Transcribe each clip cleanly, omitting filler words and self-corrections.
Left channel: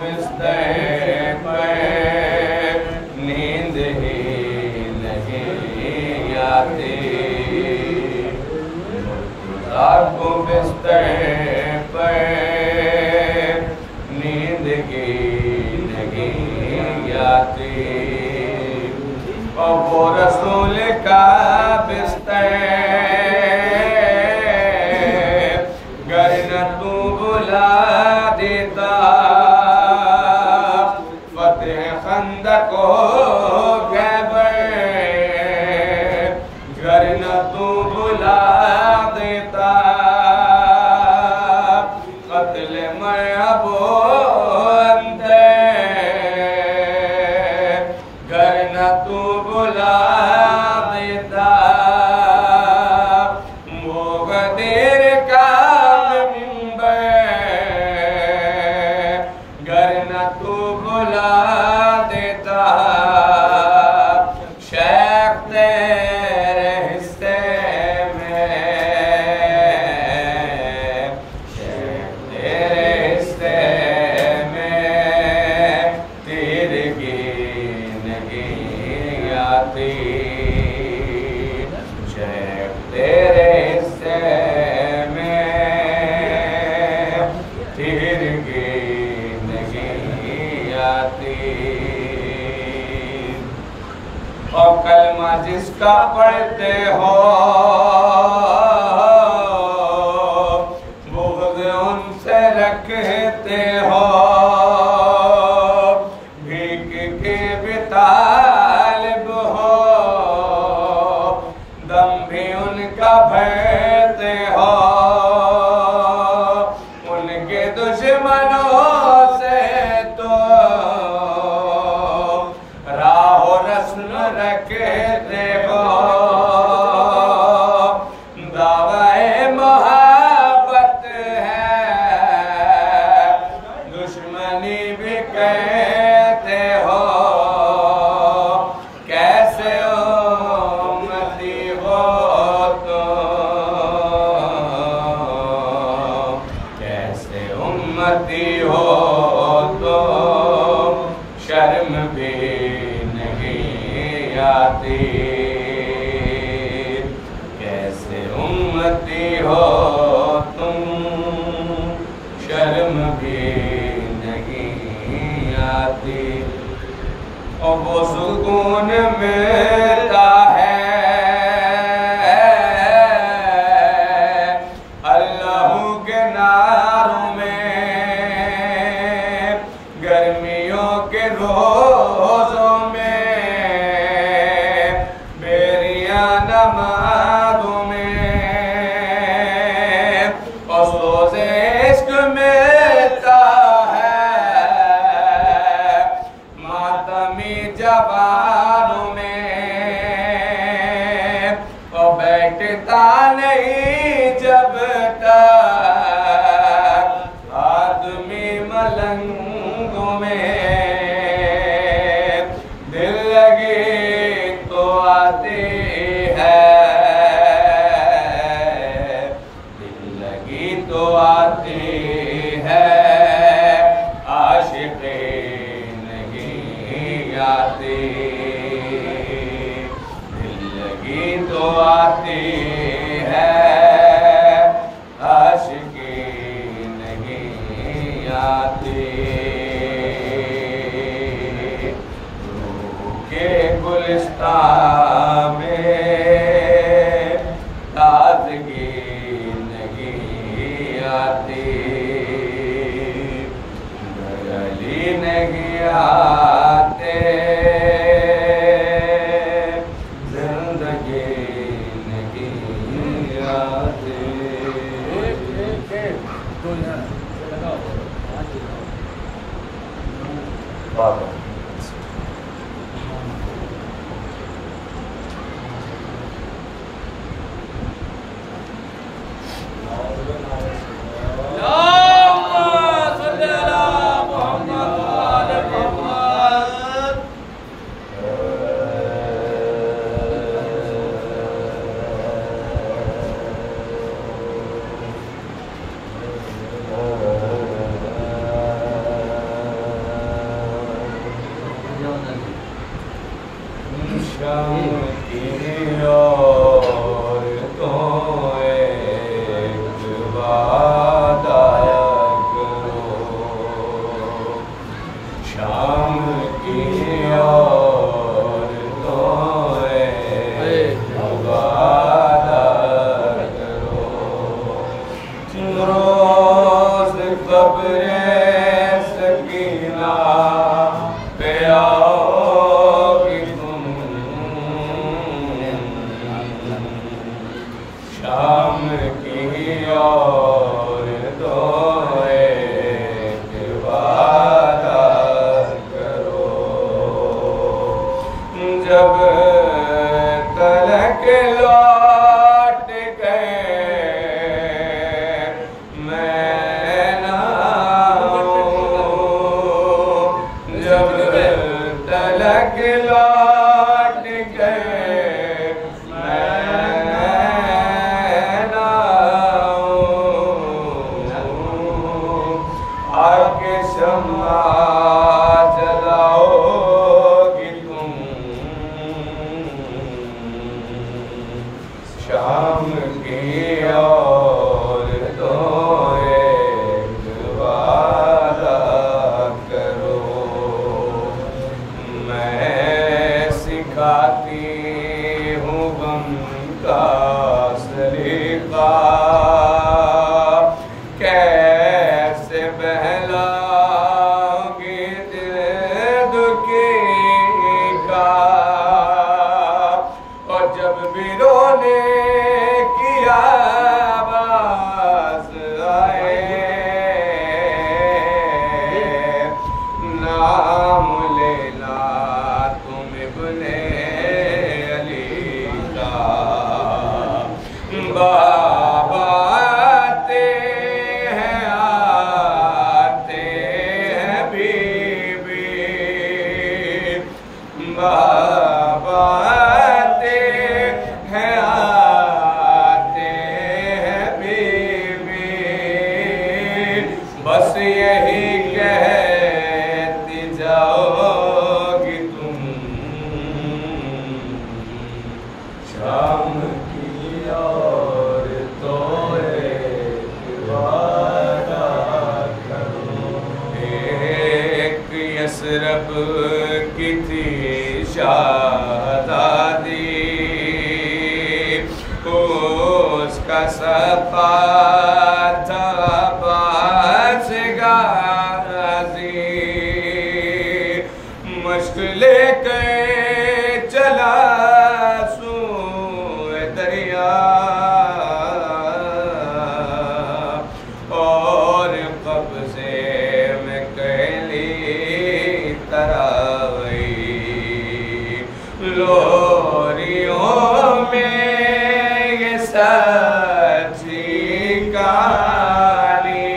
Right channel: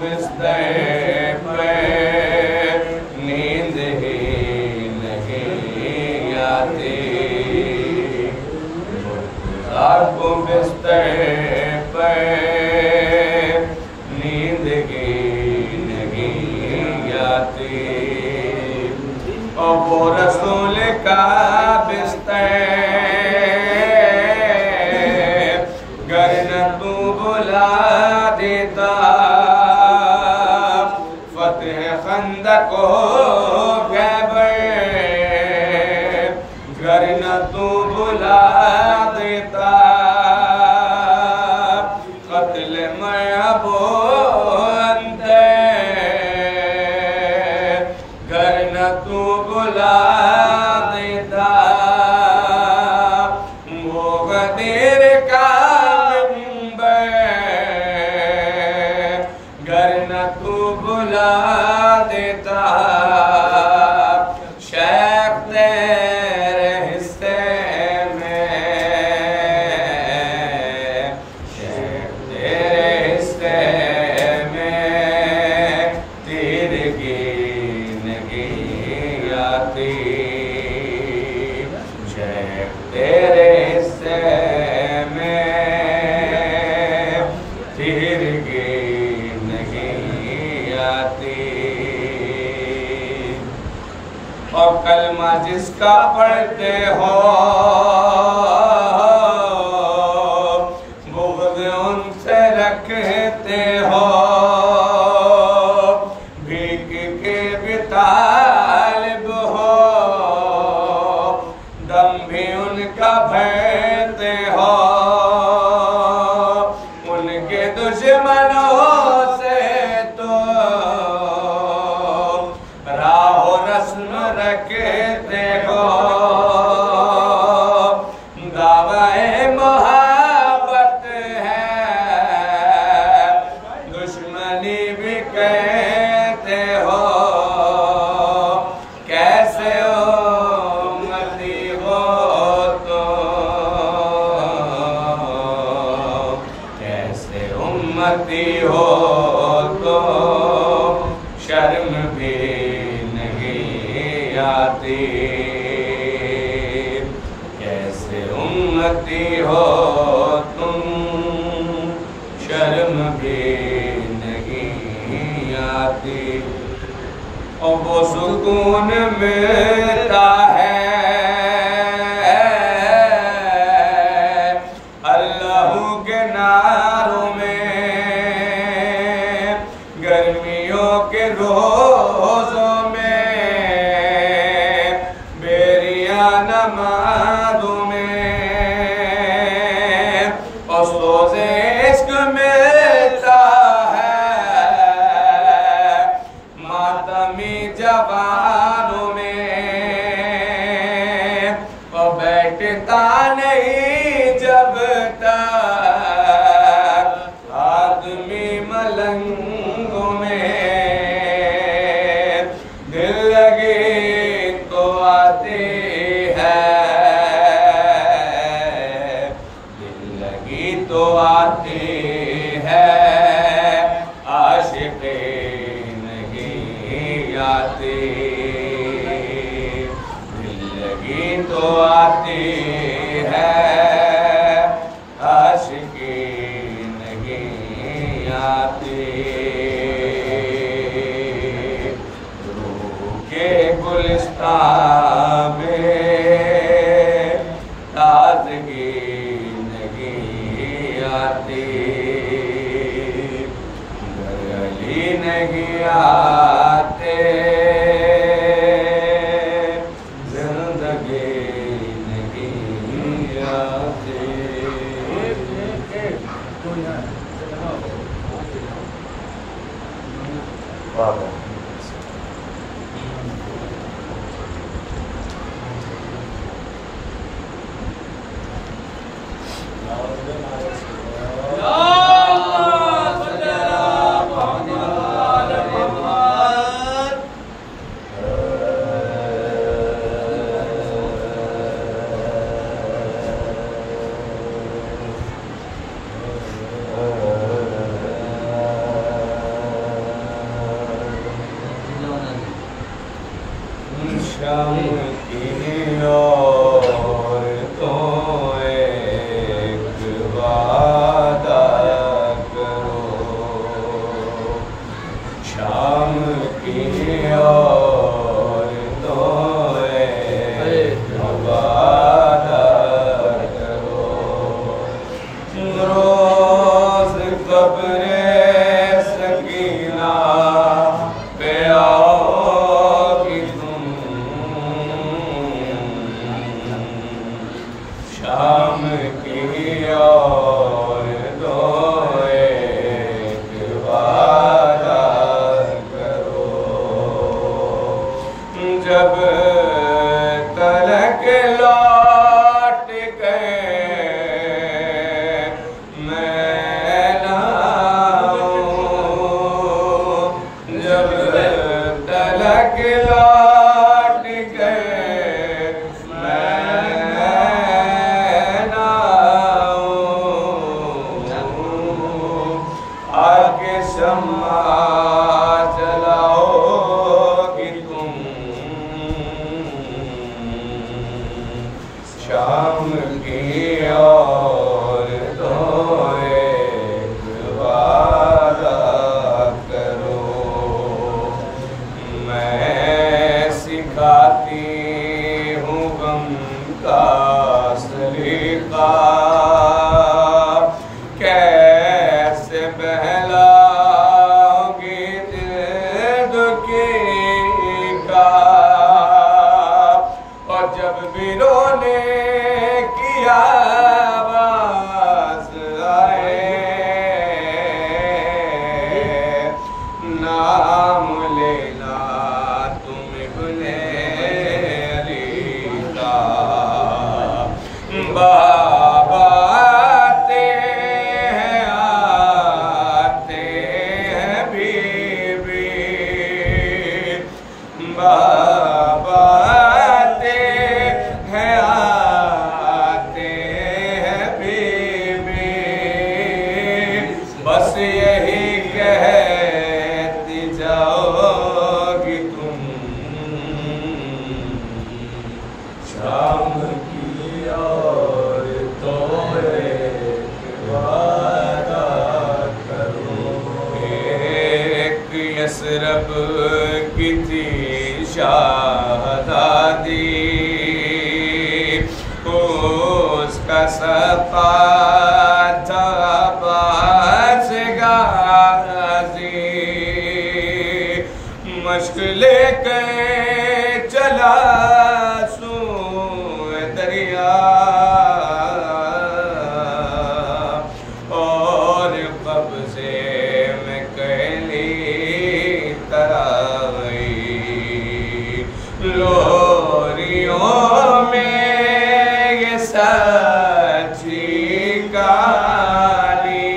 बिस्तर पे नींद ही नहीं आती, मुर्तज़ा को बिस्तर पे नींद ही नहीं आती। और वो रसूल का बिस्तर गर न तू बुला देता, फतेह खंदक हो खैबर गर न तू बुला देता, कत्ल मरहबो अंते गर न तू बुला देता। वो गदीर का मिंबर गर न तू बुला देता, शेख तेरे हिस्से में, शेख तेरे हिस्से में तिरगी नहीं आती, शेख तेरे हिस्से में तिरगी नहीं आती। और कलमा जिसका पढ़ते हो बुग़्ज़ उनसे रखते हो, भीख के भी तालिब हो, दम भी उनका भरते हो, उनके दुश्मनों से तो राहो रस्म रखते हो, दावाए मोहब्बत है दुश्मनी भी कहते हो, कैसे उम्मती हो तो, कैसे उम्मती हो तो शर्म भी नहीं आती, कैसे उम्मती हो तुम शर्म भी नहीं आती। और वो सुकून मिलता है अल्लाह के नारों में, गर्मियों के रोज़ों में, बेरिया नमाज़ों में, और सोज़े इश्क मिलता है मातमी जवानों में, और बैठता नहीं जब तक आदमी मलंगों में, दिल लगी तो आती है, दिल लगी तो आती है, आशिक़ी नहीं आती, दिल लगी तो आती है, आशिक़ी नहीं आती। रूह के गुलिस्तान में ताज़गी नहीं आती, गली नहीं आते, जिंदगी नहीं आती। बाबा शम की और तो एक वादा करो, शाम की और तो एक वादा करो। रोज कब्रे सकीना पे आओगी तुम, शाम की और तो एक वादा करो। जब तलक लौट गए मैं ना आऊं, जब तलक लौट गए मैं ना आऊं, आके शम्मा जलाओगी तुम, शाम की और तो एक वादा करो। मैं सिखाती हूँ गम का सलीका, कैसे बहलाओगी दिल दुखी का, और जब भी रोने की आवाज आए नाम लेना तुम इब्ने अली का। बाबा आते हैं बीबी, बाबा आते हैं बीबी, बस यही कहती जाओगी तुम, शाम की और तो एक वादा करो। एक यसरब की थी शाहज़ादी, उसका सफ़ा था बाज गाज़ी, मश्क लेकर चला सूए दरिया, और कब्ज़े में कैली तराई, लोरियों में ये सच्ची कहानी,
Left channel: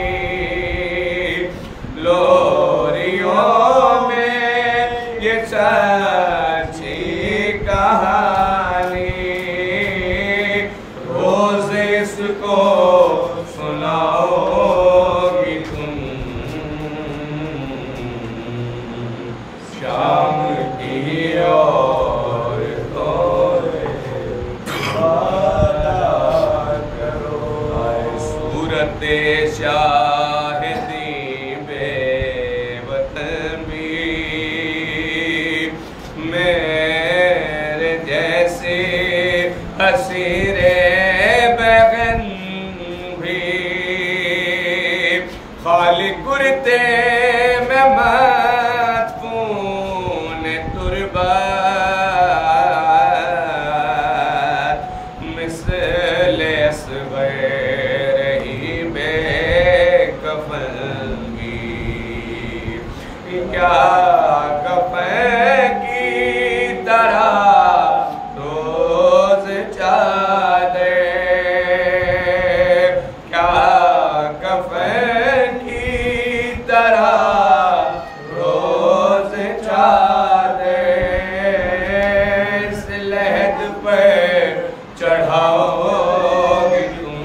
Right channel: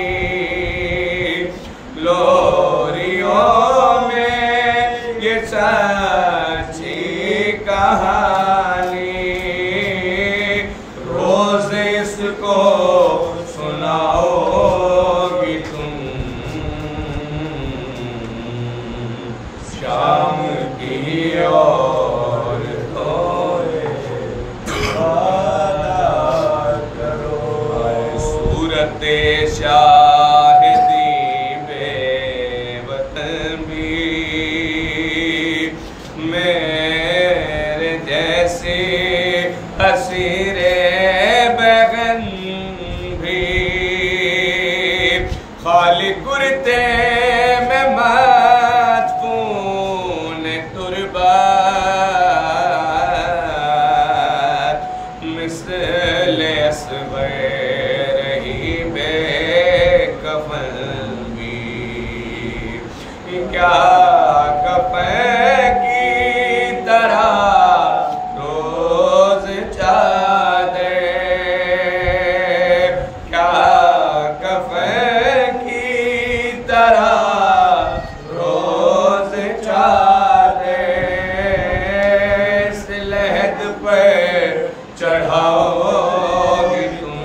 लोरियों में ये सच्ची कहानी, रोज इसको सुनाओगी तुम, शाम की और तो एक वादा करो। आए सूरत शाहिदी बेवतन भी, मेरे जैसे हसीरे बैगन भी, खाली कुर्ते में मदफून तुरबात, मिसले असग़र ही बेकफ़न भी, क्या कफ़न की तरह रोज चादर, क्या कफ़न की तरह रोज चादर, इस लहद पर चढ़ाओगी तुम,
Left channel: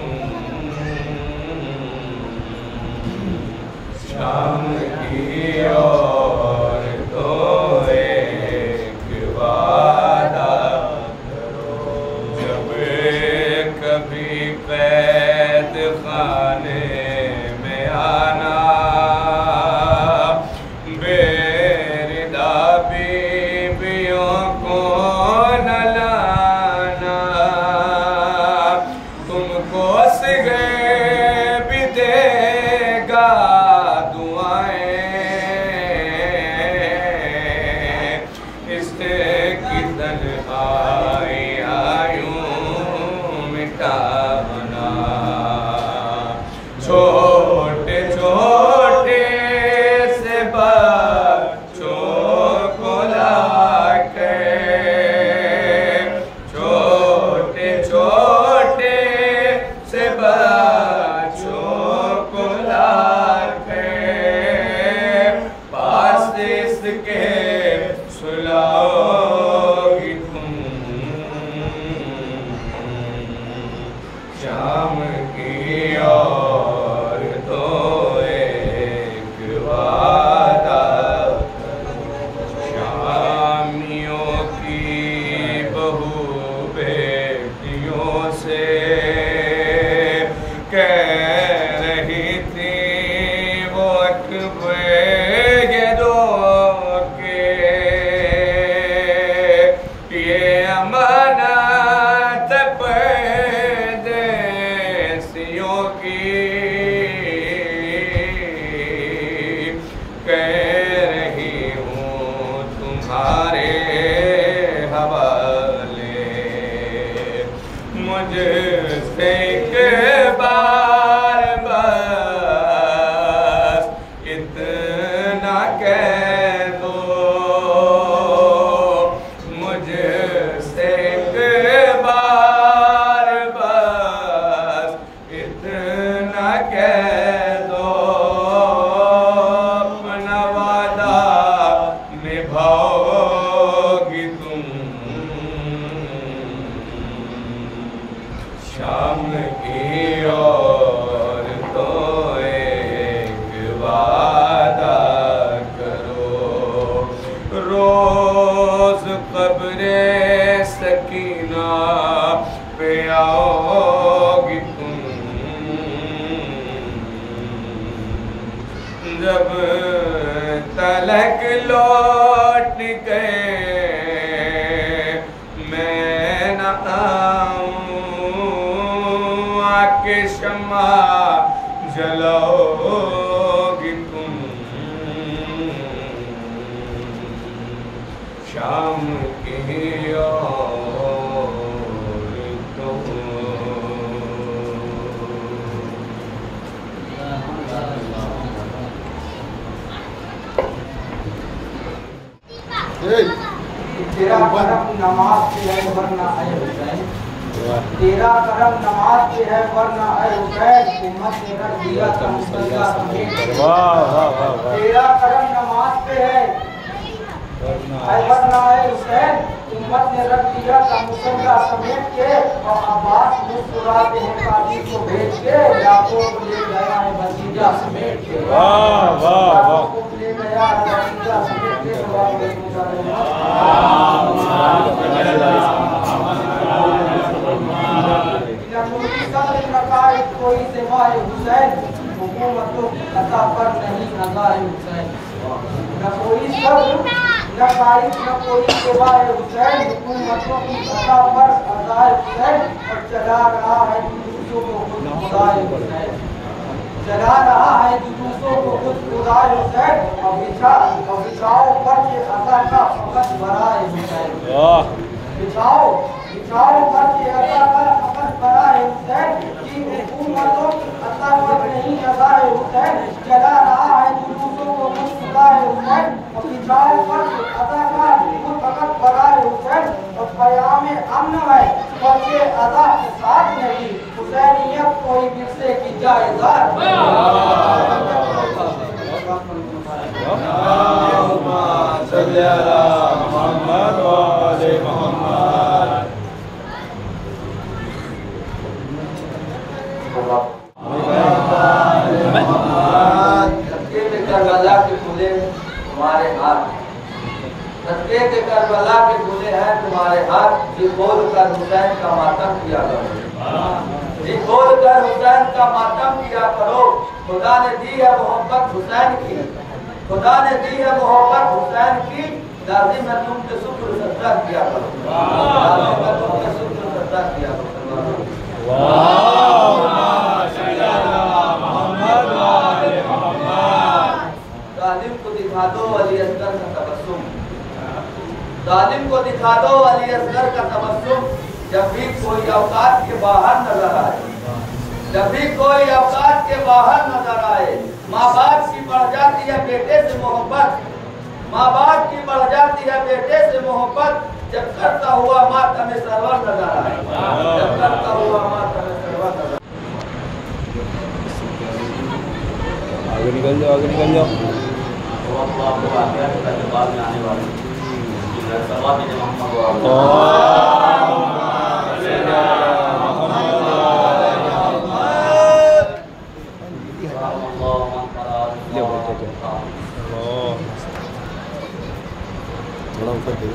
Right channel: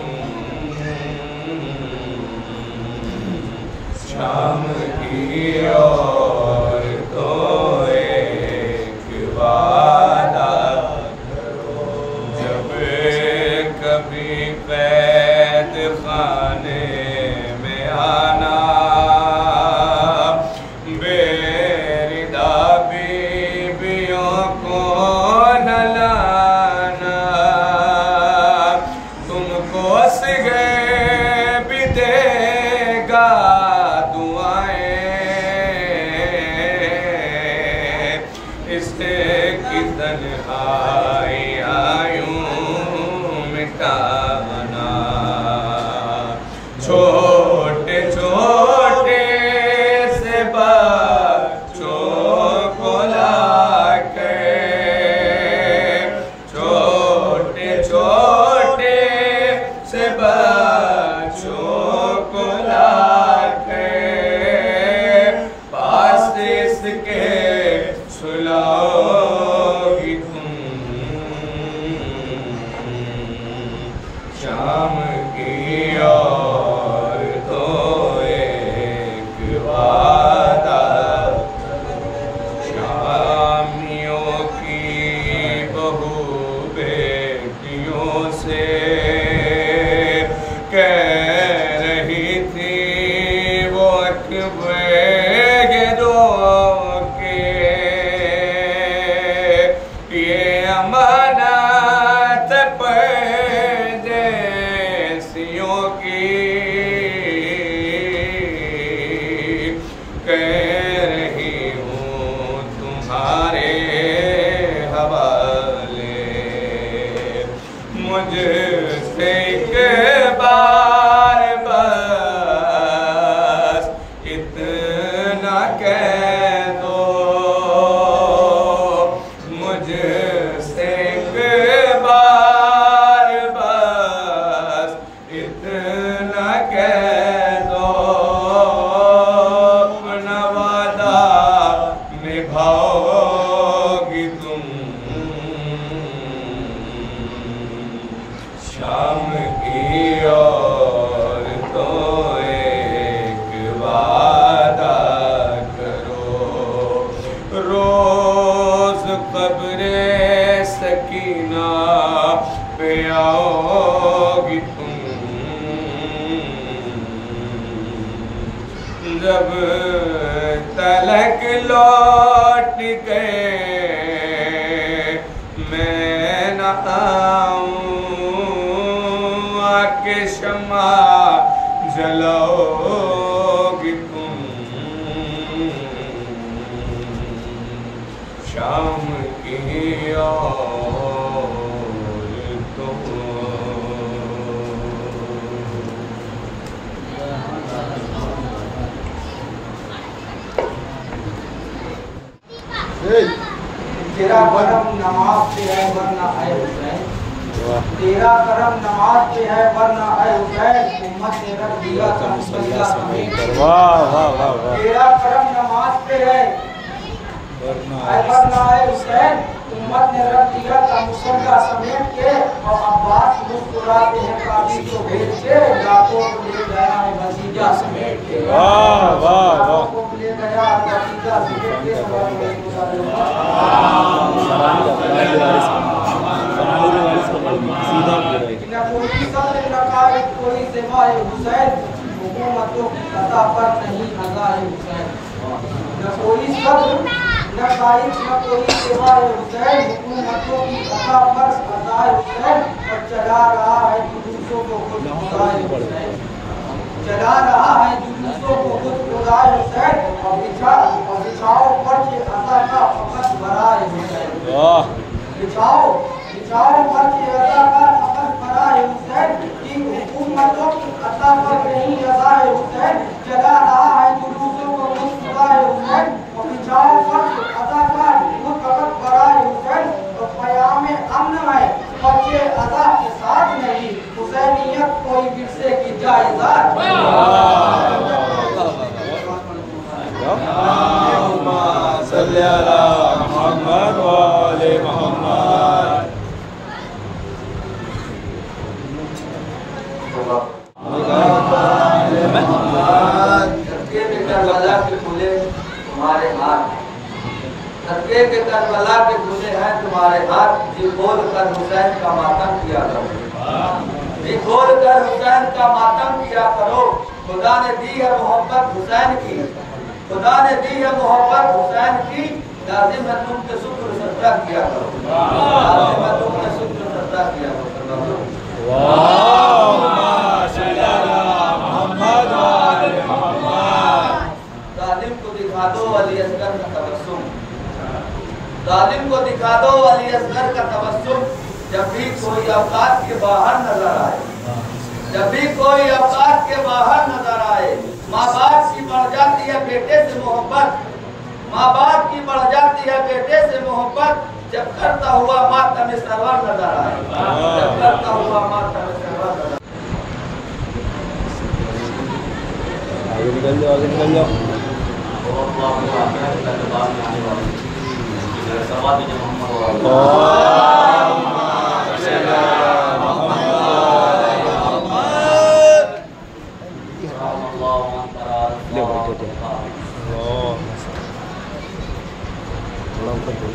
शाम की और तो एक वादा कह रही थी वो रो के ये अमानत परदेसियों की कह रही हूँ तुम्हारे हवाले। मुझसे एक बार बस इतना कह दो, मुझसे एक बार बस इतना कह दो, अपना वादा निभाओगी तुम। शाम की और तो एक वादा करो, रोज कब्रे सकीना पे आओगी तुम। जब तलक लौट गए मैं न आऊं, आके शमा जलाओगी तुम। शाम की और तो तेरा करम नमाज पे है वरना आए हुसैन, तेरा करम नमाज पे है वरना आए हुसैन, हिम्मत ने रख दिया तो मुसल्ला समेट। तेरा करम नमाज पे है वरना आए हुसैन, हिम्मत ने रख दिया था मुसल्ला समेट के। और अब्बास मुस्कुराते हैं काबी को भेज के, लाखों को ले गया है भतीजा समेट के। वाह वाह वाह, को ले गया है भतीजा समेट के। कोई सिवाय हुसैन, हुकूमतों की कथा पर नहीं नज़ार हुसैन। न कोई सब्र न गाइब न कोई सिवाय हुसैन, हुकूमतों की कथा पर नज़ार हुसैन। और चला रहा है जुलूसों को खुद खुदाए हुसैन, चला रहा है जुलूसों को खुद खुदाए हुसैन। और बिछाओ पर के अता का फकत बराए हुसैन, बिछाओ पर के अता का फकत बराए हुसैन। की हुकूमतों की अता पर नहीं अज़ाए हुसैन, चला रहा है जुलूसों को खुद खुदाए हुसैन। और बिछाओ पर के अता का फकत बराए हुसैन। और क़याम अमन है बच्चे अज़ा के साथ नहीं, हुसैनियत कोई विरसे की जायज़ात। सल्ली अला मुहम्मद व आले मुहम्मद। सदके में करबला के खुले तुम्हारे हाथ, सदके के करबला के खुले हैं तुम्हारे हाथ। जी खोल कर हुसैन का मातम किया करो, जी खोल कर हुसैन का मातम किया करो। खुदा ने दी है मोहब्बत हुसैन की, खुदा ने दी है मोहब्बत हुसैन की। लाजिम है तुम पे शुक्र सजदा किया करो, लाजिम है तुम पे शुक्र सजदा किया करो। जालिम को दिखा दो अली असगर का तबस्सुम, जालिम को दिखा दो अली असगर का तबस्सुम। जब भी कोई औकात के बाहर नजर आए, जब भी कोई औकात के बाहर नजर आए। माँ बाप की बढ़ जाती है बेटे से मोहब्बत, माँ बाप की बढ़ जाती है बेटे से मोहब्बत। जब करता हुआ मातम सरवर नजर आए, जब करता हुआ मातम सरवर नजर। आगे निकल जाओ, आगे निकल जाओ। थोड़ा ऊपर दो।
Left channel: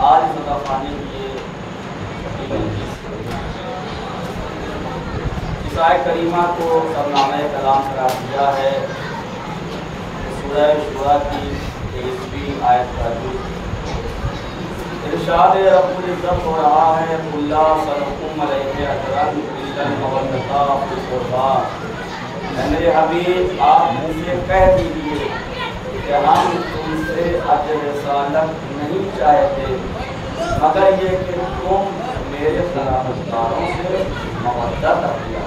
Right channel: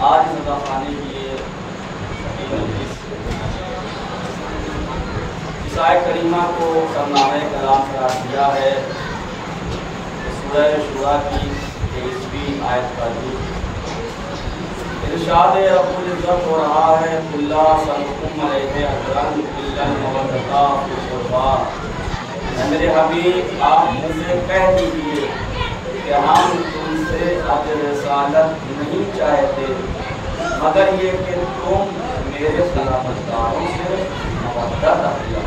आज सदाखाने की ये इस आयत करीमा को सरनामे कलाम करार दिया है। सूरह शुरा की 23वीं आयत का इरशाद रब्बुल इज्जत हो रहा है कुल्ला सलकुम अलैहि अजरन इल्लल मवद्दता फिल कुर्बा। मेरे हबीब आप मुझसे कह दीजिए कि हम तुमसे अजर रिसालत नहीं चाहते मगर ये कि तुम मेरे सलामतदारों से मवद्दत रखिए।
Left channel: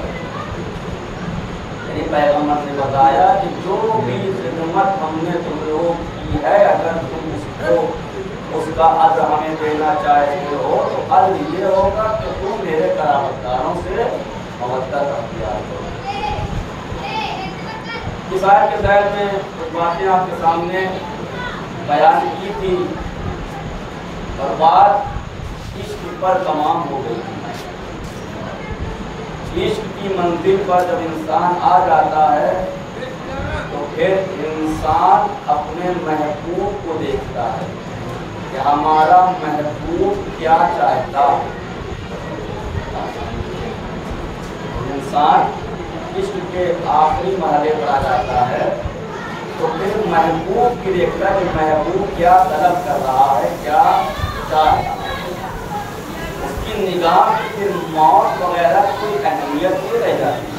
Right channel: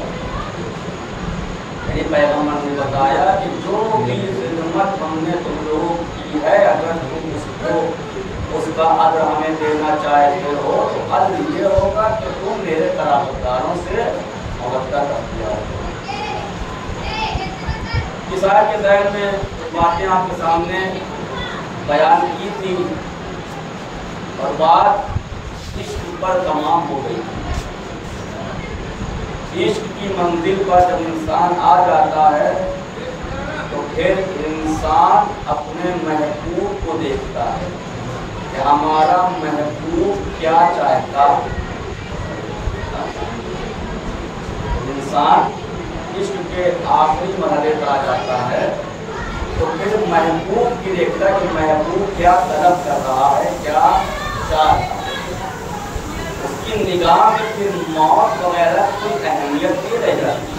यानी पैगम्बर ने बताया कि जो भी खिदमत हमने तुम लोगों की है अगर तुम उसको उसका अज्र हमें देना चाहते हो तो अज्र ये होगा कि तुम मेरे करामतदारों से मवद्दत रखिए। इस आयत के तहत में कुछ बातें आपके सामने बयान की थी और बात इश्क पर तमाम हो गई थी। इश्क की मंजिल पर जब इंसान आ जाता है तो फिर इंसान अपने महबूब को देखता है कि हमारा महबूब क्या चाहता है। इंसान इश्क के आखिरी मरहले पर आ जाता है तो फिर महबूब की देखता है कि महबूब क्या तलब कर रहा है, क्या चाहता है। उसकी निगाह में फिर मौत वगैरह कोई अहमियत नहीं रह जाती।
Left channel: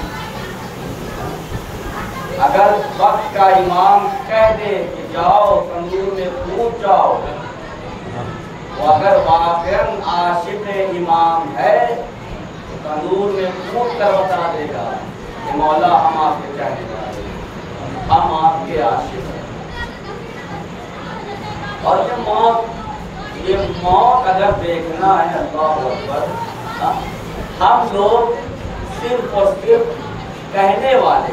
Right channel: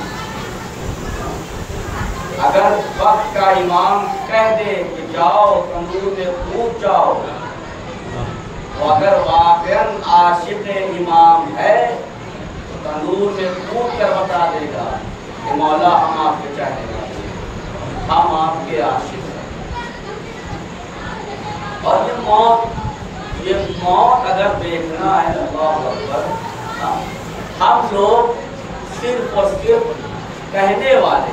अगर वक्त का इमाम कह दे कि जाओ तंदूर में कूद जाओ तो अगर वाकई आशिक इमाम है तो तंदूर में कूद कर बता देगा कि मौला हम आपके चाहने वाले, हम आपके आशिक हैं। और ये मौत अगर देखना है अल्लाह अकबर, हम लोग सिर्फ और सिर्फ कहने वाले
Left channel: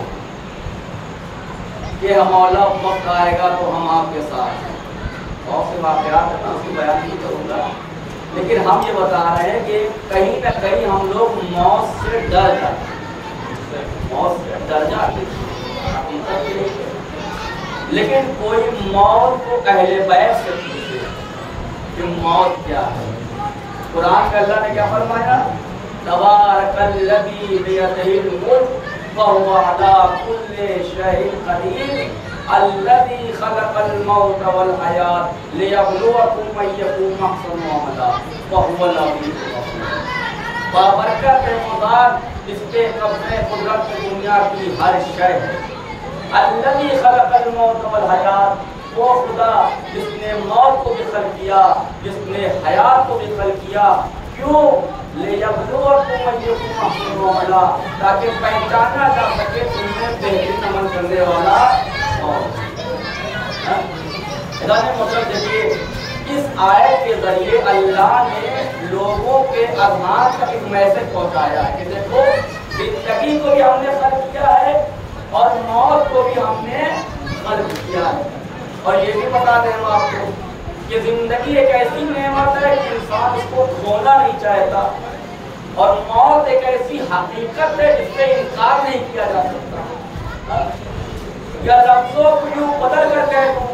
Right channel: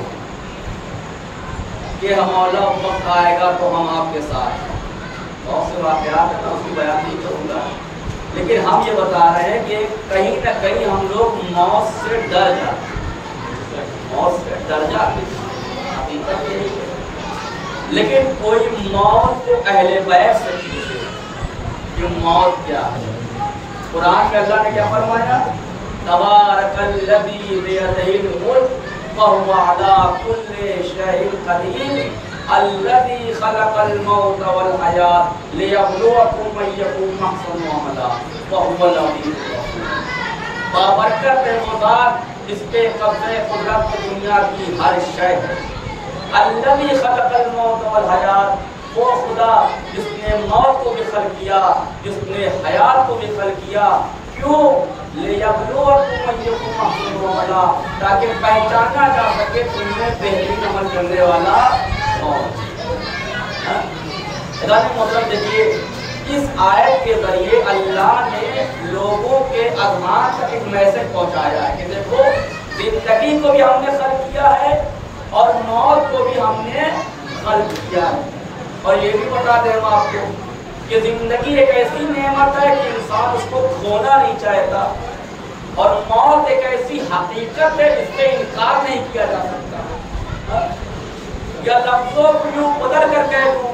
कि हम मौला वक्त आएगा तो हम आपके साथ हैं। बहुत से वाक़यात है ना, उसकी बयान नहीं करूँगा, लेकिन हम ये बता रहे हैं कि कहीं ना कहीं हम लोग मौत से डर जाते हैं, मौत से डर जाते हैं। लेकिन कोई मौत को अहले बैत से पूछे कि मौत क्या है। कुरान में अल्लाह ने क्या फरमाया, तबारकल्लज़ी बियदिहिल मुल्क व हुवा अला कुल्लि शैइन क़दीर अल्लज़ी खलक़ल मौत वल हयात लियब्लुवकुम अय्युकुम अहसनु अमला व हुवल अज़ीज़ुल गफ़ूर। बाबरकत है खुदा, इस पे कब्ज़े कुदरत में दुनिया की हर शय है। अल्लज़ी खलक़ल मौत वल हयात, वो खुदा जिसने मौत को भी खल्क़ किया, जिसने हयात को भी खल्क़ किया। क्यों? लियब्लुवकुम अय्युकुम अहसनु अमला, ताकि पहचाना जा सके तुमने बेहतरीन अमल करने वाला कौन। मतलब देखिए इस आयत के जरिए अल्लाह ने लोगों के अज़हान तक एक मैसेज पहुंचाया है कि देखो जिंदगी को भी हमने खल्क किया है और मौत को भी हमने खल्क किया है। और ये भी बता दें हम आपको कि जिंदगी एक ऐसी नेमत है कि इंसान उसको खोना नहीं चाहता और मौत एक ऐसी हकीकत है जिससे इनकार नहीं किया जा सकता। या लफ्जों को यूं बदल कर कह दूं,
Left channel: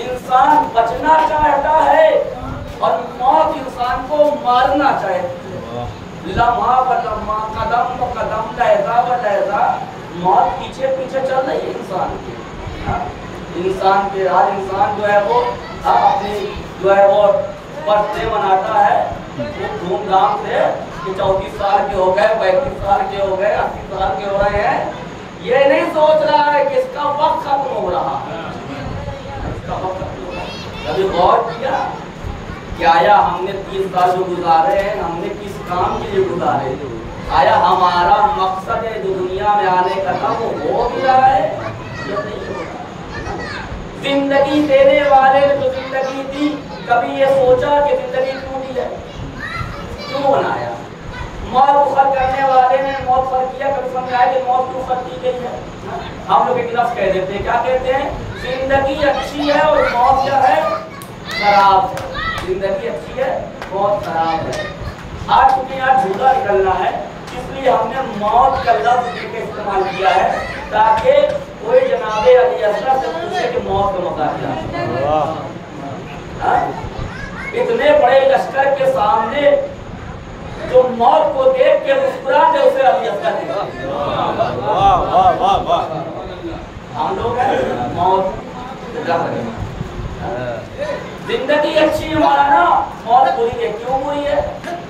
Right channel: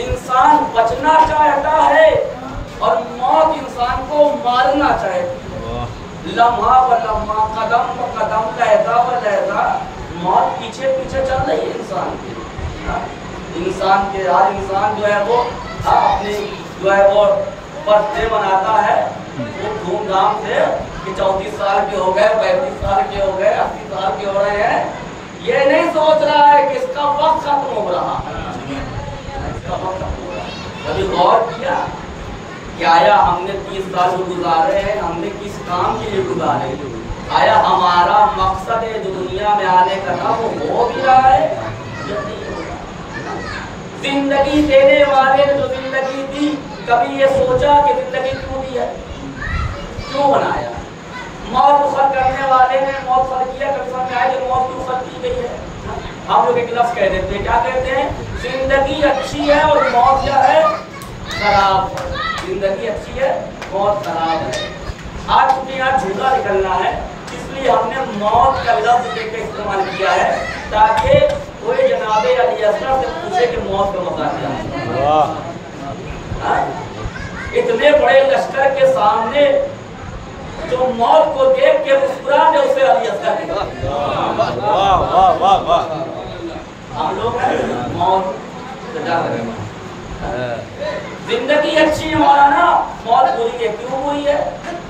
इंसान बचना चाहता है और मौत इंसान को मारना चाहती है। लम्हा व लम्हा, कदम व कदम, लहजा व लहजा मौत पीछे पीछे चल रही है इंसान के। इंसान के आज इंसान जो है वो अपनी जो है वो बर्थडे मनाता है वो धूमधाम से कि 34 साल के हो गए, 35 साल के हो गए, 80 साल के हो रहे हैं। ये नहीं सोच रहा है कि इसका वक्त खत्म हो रहा है, इसका वक्त खत्म हो रहा है। कभी गौर किया कि आया हमने 30 साल जो गुजारे हैं हमने किस काम के लिए गुजारे? आया हमारा मकसद है जो दुनिया में आने का था वो हो भी रहा है या नहीं हो रहा? जिंदगी देने वाले ने जो जिंदगी दी, कभी ये सोचा कि जिंदगी क्यों दी है, क्यों बनाया? मौत को खल्क करने वाले ने मौत खल्क किया, कभी समझ आया कि मौत क्यों खल्क की गई है? हम लोग एक लफ्ज़ कह देते हैं, क्या कहते हैं? जिंदगी अच्छी है और मौत क्या है? खराब है। जिंदगी अच्छी है, मौत खराब है। आज चूंकि यहाँ झूठा निकलना है इसलिए हमने मौत का लफ्ज़ देकर इस्तेमाल किया है ताकि कोई जनाबे अली असगर से पूछे कि मौत का मज़ा क्या है। इतने बड़े लश्कर के सामने जो मौत को देख के मुस्कुरा दे उसे अली असगर कहते। वाह वाह वाह वाह। हम लोग हैं मौत से डर रहे हैं। जिंदगी अच्छी है मौलाना, मौत बुरी है। क्यों बुरी है?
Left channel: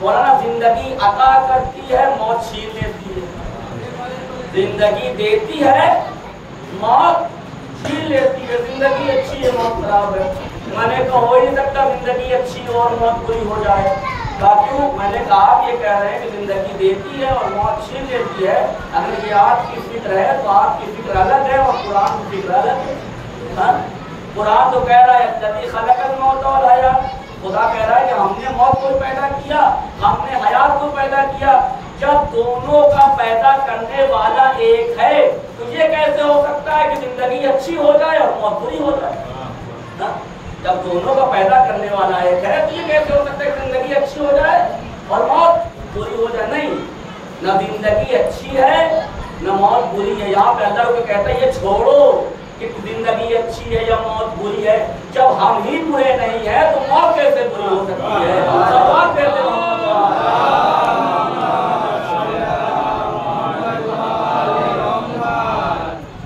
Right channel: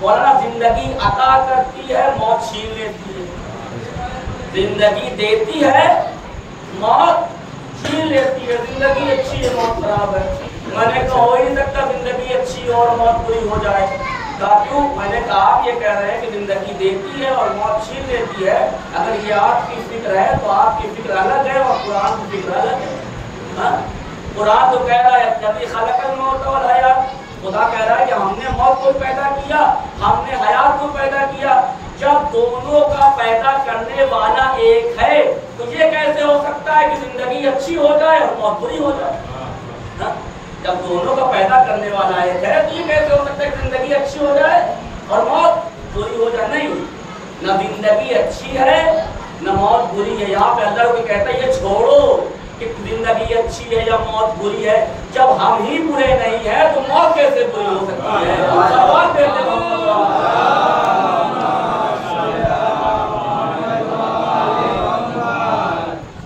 मौलाना जिंदगी अता करती है, मौत छीन लेती है। जिंदगी देती है, मौत छीन लेती है। जिंदगी अच्छी है, मौत खराब है। मैंने कहा हो ही नहीं सकता जिंदगी अच्छी और मौत बुरी हो जाए। क्यों? मैंने कहा आप ये कह रहे हैं कि जिंदगी देती है और मौत छीन लेती है। अगर ये आपकी फिक्र है तो आपकी फिक्र अलग है और कुरान की फिक्र अलग है। कुरान तो कह रहा है अल्लज़ी खलक़ल मौत वल हयात, खुदा कह रहा है कि हमने मौत को पैदा किया, हमने हयात को पैदा किया। जब दोनों का पैदा करने वाला एक है तो ये कैसे हो सकता है कि जिंदगी अच्छी हो जाए और मौत बुरी हो जाए? जब दोनों का पैदा करने वाला एक है तो ये कैसे हो सकता है कि जिंदगी अच्छी हो जाए और मौत बुरी हो जाए? नहीं, न जिंदगी अच्छी है न मौत बुरी है। यहाँ पे अल्लाह को कहता है ये छोड़ो कि जिंदगी अच्छी है या मौत बुरी है। जब हम ही बुरे नहीं है तो मौत कैसे बुरी हो सकती है? सवाल करते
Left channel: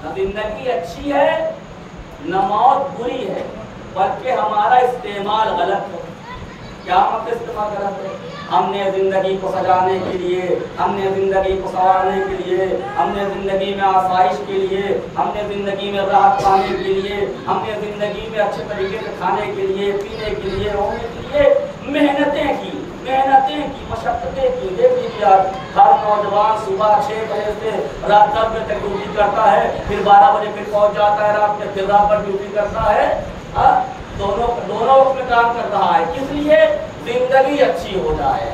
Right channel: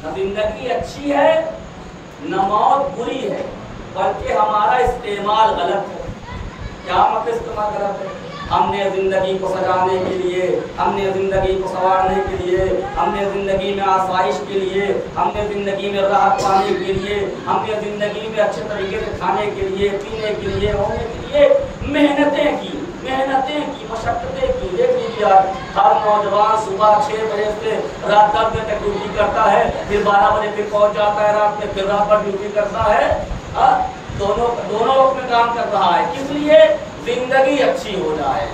न जिंदगी अच्छी है न मौत बुरी है, बल्कि हमारा इस्तेमाल गलत है। क्या मतलब इस्तेमाल गलत है? हमने जिंदगी को सजाने के लिए, हमने जिंदगी को संवारने के लिए, हमने जिंदगी में आसाइश के लिए, हमने जिंदगी में राहत पाने के लिए, हमने जिंदगी में अच्छे तरीके से खाने के लिए, पीने के लिए, होने के लिए मेहनतें की, मशक्क़तें की। देख लीजिए आप, हर नौजवान सुबह 6 बजे से रात 10 बजे तक ड्यूटी करता है, फिर 12 बजे फिर पहुंच जाता है रात में, फिर रात भर ड्यूटी करता है। दोनों वक्त में काम कर रहा है। किस लिए? जिंदगी अच्छी हो जाए,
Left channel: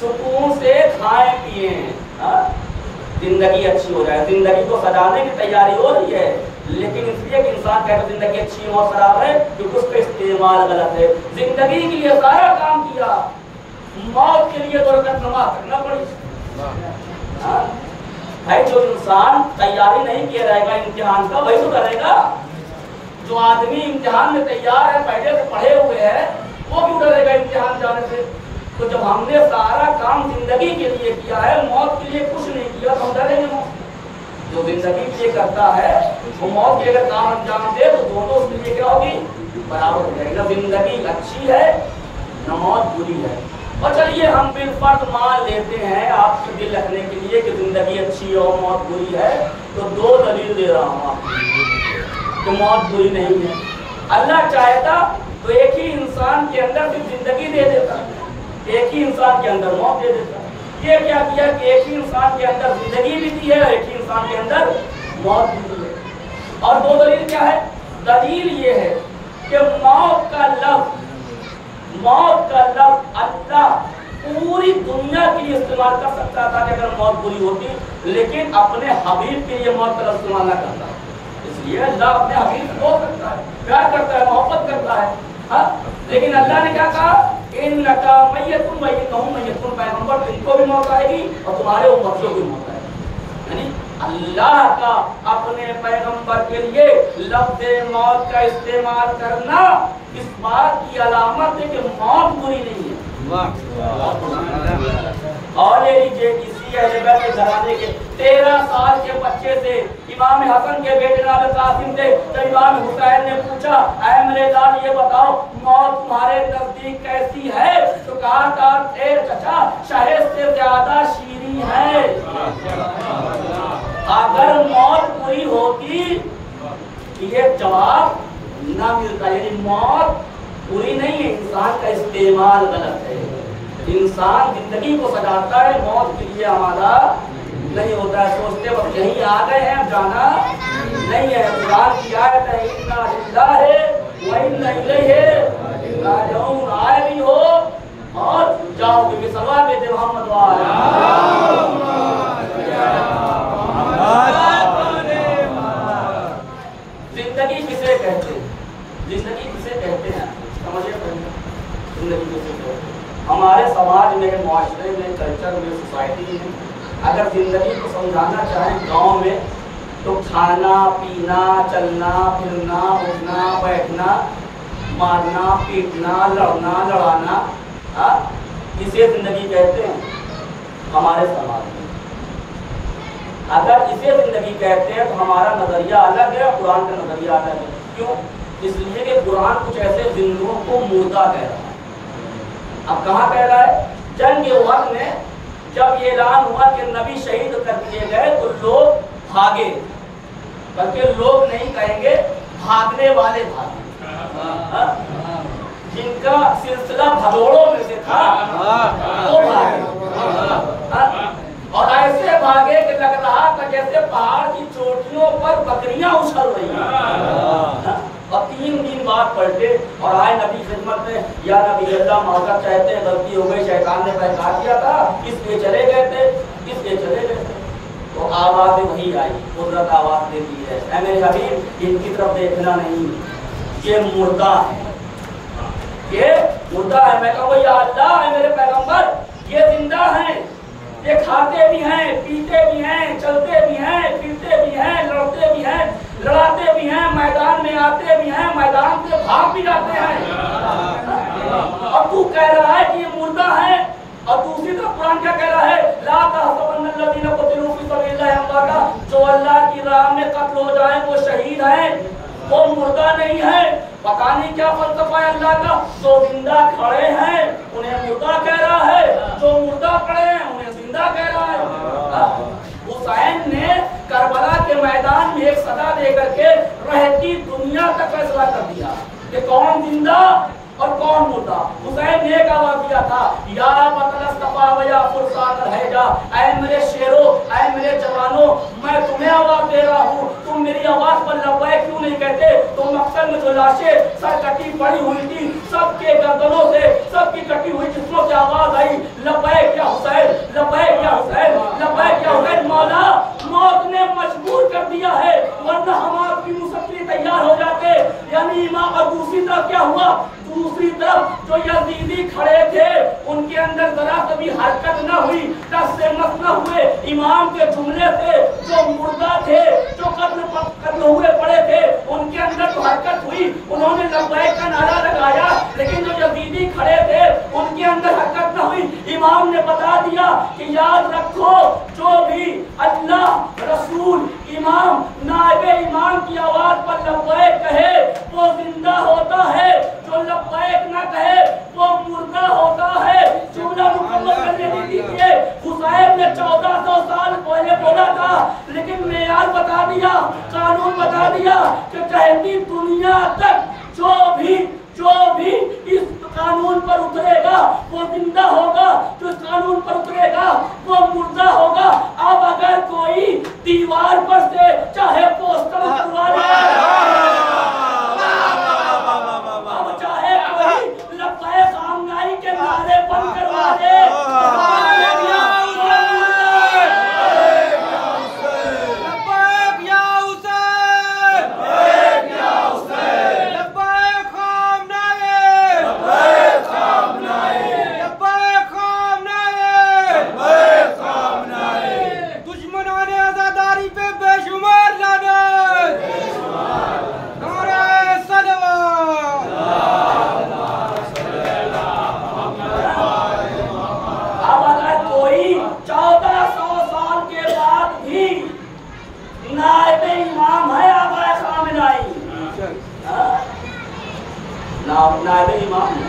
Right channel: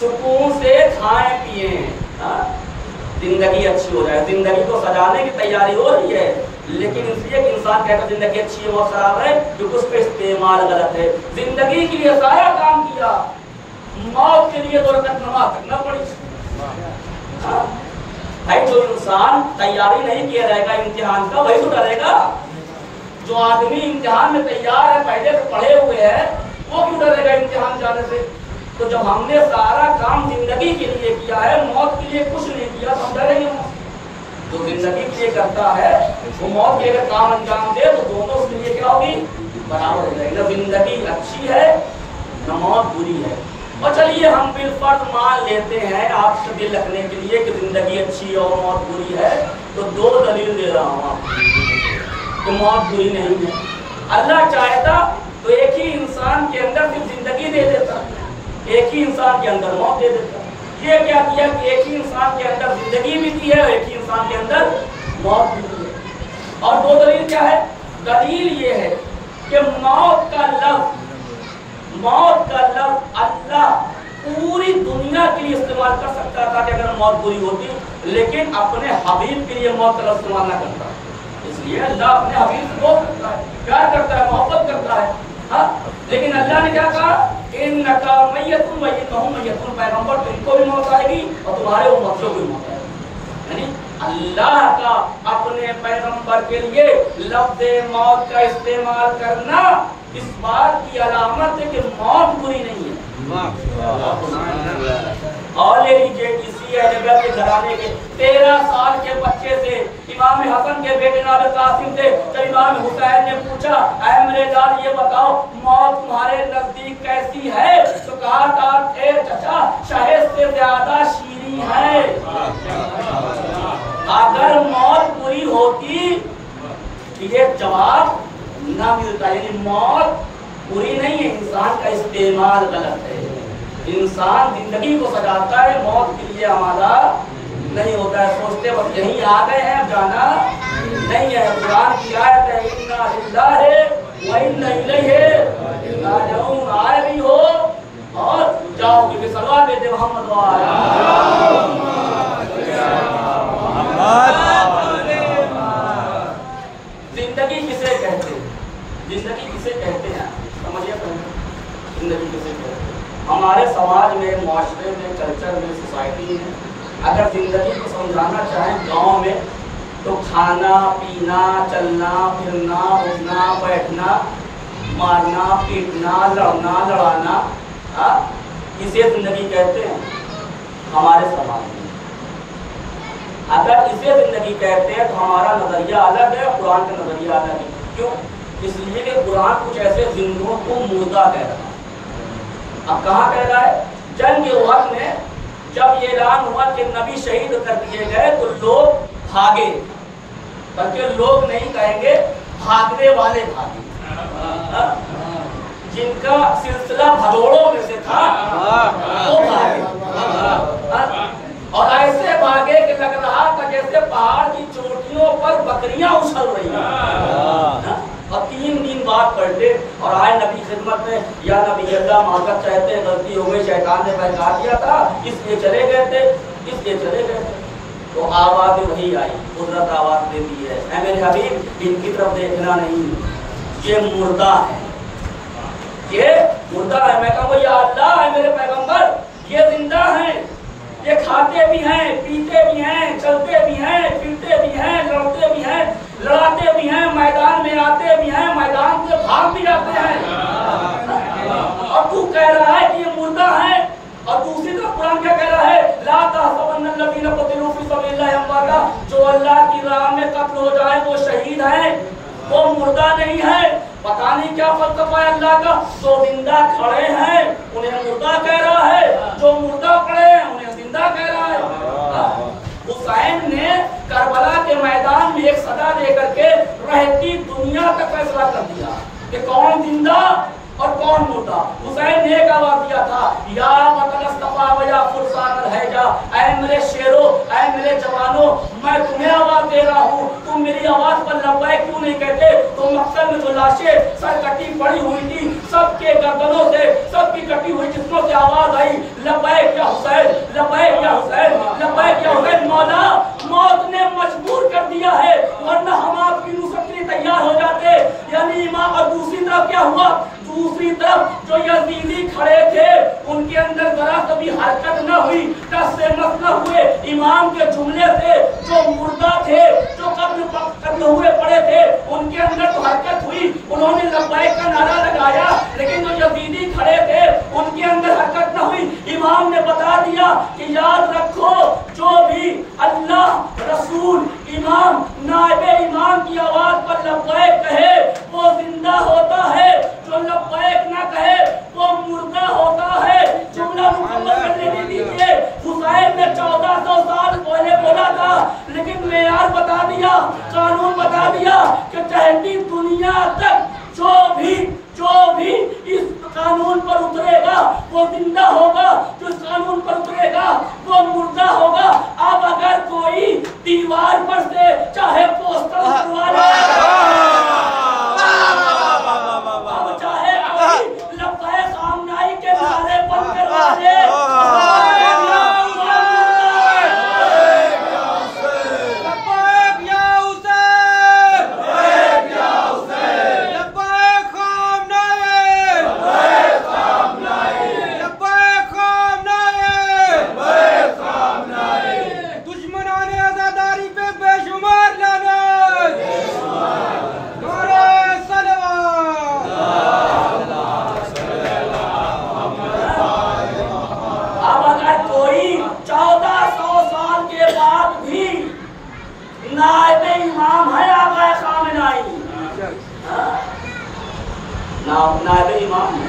सुकून से खाएं पिए, जिंदगी अच्छी हो जाए। जिंदगी को सजाने की तैयारी हो रही है, लेकिन इसलिए कि इंसान कहता है जिंदगी अच्छी है और खराब है क्योंकि उसका इस्तेमाल गलत है। जिंदगी के लिए सारा काम किया, मौत के लिए 2 रकात नमाज तक न पड़ी। भाई जो इंसान तैयारी नहीं किया रहेगा इम्तिहान का वही तो डरेगा। जो आदमी इम्तिहान में तैयार है, पहले से पढ़े हुए हैं, वो क्यों डरेगा इम्तिहान जाने से? तो जब हमने सारा काम जिंदगी के लिए किया है, मौत के लिए कुछ नहीं किया, तो हम डरेंगे? जो जिंदगी के लिए करता है वो मौत के अगर काम अंजाम दे तो दोनों उसके लिए क्या होगी? बराबर हो जाएगी। न जिंदगी अच्छी है न मौत बुरी है। और चलिए हम बिलफर्ज मान लेते हैं आपसे दिल रखने के लिए कि जिंदगी अच्छी है और मौत बुरी है, तो 2 दलील दे रहा हूँ आपको कि मौत बुरी नहीं है। अल्लाह चाहता तो एक ही इंसान के अंदर सिर्फ जिंदगी दे देता, एक ही इंसान के अंदर मौत दे देता। ये क्या किया कि एक ही इंसान के अंदर जिंदगी भी दी है और एक ही इंसान के अंदर मौत भी दी है। और 2 दलील क्या है? दलील ये है कि मौत का लफ्ज़ मौत का लफ्ज अल्लाह पूरी दुनिया के लिए इस्तेमाल कर सकता था कि अगर मौत बुरी होती, लेकिन अपने हबीब के लिए मौत का लफ्ज इस्तेमाल ना करता। इसलिए अल्लाह अपने हबीब से बोल सकता है, प्यार करता है, मोहब्बत करता है। हाँ, लेकिन अल्लाह ने क्या कहा, इन्नका मय्यतुन व इन्नहुम मय्यतुन, पैगंबर तुमको भी मौत आएगी और तुम्हारे उम्मतियों को भी मौत आएगी। यानी अल्लाह का अपने पैगंबर के लिए लफ्ज़ मौत का इस्तेमाल करना इस बात की अलामत है कि मौत बुरी नहीं है। और ले लीजिए इसी अहले बैत के घराने के 13 साल के बच्चे से इमाम हसन के बेटे जनाब कासिम थे, जब इमाम हुसैन ने पूछा, ऐ मेरे लाल ये बताओ मौत तुम्हारे नजदीक कैसी है, तो कहा था ए चचा शहद से ज्यादा शीरीं है। अगर मौत बुरी होती ये जवाब ना मिलता। यानी मौत बुरी नहीं है, इंसान का इस्तेमाल गलत है। इंसान जिंदगी को सजाता है, मौत के लिए आमादा नहीं होता है। सोचते वक्त यहीं आ गए हैं, जाना नहीं है। कुरान की आयत है, इन्ना लिल्लाहि व इन्ना इलैहि राजिऊन, आए भी हो और जाओ भी। सल्लल्लाहु अलैहि मोहम्मद जिंदगी किसे कहते हैं? जिंदगी किसे कहते हैं समझिए पहले, जिंदगी किसे कहते हैं? हमारे समाज में, माशरे में, कल्चर में, सोसाइटी में अगर जिंदगी को समझाना चाहें गांव में, तो खाना पीना, चलना फिरना, उठना बैठना, मारना पीटना, लड़ना लड़ाना, इसे जिंदगी कहते हैं हमारे समाज में। अगर इसे जिंदगी कहते हैं तो हमारा नजरिया अलग है, कुरान का नजरिया अलग है। क्यों? इसलिए कि कुरान कुछ ऐसे जिंदों को मुर्दा कह रहा है। अब कहाँ कह रहा है? जंग के वक्त में जब ये ऐलान हुआ कि नबी शहीद कर दिए गए तो लोग भागे, बल्कि लोग नहीं कहेंगे भागने वाले भागे। जिनका सिलसिला भगोड़ों में से था वो भागे, और ऐसे भागे कि लग रहा था जैसे पहाड़ की चोटियों पर बकरियां उछल रही हैं। और 3 दिन बाद पलटे और आए नबी खिदमत में, या नबी अल्लाह माफ़ चाहते हैं, गलती हो गई, शैतान ने बहका दिया था, इसलिए चले गए थे, इसलिए चले गए थे। तो आवाज़ वही आई, कुदरत आवाज़ देती है, ऐ मेरे हबीब इनकी तरफ देखना नहीं, ये मुर्दा है, ये मुर्दा है। मैं कहूँ या अल्लाह है मेरे पैगंबर, ये जिंदा है, ये खाते भी हैं, पीते भी हैं, चलते भी हैं, फिरते भी हैं, लड़ते भी हैं, लड़ाते भी हैं, मैदान में आते भी हैं, मैदान से भाग भी जाते हैं। और तू कह रहा है कि ये मुर्दा है, और दूसरी तरफ कुरान क्या कह रहा है? ला तहसबन्नल्लज़ीना क़ुतिलू फ़ी सबीलिल्लाहि अमवाता, जो अल्लाह की राह में कत्ल हो जाए वो शहीद हैं, वो मुर्दा नहीं है। पता नहीं क्या फलसफा है अल्लाह का। जो जिंदा खड़े हैं उन्हें मुर्दा कह रहा है, जो मुर्दा खड़े हैं उन्हें जिंदा कह रहा है। हुसैन ने करबला के मैदान में एक सदा देकर के रहती दुनिया का फैसला कर दिया कि कौन जिंदा और कौन मुर्दा। हुसैन ने एक आवाज दिया था, या मतलस्तफा व या फुरसातल हैजा, ऐ मेरे शेरों, ऐ मेरे जवानों, मैं तुम्हें आवाज दे रहा हूँ, तुम मेरी आवाज पर लब्बैक क्यों नहीं कहते? तो मक्सद में जो लाशें सर कटी पड़ी हुई थी, सबके गर्दनों से, सबकी कटी हुई जिस्मों से आवाज आई, लब्बैक या हुसैन, लब्बैक या हुसैन, लब्बैक या हुसैन। मौला मौत ने मजबूर कर दिया है, वरना हम आपकी नुसरत के लिए तैयार हो जाते। यानी इमाम, और दूसरी तरफ क्या हुआ? दूसरी तरफ जो यजीदी खड़े थे उनके अंदर जरा कभी हरकत न हुई, टस से मस न हुए इमाम के जुमले से। जो मुर्दा थे, जो कत्ल हुए पड़े थे, उनके अंदर तो हरकत हुई, उन्होंने लब्बैक का नारा लगाया, लेकिन जो यजीदी खड़े थे उनके अंदर हरकत न हुई। इमाम ने बता दिया कि याद रखो, जो भी अल्लाह रसूल इमाम नाइबे इमाम की आवाज पर लब्बैक कहे वो जिंदा होता है, जो लब्बैक ना कहे वो मुर्दा होता है। जुमला मुकम्मल करने नहीं दीजिए। हुसैन ने 1400 साल पहले बोला था, लेकिन मैं नायब इमाम है।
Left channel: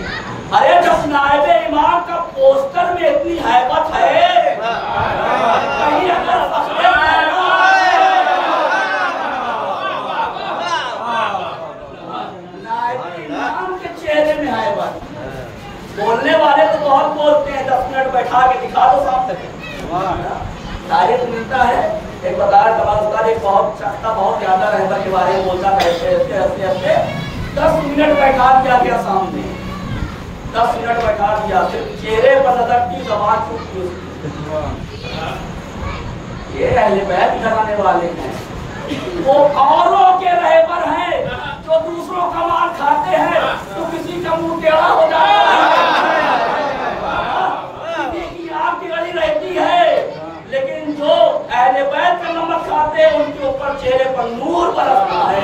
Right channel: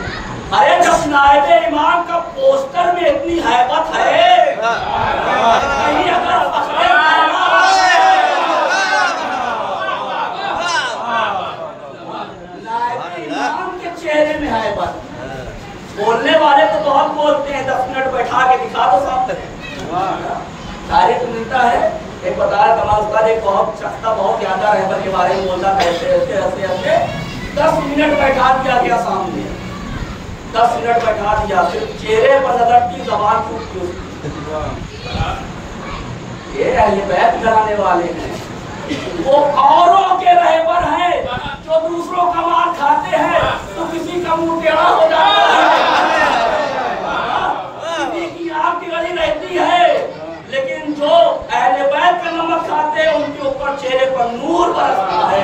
अरे जब नायब इमाम का पोस्टर में इतनी हैबत है, कहीं अगर नायब इमाम के चेहरे में हैबत, बोलने वाले तो बहुत बोलते हैं, 10 मिनट बैठा के दिखा दो सामने, तारीफ मिलता है। एक बता रहा कमाल उस्ताद, एक बहुत शख्ता बहुत ज्यादा रहबर के बारे में बोलता था, ऐसे ऐसे ऐसे ऐसे 10 मिनट बैठा दिया गया सामने, 10 मिनट बैठा दिया, फिर चेहरे पर नजर की, जबान चुप की। ये अहले बैत कराने वाले हैं, वो औरों के रहबर हैं जो दूसरों का माल खाते हैं, तो किसी का मुंह टेढ़ा हो जाता है, किसी की आंख की गली रहती है, लेकिन जो अहले बैत का नमक खाते हैं उनके ऊपर चेहरे पर नूर बरसता है।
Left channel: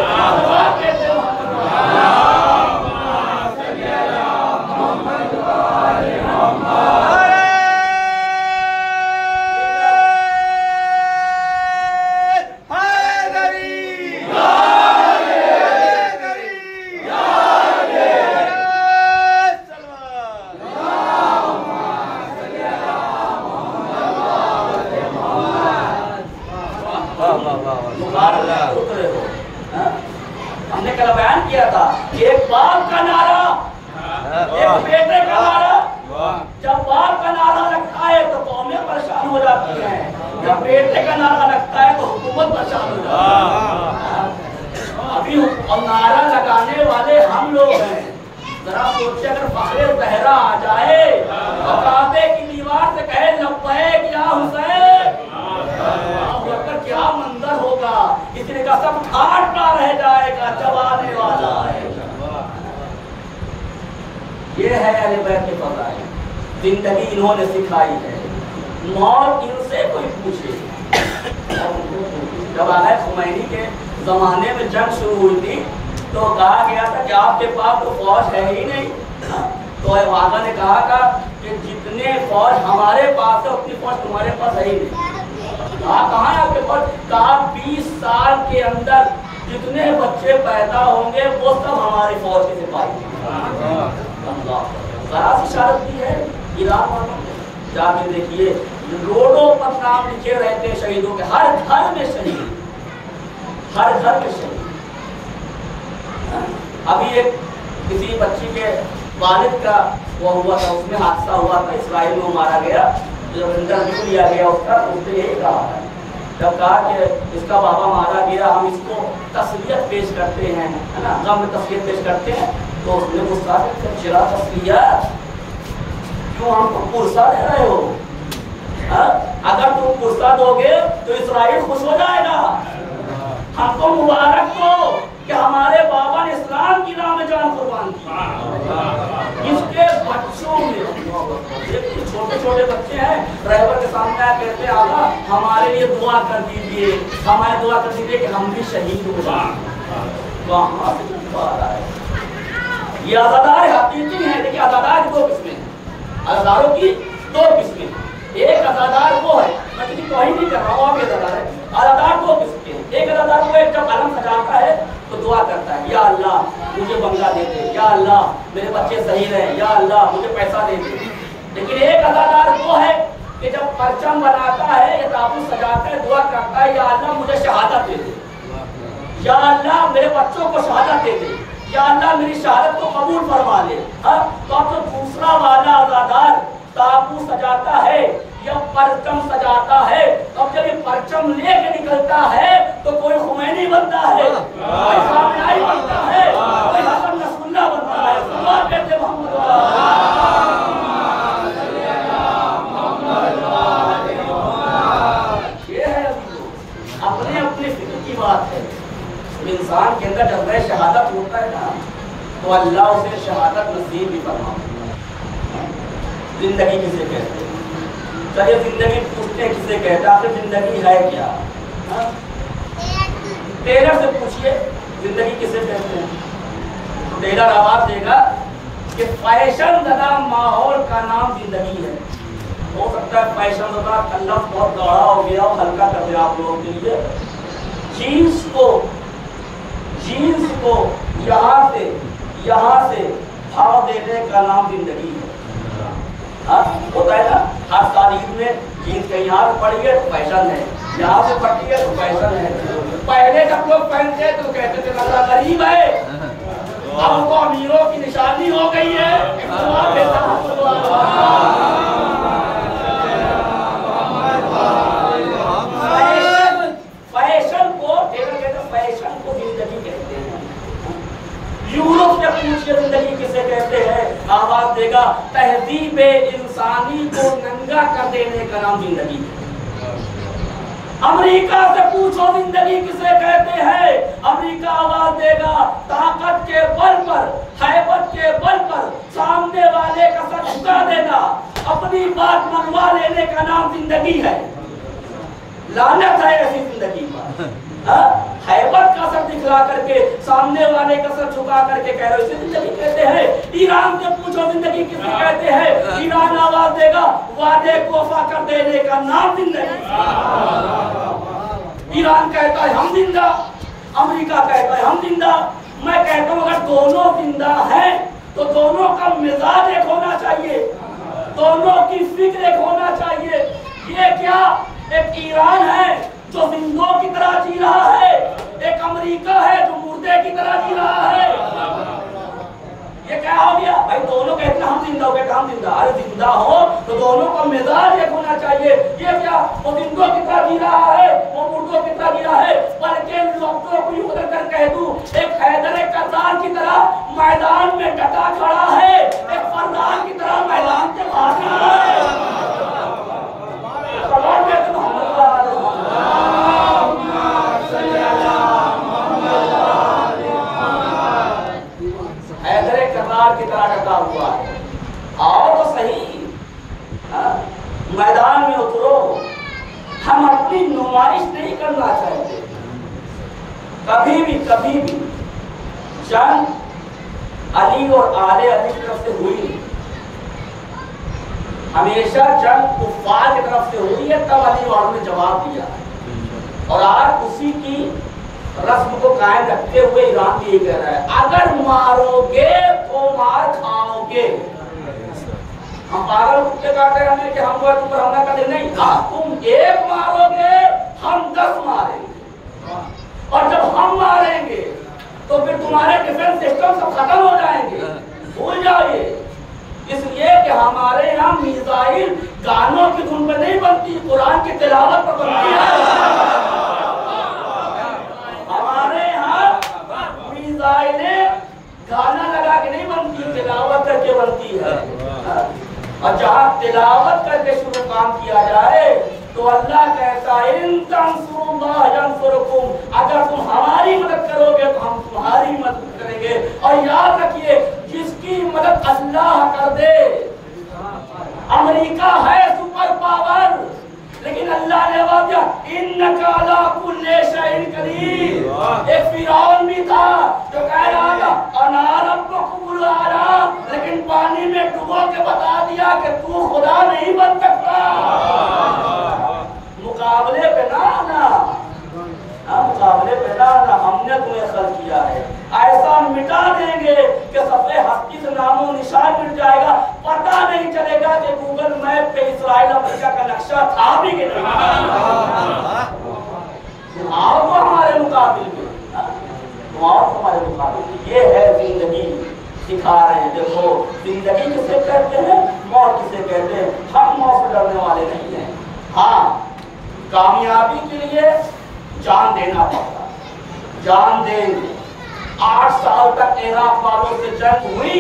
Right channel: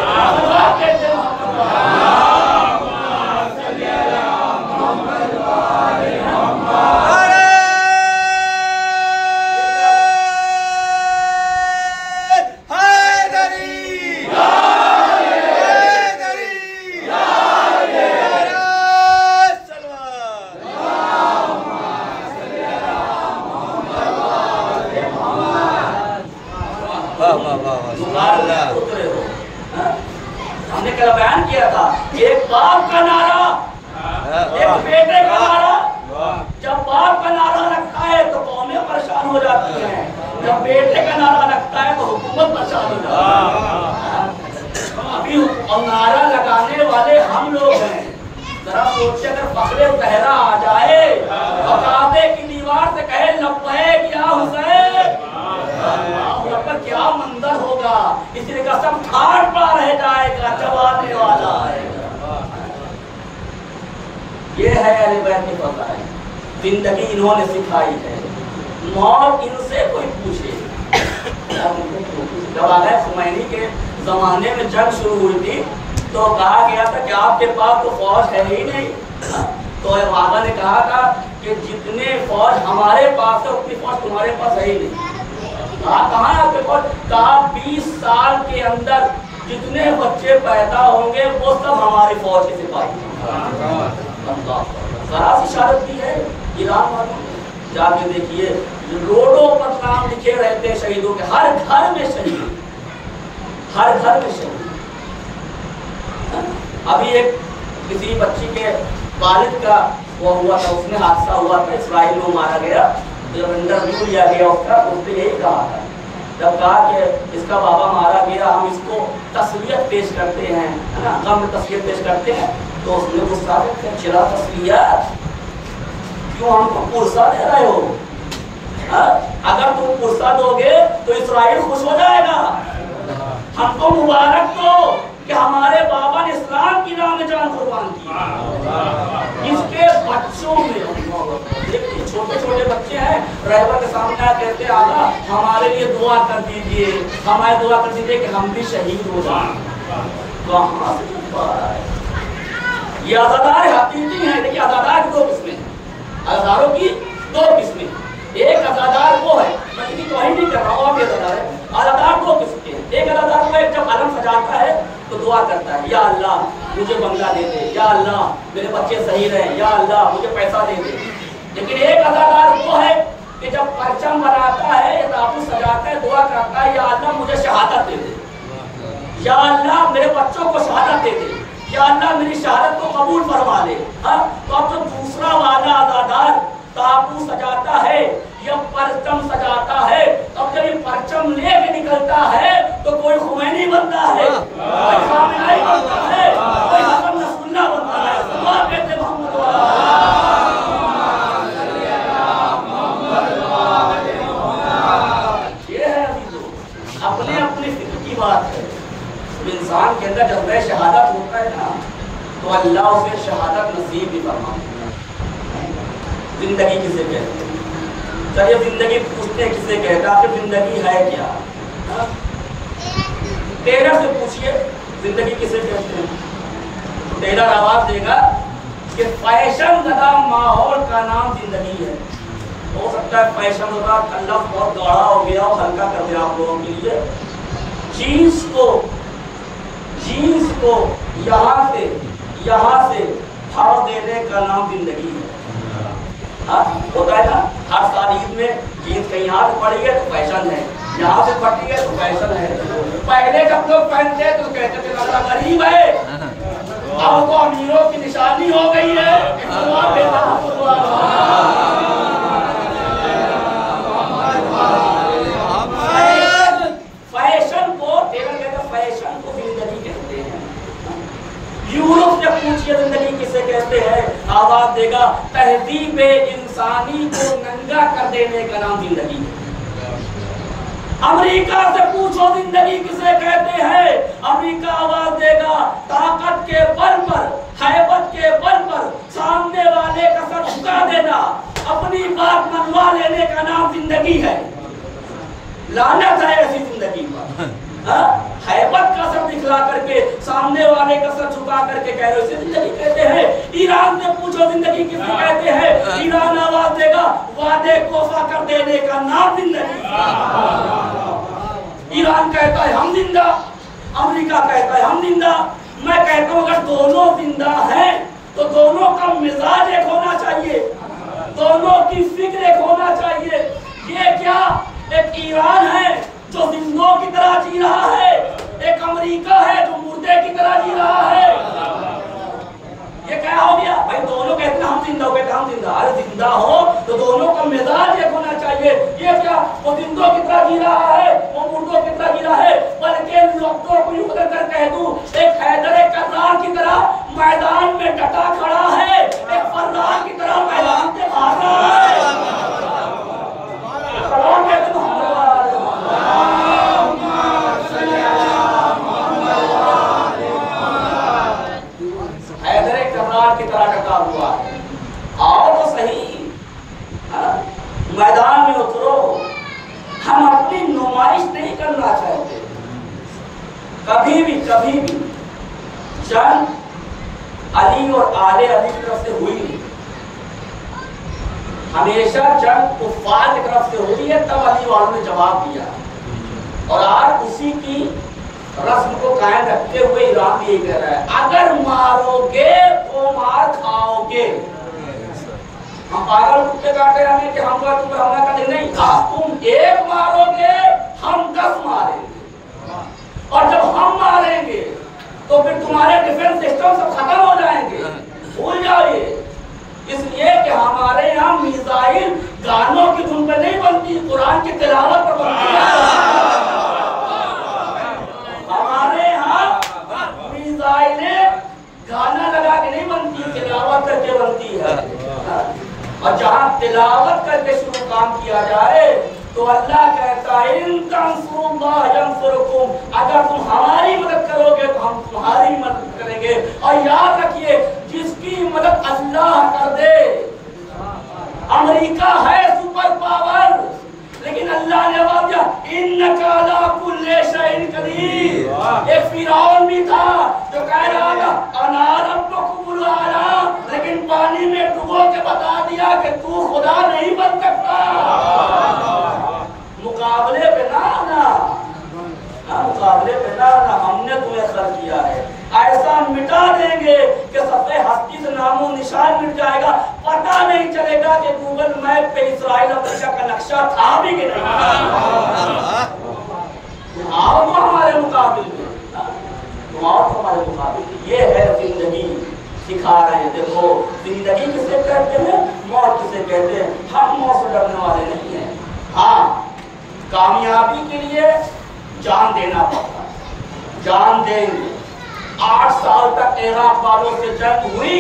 हमने कल बयान किया था, एक बाप का नारा, एक बेटे का नारा। जब बाप का नारा लगता है तो कौमें परेशान हो जाती हैं, जब बेटे का नारा लगता है तो हुकूमत परेशान हो जाती है। अभी और नारा लगाने वाले हम लोग हैं। जरा सोचिए, अगर फखरे पहरा आ जाए तो काबे की दीवार से कहे लब्बैक या हुसैन, क्या मंजर होगा। इसलिए का सब ठाट पा रह जाएगा जब आने वाला है। ये है अहले बैत के फज़ाइल, जिंदगी इन्होंने सिखाई है। मौत इनसे कोई पूछे। जब आगे खुमैनी के जमाने में जंग शुरू हुई थी तो कहा गया था कि आपके पास तो फौज है ही नहीं। तो बाबा ने कहा था कि जितने फौज हमारे पास है उतनी फौज तुम्हारे पास है ही नहीं। कहाँ है आपके पास? कहा 20 साल के अंदर जितने बच्चे पैदा होंगे वो सब हमारी फौज के सिपाही। जरा सी शहादत की है ईरान वालों ने, जाके देखिए रोडों पर नाम लिखे रहते हैं शहीदों के, हर घर में शहीद, हर घर में शहीद। अभी एक किसी बच्ची के वालिद का वो हुआ था, उसमें हादसा हुआ था, इसराइल में मारा गया। जब इंटरव्यू लिया गया उसका, उसने यही कहा था, जब कहा कि इसका बाबा मारा गया, हम इसको तस्लियत पेश करते हैं, है ना, गम में तस्लियत पेश करते हैं। तो उसने गुस्सा से चिरा तस्लियत, क्यों हमको पुरसा दे रहे हो? अगर तुम पुरसा दोगे तो इसराइल खुश हो जाएगा। हमको मुबारक दो कि हमारे बाबा ने इस्लाम की राह में जान कुर्बान की। इसके बच्चों में छोटे छोटे बच्चे हैं, रहबर के सामने आकर कहते हैं आगा हमारे लिए दुआ कर दीजिए, हमारे दुआ कर दीजिए कि हम भी शहीद हो जाएं। कहाँ से आ रहा है? ये आज़ादार हकीकी हैं। देखिए आज़ादार की 2 किस्में हैं, आज़ादारों की 2 किस्में। एक आज़ादार वो है, मैं किसी को ही नहीं कर रहा हूँ, आप आज़ादार है। आज़ादार 2 किस्म के हैं। एक आज़ादार वो एक जब अलम सजाता है तो दुआ करता है, या अल्लाह मुझे बंगला दे दे, या अल्लाह मेरे बच्चे सही रहे, या अल्लाह मुझे पैसा दे दे। लेकिन एक आज़ादार वो है कि जब परचम बनाता है या ताबूत सजाता है, दुआ करता है, या अल्लाह मुझे शहादत दे दे, या अल्लाह मेरे बच्चों को शहादत दे दे, या अल्लाह मेरी शहादत को कबूल फरमा ले। तो अब जो दूसरा वाला आज़ादार ताबूत सजाता है या परचम सजाता है, अब जब ये परचम लेके निकलता है तो कोई खुमैनी बनता है, कोई खामेनी बनता है, कोई हसन नसरुल्लाह बनता है। कहते मोहम्मद अपने अपने फिक्र की बात है। इंसान के अंदर जब वह शहादत होता है ना तो अल्लाह उसे शहादत नसीब भी फरमाता है। जिंदगी किसे कहते हैं? चलिए जिंदगी पूछते हैं किसे कहते हैं, आखिर जिंदगी है क्या? टेलर से पूछिए जिंदगी किसे कहते हैं, तो टेलर आवाज देगा कि फैशन ज़दा माहौल का नाम जिंदगी है। हो सकता है फैशन ज़दा का लफ्ज़ बहुत गाढ़ा हो गया और हल्का कर दिया आप लोगों के लिए। जीन्स को यहाँ से भाव देने का नाम जिंदगी है। हाँ, होता है ना, हर साल ईद में जीन्स कहीं यहाँ से पड़ी है तो फैशन है, यहाँ से फटी है तो फैशन है। पहले जब लोग पहनते तो कहते थे लगा गरीब है, अब तो अमीरों की निशानी हो गई है। फैशन को टेबल कहते हैं, फैशन को जिंदगी कहते हैं। यूरोप से पूछिए जिंदगी किसे कहते हैं, आवाज देगा तहजीब इंसानी को नंगा कर देने का नाम जिंदगी है। अमेरिका से पूछो जिंदगी किसे कहते हैं, अमेरिका आवाज देगा ताकत के बल पर, हैबत के बल पर सामने वाले का सर झुका देना, अपनी बात मनवा लेने का नाम जिंदगी है। लानत है ऐसी जिंदगी पर। हैबत का सर दिखला करके सामने वाले का सर झुका करके कह रहे हो, इसे जिंदगी कहते हैं। ईरान से पूछो जिंदगी किसे कहते हैं, ईरान आवाज देगा वादे को वफा कर देने का नाम जिंदगी। ईरान कहता है हम जिंदा, अमेरिका कहता है हम जिंदा। मैं कहता हूँ अगर दोनों जिंदा हैं तो दोनों का मिजाज एक होना चाहिए, दोनों की फिक्र एक होना चाहिए। ये क्या, एक ईरान है जो जिंदों की तरह जी रहा है, एक अमेरिका है जो मुर्दे की तरह जी रहा है। ये क्या हो गया भाई, दोनों कहते हैं हम जिंदा, कहते हैं हम जिंदा। अरे जिंदा हो तो दोनों का मिजाज एक होना चाहिए। ये क्या, वो जिंदों की तरह जी रहा है, वो मुर्दों की तरह जी रहा है। बल्कि लफ्जों को यूं कर कह दूं, एक हैदर कर्रार की तरह मैदान में डटा खड़ा है, एक फर्रार की तरह मैदान से भाग रहा है। की तरह डटा हुआ है। आओ तो सही, मैदान में उतरो। हम अपनी नुमाइश नहीं करना चाहते। कभी भी जंग अली और आले अली की तरफ से हुई नहीं, हमेशा जंग कुफ्फार की तरफ से हुई है, तब अली वालों ने जवाब दिया। और आज उसी की रस्म को कायम रखते हुए ईरान भी ये कह रहा है अगर मारोगे तो मार खाओगे। हम पागल कुत्ते काटे हमें कि हम तुम पर हमला कर देंगे, नहीं, तुम एक मारोगे हम 10 मारेंगे, और जब हम मारेंगे तो फिर तुम्हारे डिफेंस सिस्टम सब खत्म हो जाएंगे, भूल जाओ ये। इसलिए कि हमारे यहाँ मिसाइल गानों की धुन पे नहीं बनती, कुरान की तिलावत पर बनती है। गाना लगा के नहीं बनती, तिलावत करके बनती है। और जहाँ तिलावत करके शुरू काम किया जाए तो अल्लाह कहता है इन तंसुरुल्लाह यंसुरकुम, अगर तुम हमारी मदद करोगे तो हम तुम्हारी मदद करेंगे। और याद रखिए जिसकी मदद अल्लाह कर दे, अमेरिका है सुपर पावर, लेकिन अल्लाह ने आवाज दिया इन्नका अला कुल्ली शैइन कदीर। एक फिरौन भी था जो कह रहा था अना रब्बुकुमुल आला, लेकिन पानी में डुबो के बता दिया कि तू खुदा नहीं बन सकता। मुकाबले पे ना आना, मुकाबले पे ना आना, हमने तुम्हें खर्च किया है। ऐसा मिटा देंगे कि सफे हस्ती से नामो निशान मिट जाएगा, पता नहीं चलेगा कि गूगल मैप पे इस्राइल अफ्रीका का नक्शा था भी कि नहीं। आओ तो हमारे मुकाबले में, आओ तो हमारे मुकाबले में। ये है जिंदगी, सिखा रहे हैं। देखो जिंदगी किसे कहते हैं, मौत किसे कहते हैं। हम मौत से डरने वाले नहीं हैं। हाँ, कामयाबी के लिए जान देना पड़ता, जान देंगे। 8 साल तक इराक वालों से जंग हुई,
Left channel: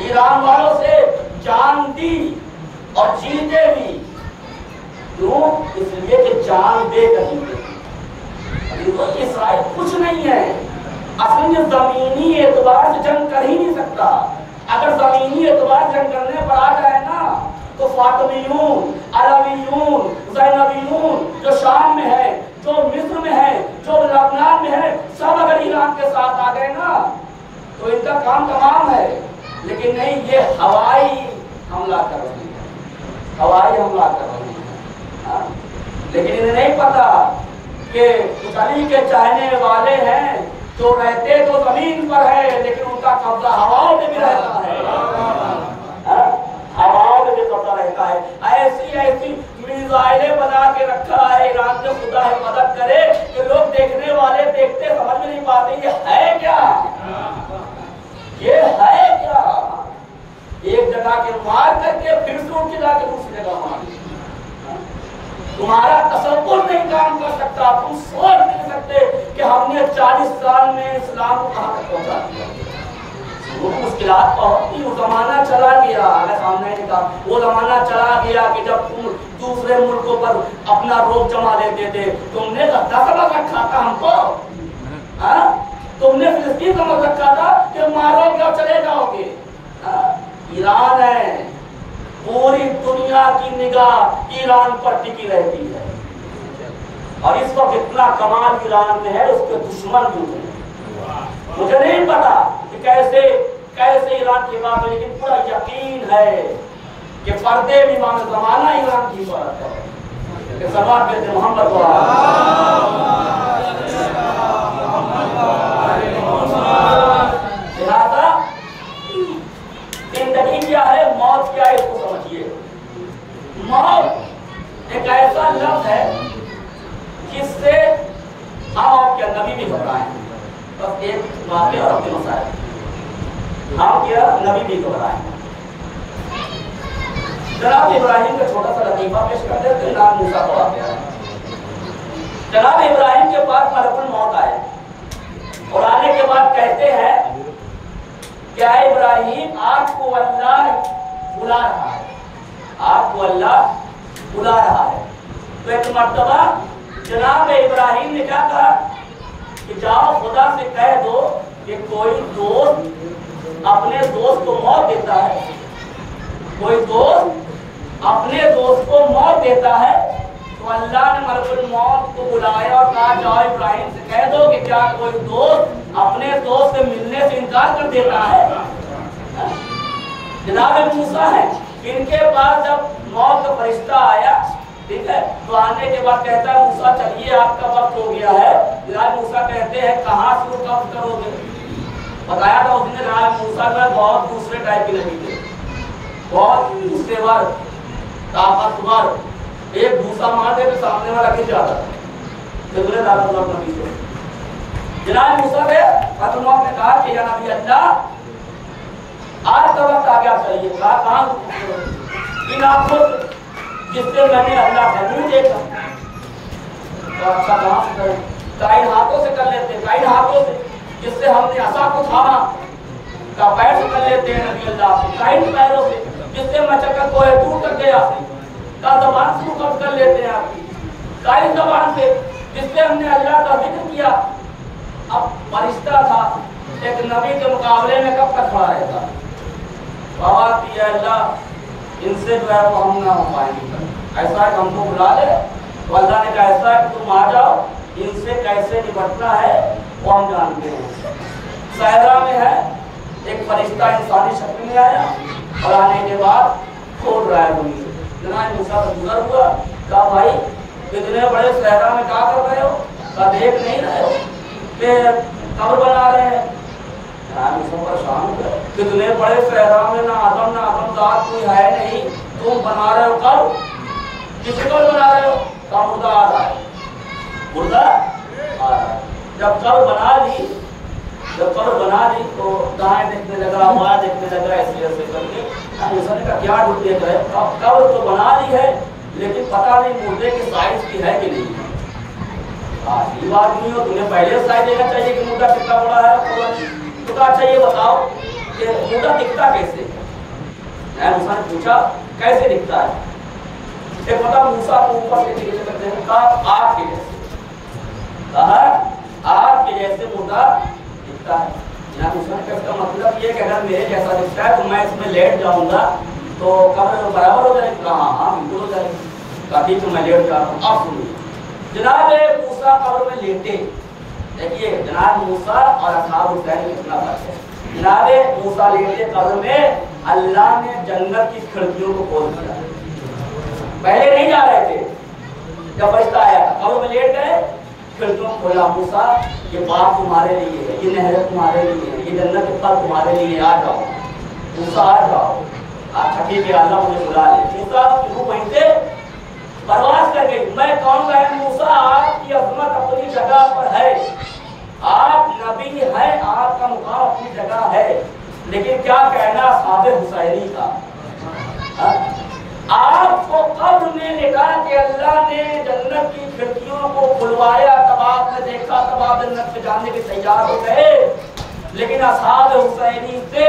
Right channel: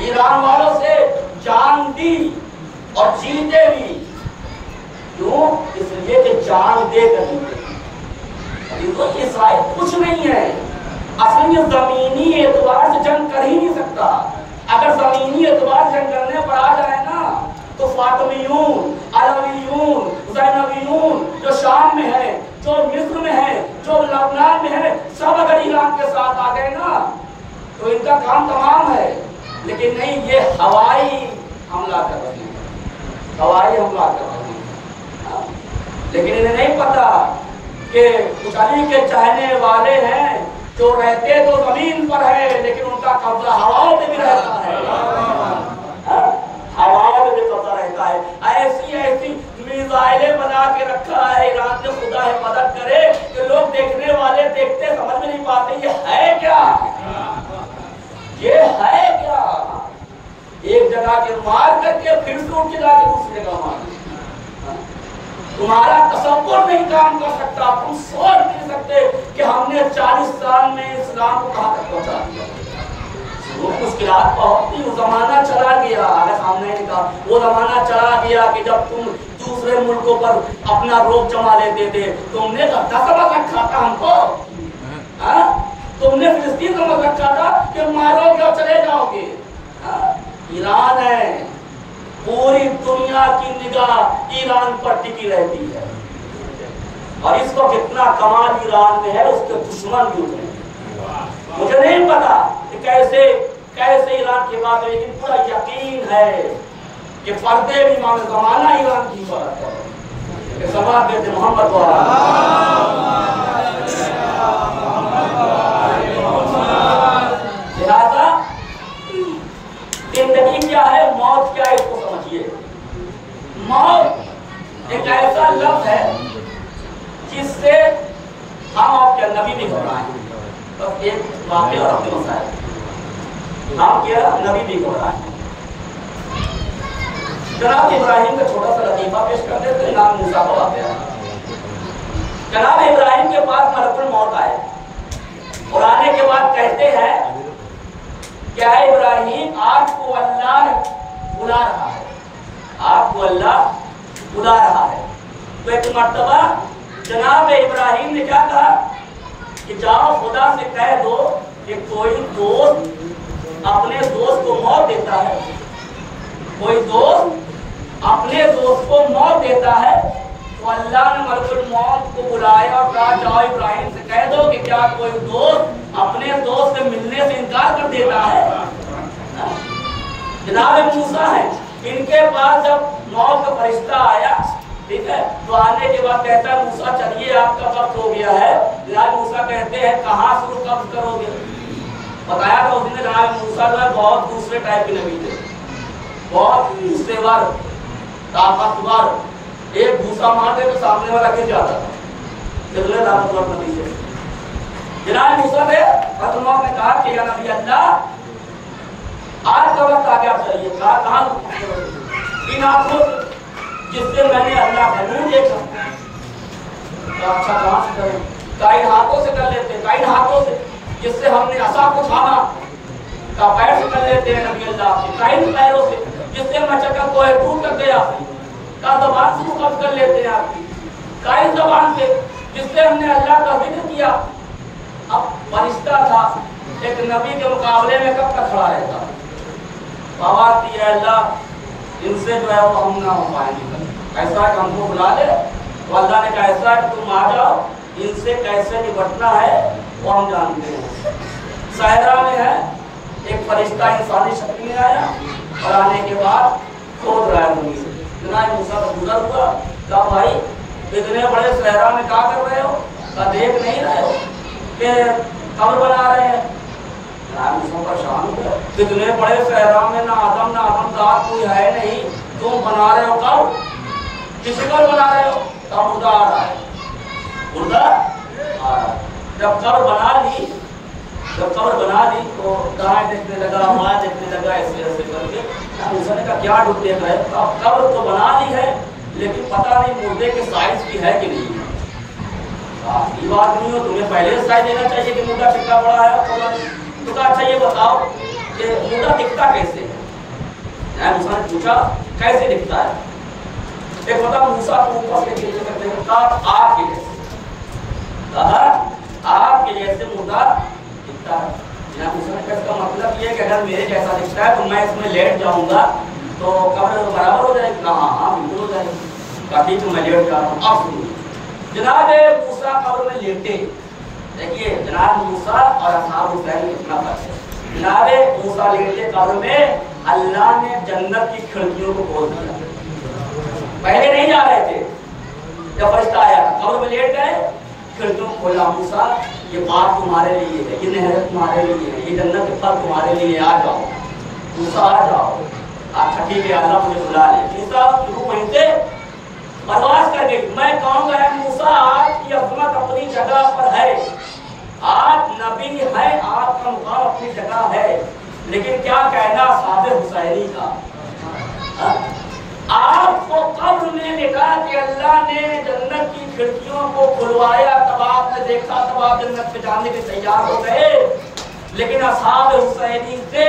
ईरान वालों से जान दी और जीते भी। क्यों? इसलिए कि जान दे कर जीते। ये शायद कुछ नहीं है, असल में जमीनी एतबार से जंग कर ही नहीं सकता। अगर जमीनी एतबार से जंग करने पर आ जाए ना तो फातिमियून, अलवियून, ज़ैनबियून जो शाम में है, जो मिस्र में है, जो लबनान में है, सब अगर ईरान के साथ आ गए ना तो इनका काम तमाम है। लेकिन नहीं, ये हवाई हमला कर रहे हैं, हवाई हमला कर रहे हैं। लेकिन इन्हें नहीं पता कि कुछ अली के चाहने वाले हैं जो रहते तो जमीन पर है लेकिन उनका कब्जा हवाओं में भी रहता है, हवाओं में भी कब्जा रहता है। ऐसी ऐसी मिसाइलें बना के रखा है ईरान ने, खुदा हिफाजत करे कि लोग देखने वाले देखते समझ में नहीं पाते ये है क्या, ये है क्या। एक जगह के मार करके फिर से उठ के जाके दूसरी जगह मार, तुम्हारा तसव्वुर नहीं काम कर सकता, तुम सोच नहीं सकते कि हमने 40 साल में इस्लाम को कहां तक पहुंचा दिया। वो मुश्किलात बहुत थी, वो जमाना चला गया। अगर सामने ने कहा वो जमाना चला गया कि जब तुम दूसरे मुल्कों पर अपना रोब जमा लेते थे। तुमने गद्दा समझ रखा था हमको, तुमने फिलिस्तीन समझ रखा था कि मारोगे और चले जाओगे। ईरान है, पूरी दुनिया की निगाह ईरान पर टिकी रहती है और इस वक्त इतना कमाल ईरान में है उसके दुश्मन भी हैं। मुझे नहीं पता कि कैसे कैसे ईरान की बात है, लेकिन पूरा यकीन है कि पर्दे भी इमाम ज़माना ईरान की बात है। सवाब कहते मोहम्मद लिहाजा जिंदगी क्या है, मौत क्या है, इसको समझिए। मौत एक ऐसा लफ्ज है जिससे हम और क्या नबी भी घबराए। बस एक वाक़या और अपने मसाइल, हम क्या नबी भी घबराए। जनाब इब्राहिम का छोटा सा लतीफा पेश कर देते, नाम मूसा को वाक़या। जनाब इब्राहिम के पास मलकुल मौत आए और आने के बाद कहते हैं क्या इब्राहिम आपको अल्लाह बुला रहा है, आपको अल्लाह बुला रहा है। तो एक मर्तबा जनाब इब्राहिम ने क्या कहा कि जाओ खुदा से कह दो कि कोई दोस्त अपने दोस्त को मौत देता है, कोई दोस्त अपने दोस्त को मौत देता है। तो अल्लाह ने मलकुल मौत को बुलाया और कहा जाओ इब्राहिम से कह दो कि क्या कोई दोस्त अपने दोस्त से मिलने से इनकार कर देता है। जनाब मूसा है, इनके पास जब मौत का फरिश्ता आया, ठीक है, तो आने के बाद कहता है मूसा चलिए आपका वक्त हो गया है। जनाब मूसा कहते हैं कहाँ से कब्ज करोगे। बताया था उसने जनाब मूसा जो है बहुत दूसरे टाइप के नबी थे, बहुत गुस्सेवार ताकतवर, एक भूसा मार दे तो सामने वाला गिर जाता था, कितने ताकतवर नबी थे। जनाब मूसा ने फतमौत ने कहा कि या नबी अल्लाह आज का वक्त आ गया, चलिए। कहा कहाँ इन आंखों से जिससे मैंने अल्लाह का नूर देखा। तो अच्छा कहाँ से करें, कई हाथों से कर लेते, कई हाथों से जिससे हमने असा को थामा, का पैर से कर लेते हैं नबी अल्लाह के, कई पैरों से जिससे मचका कोई टूट कर गया, का जबान से कब्ज कर लेते हैं आपकी, कई जबान से जिससे हमने अल्लाह का जिक्र किया। अब फरिश्ता था एक नबी के मुकाबले में कब तक खड़ा रहता, आवाज दी है अल्लाह इनसे जो है वो हम ना हो पाएंगे, ऐसा है कि हमको बुला ले। तो अल्लाह ने कहा ऐसा है कि तुम आ जाओ, इनसे कैसे निपटना है वो हम जानते हैं। सहरा में है एक फरिश्ता इंसानी शक्ल में आया और आने के बाद खोद रहा है जमीन से। जनाब मूसा का गुजर हुआ, कहा भाई इतने बड़े सहरा में क्या कर रहे हो, कहा देख नहीं रहे हो कि कब्र बना रहे हैं। परेशान हो गए, कितने बड़े सहरा में ना आदमदार कोई है नहीं, तुम बना रहे हो कब, किसी को बना रहे हो, कब मुर्दा आ रहा है, मुर्दा आ रहा है। जब कब्र बना ली, जब कब्र बना ली तो दाएं देखने लगा, बाएं देखने लगा, ऐसे ऐसे करके उसने कहा क्या ढूंढ देख रहे, कब्र तो बना ली है लेकिन पता नहीं मुर्दे के साइज की है कि नहीं है। ये बात नहीं हो, तुम्हें पहले साइज देना चाहिए कि मुर्दा कितना बड़ा है थोड़ा। तो कहा अच्छा ये बताओ कि मुर्दा दिखता कैसे है। मूसा ने पूछा कैसे दिखता है। एक बता मूसा को ऊपर से नीचे करते हैं, कहा आग के जैसे, कहा आग के जैसे मुर्दा दिखता है। जनाब मूसा ने कहा इसका मतलब ये कि अगर मेरे जैसा दिखता है तो मैं इसमें लेट जाऊंगा तो कब्र बराबर हो जाएगी। कहा हाँ बिल्कुल हो जाएगी। कहा ठीक है मैं लेट जा रहा हूँ। अब सुनिए, जनाब मूसा कब्र में लेटे, देखिए जनाब मूसा और असहाब हुसैन में कितना फर्क है। जनाब मूसा लेटे कब्र में, अल्लाह ने जन्नत की खिड़कियों को खोल दिया। पहले नहीं जा रहे थे, जब फरिश्ता आया था कब्र में लेट गए, खिड़कियों को खोला। मूसा ये बात तुम्हारे लिए है, ये नहरें तुम्हारे लिए है, ये जन्नत के फल तुम्हारे लिए, आ जाओ मूसा आ जाओ। अच्छा ठीक है, अल्लाह मुझे बुला ले। मूसा रूह वहीं से परवास कर गई। मैं कहूँगा है मूसा आपकी अजमत अपनी जगह पर है, आप नबी है, आपका मुकाम अपनी जगह है, लेकिन क्या कहना साहब हुसैनी का। आपको कब्र में लिखा कि अल्लाह ने जन्नत की खिड़कियों को खुलवाया, तब आपने देखा, तब आप जन्नत में जाने के तैयार हो गए। लेकिन असहाब हुसैनी से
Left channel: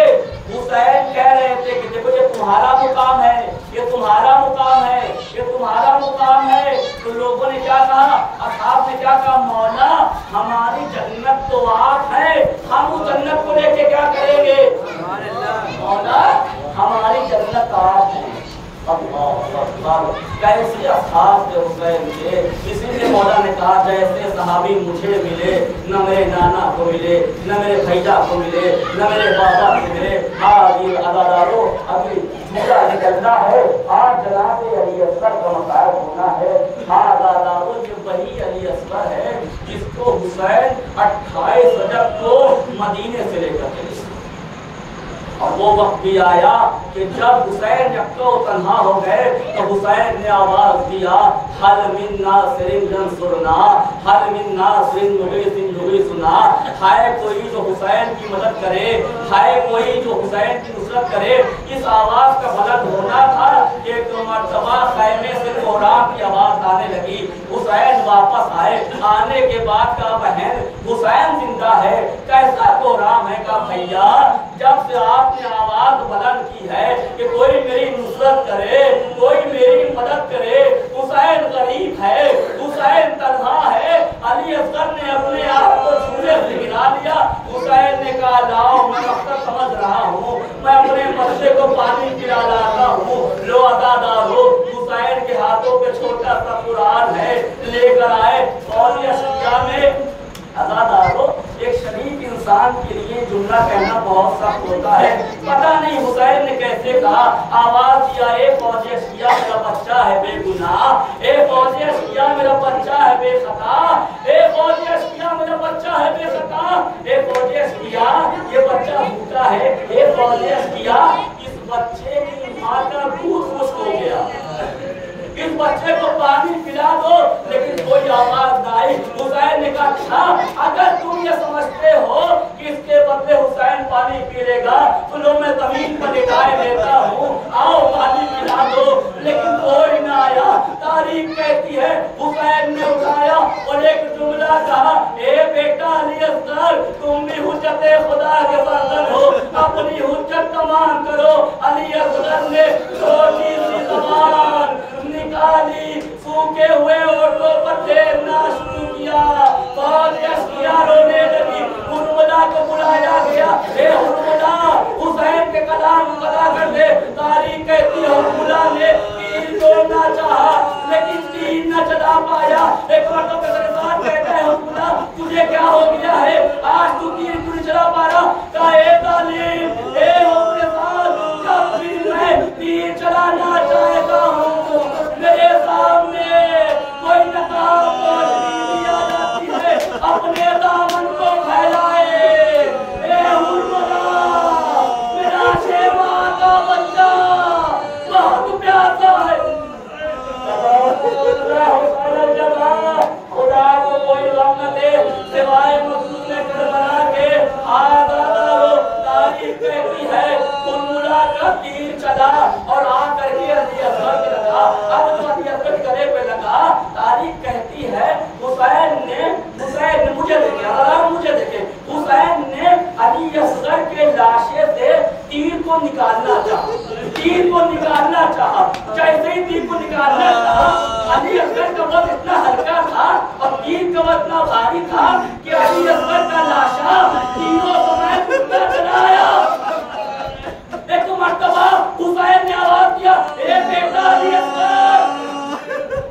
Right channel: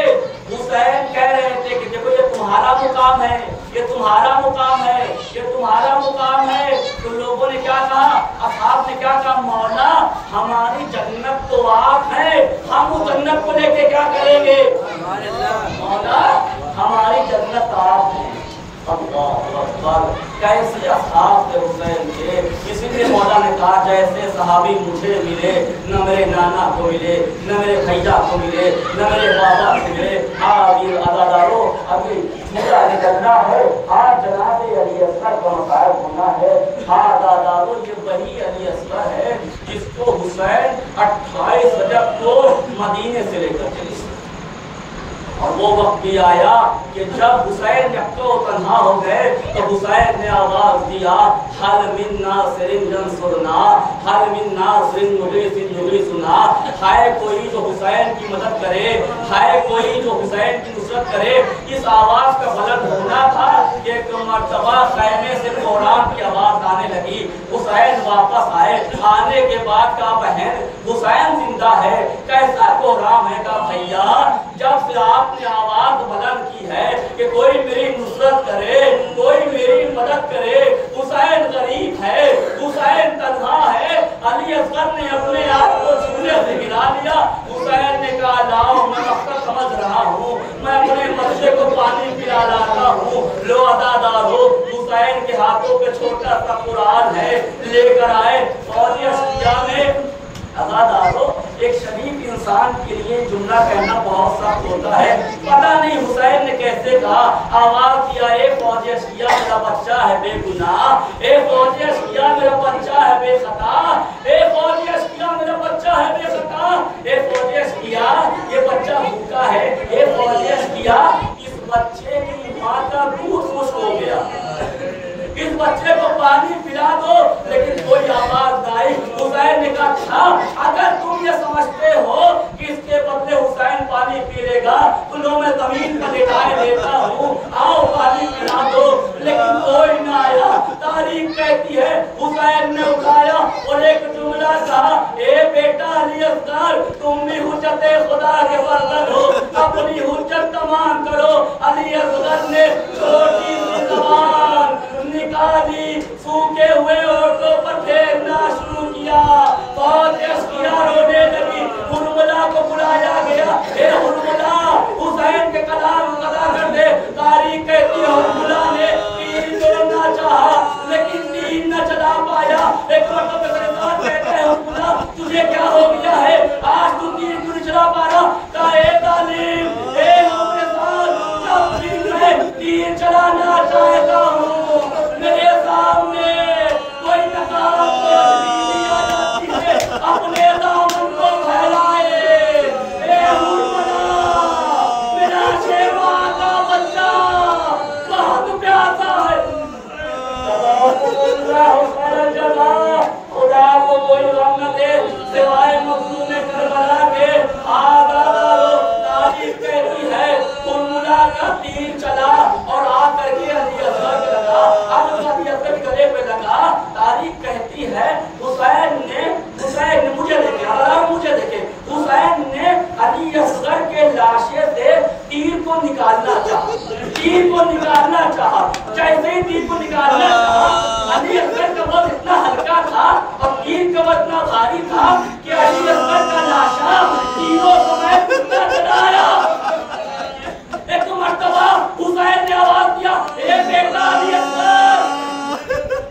हुसैन कह रहे थे कि देखो ये तुम्हारा मुकाम है, ये तुम्हारा मुकाम है, ये तुम्हारा मुकाम है। तो लोगों ने क्या कहा, असहाब ने क्या कहा, मौला हमारी जन्नत तो आप है, हम उस जन्नत को लेके क्या करेंगे, मौला हमारी जन्नत आप है। कैसे असहाब थे हुसैन के, इसीलिए मौला ने कहा जैसे सहाबी मुझे मिले, न मेरे नाना को मिले, न मेरे भैया को मिले, न मेरे बाबा को मिले। हाँ ये अदादारों अभी झूठा निकलना है, आज जनाब अली असगर का मकाम होना है। हाँ अदादारों ये वही अली असगर है जिसको हुसैन 28 रजब को मदीने से लेकर चले। और वो वक्त भी आया कि जब हुसैन यक्को तन्हा हो गए तो हुसैन ने आवाज दिया, हल मिन नासिरिन यंसुरना, हल मिन नासिरिन मुगीसिन युगीसुना। है कोई जो हुसैन की मदद करे, है कोई जो हुसैन की नुसरत करे। इस आवाज का बुलंद होना था कि एक मर्तबा खैमे से कोरान की आवाज आने लगी। हुसैन वापस आए, आने के बाद का बहन हुसैन जिंदा है, कैसा कोराम है का भैया, जब से आपने आवाज बुलंद की है कि कोई मेरी नुसरत करे, कोई मेरी मदद करे, हुसैन गरीब है, हुसैन तन्हा है। अली असगर ने अपने आप को झूले से गिरा लिया। हुसैन ने कहा लाओ मैं मकसद समझ रहा हूँ, मैं अपने बच्चे को पानी पिला लाता हूँ। लो अदादारो हुसैन के हाथों पे छोटा सा कुरान है, लेकर आए। और अशकिया में अदादारो एक शरीफ इंसान के लिए जुमला कहना बहुत सख्त होता है। पता नहीं हुसैन ने कैसे कहा, आवाज दिया ए फौजी अशकिया मेरा बच्चा है बेगुनाह, ए फौजी अशकिया मेरा बच्चा है बेखता, ए फौजी अशकिया मेरा बच्चा है बेखता, ए फौजी अशकिया ये बच्चा भूखा है, ए फौजी अशकिया इस बच्चे की मां का दूध खुश हो गया, इस बच्चे को पानी पिला दो। लेकिन कोई आवाज नहीं। हुसैन ने कहा अगर तुम ये समझते हो कि इसके बदले हुसैन पानी पी लेगा तो लो मैं जमीन पर लिटाए लेता हूँ, आओ पानी पिला दो। लेकिन कोई ना आया। तारीख कहती है हुसैन ने उठाया और एक जुमला कहा, ए बेटा अली असगर तुम भी हुज्जते खुदा के बर्तन हो, अपनी हुज्जत तमाम करो। अली असगर ने छोटी सी जबान निकाली, सूखे हुए ओठों पर फेरना शुरू किया, बहुत अशकिया रोने लगी। हुरमुला को बुलाया गया, ए हुरमुला हुसैन के कलाम अदा कर दे। तारीख कहती है हुरमुला ने तीर तोड़ना चाहा लेकिन तीर न चला पाया। एक मरतबा मेरे साथ कहते हैं हुरमुला तुझे क्या हो गया है, आज तू तीर क्यों नहीं चला पा रहा। कहा ए तालीम ए मेरे साथ जब भी मैं तीर चलाना चाहता हूँ मेरे सामने कोई नकाब रोशनी आ जाती है, अपने दामन को फैलाए। ए हुरमुला मेरा शेवा का बच्चा बहुत प्यासा है, खुदा को कोई गम न दे सिवाय मखलूक करबला के। आदादारो तारीफ कहती है हुरमुला का तीर चला और आकर के अली असगर के लगा। अब जब अली असगर के गले पे लगा, तारीख कहती है हुसैन ने मुझे देखे हुसैन ने अली असगर के लाशे से तीर को निकालना चाहा। जैसे ही तीर को निकालना चाहा, अली असगर का वजन इतना हल्का था और तीर का वजन इतना भारी था कि अली असगर का लाशा तीरों समय चलाया। एक मर्तबा हुसैन ने आवाज दिया, ए बेटा अली असगर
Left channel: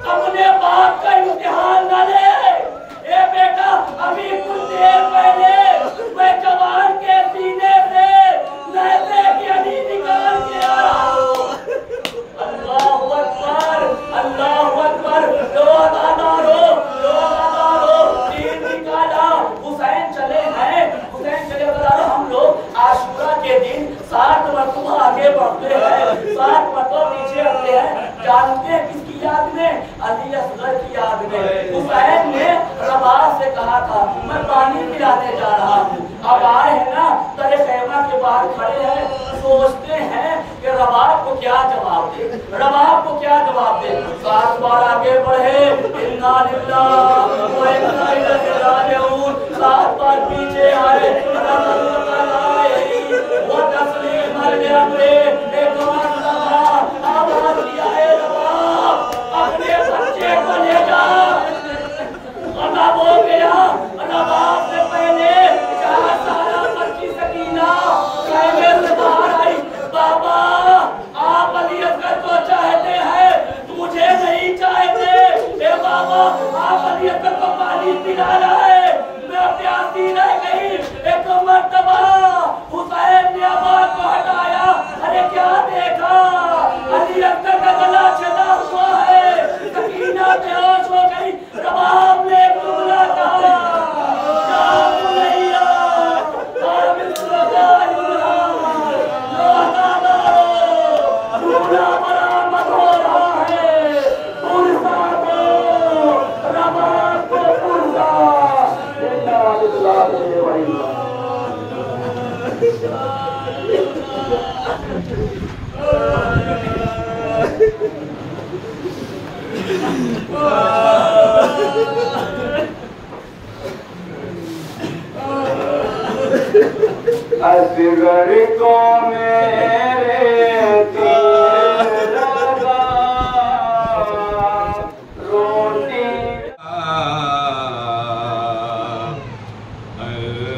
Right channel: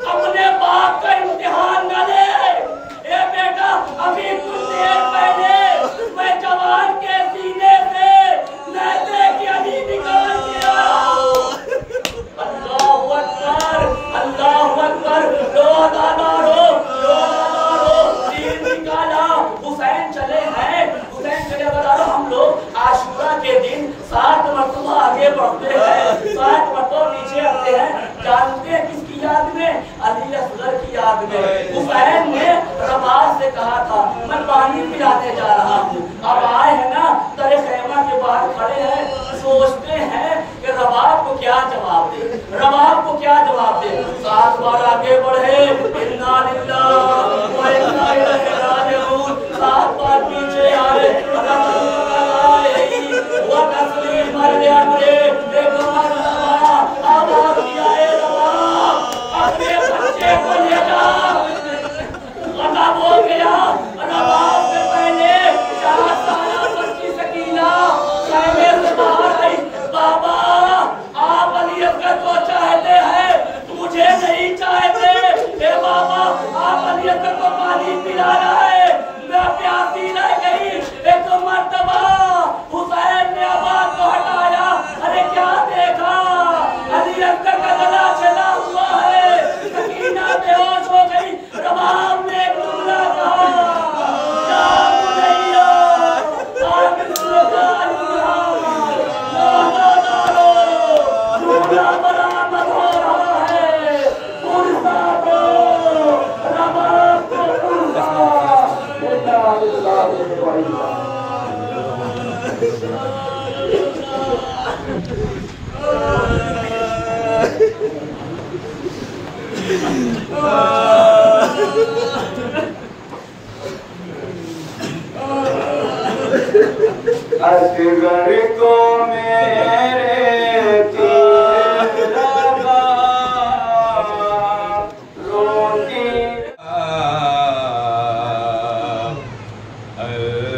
अपने बाप का इम्तिहान न ले। ए बेटा अभी कुछ देर पहले मैं जवान के सीने से मैदे की अली निकाल के आ रहा हूँ। अल्लाहु अकबर, अल्लाहु अकबर। लो अदादारो हुसैन ने रबाब से कहा था मैं पानी पिलाने जा रहा हूँ। अब आए हैं ना तरे खैमा के बाहर खड़े हैं, सोचते हैं कि रबाब को क्या जवाब दे, रबाब को क्या जवाब दे। 7 बार आगे बढ़े, इन्ना लिल्लाह व इन्ना इलैहि राजिऊन। 7 बार पीछे आए, वो तस्लीम अल-अमरे एक आवाज दिया है रबाब अपने बच्चे को ले जा। खत्म हो गया। रबाब से पहले 4 साल बच्ची सकीना खेमे से बाहर आई। बाबा आप अली असगर को चाहते हैं, मुझे नहीं चाहते। ए बाबा आप अली असगर को पानी पिलाना है, मैं प्यासी रह गई। एक मर्तबा हुसैन ने आवाज को हटाया, अरे क्या देखा, अली असगर का गला चला हुआ है। सकीना बेहोश हो गई। रबाब ने एक जुमला कहा, या बुनैया आमिन सुल्तान बरामद हो रहा है। पुरसा दो रबाब को पुरसा। असगर को मेरे तीर लगा, रोटी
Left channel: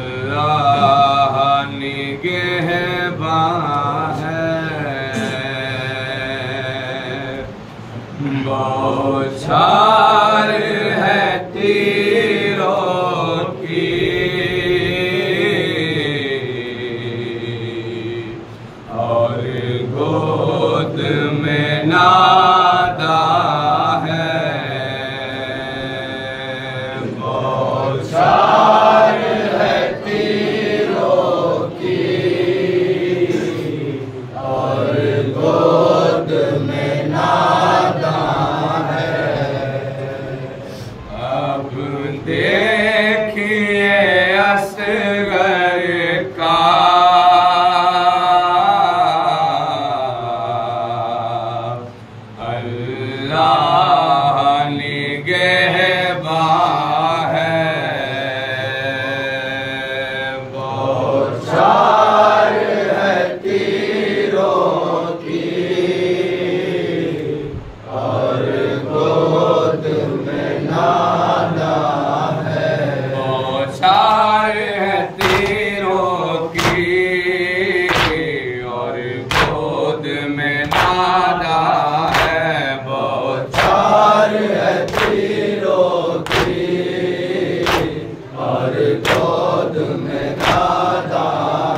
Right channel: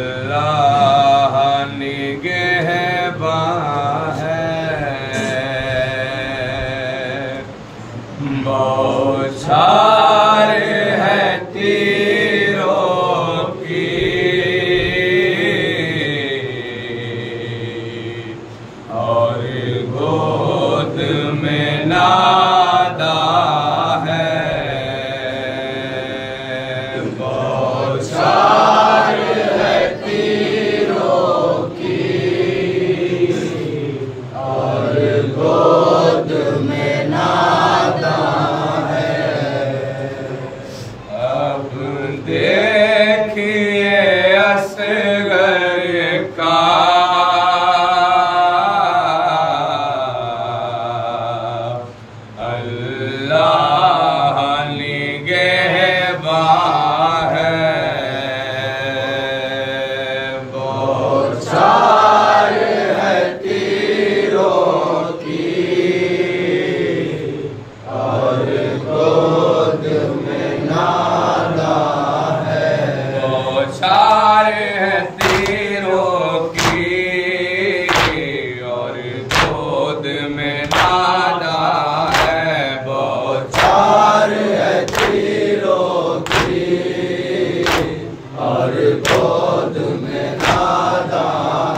अल्लाह निगहबान है। बौछार है तीरों की, और गोद में नादा है। बौछार है तीरों की, और गोद में नादा है। अब देखिए असगर का अल्लाह निगहबान है। बौछार है तीरों की, और गोद में नादा है। बौछार है तीरों की, और गोद में नादा है। बौछार है तीरों की, और गोद में नादा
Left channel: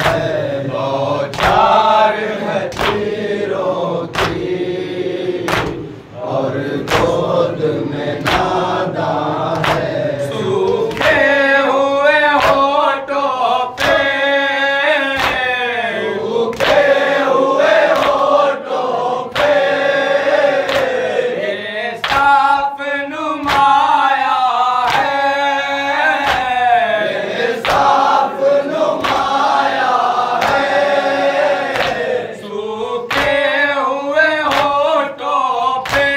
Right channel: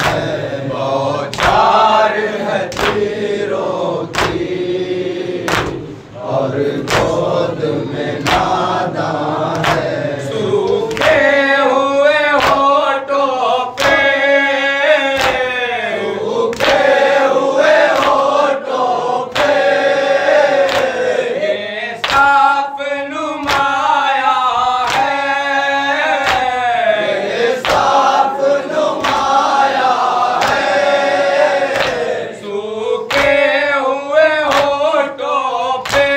है। बौछार है तीरों की, और गोद में नादा है। सूखे हुए होठों पे, सूखे हुए होठों पे, ये साफ नुमाया है, ये साफ नुमाया है। सूखे हुए होठों पे,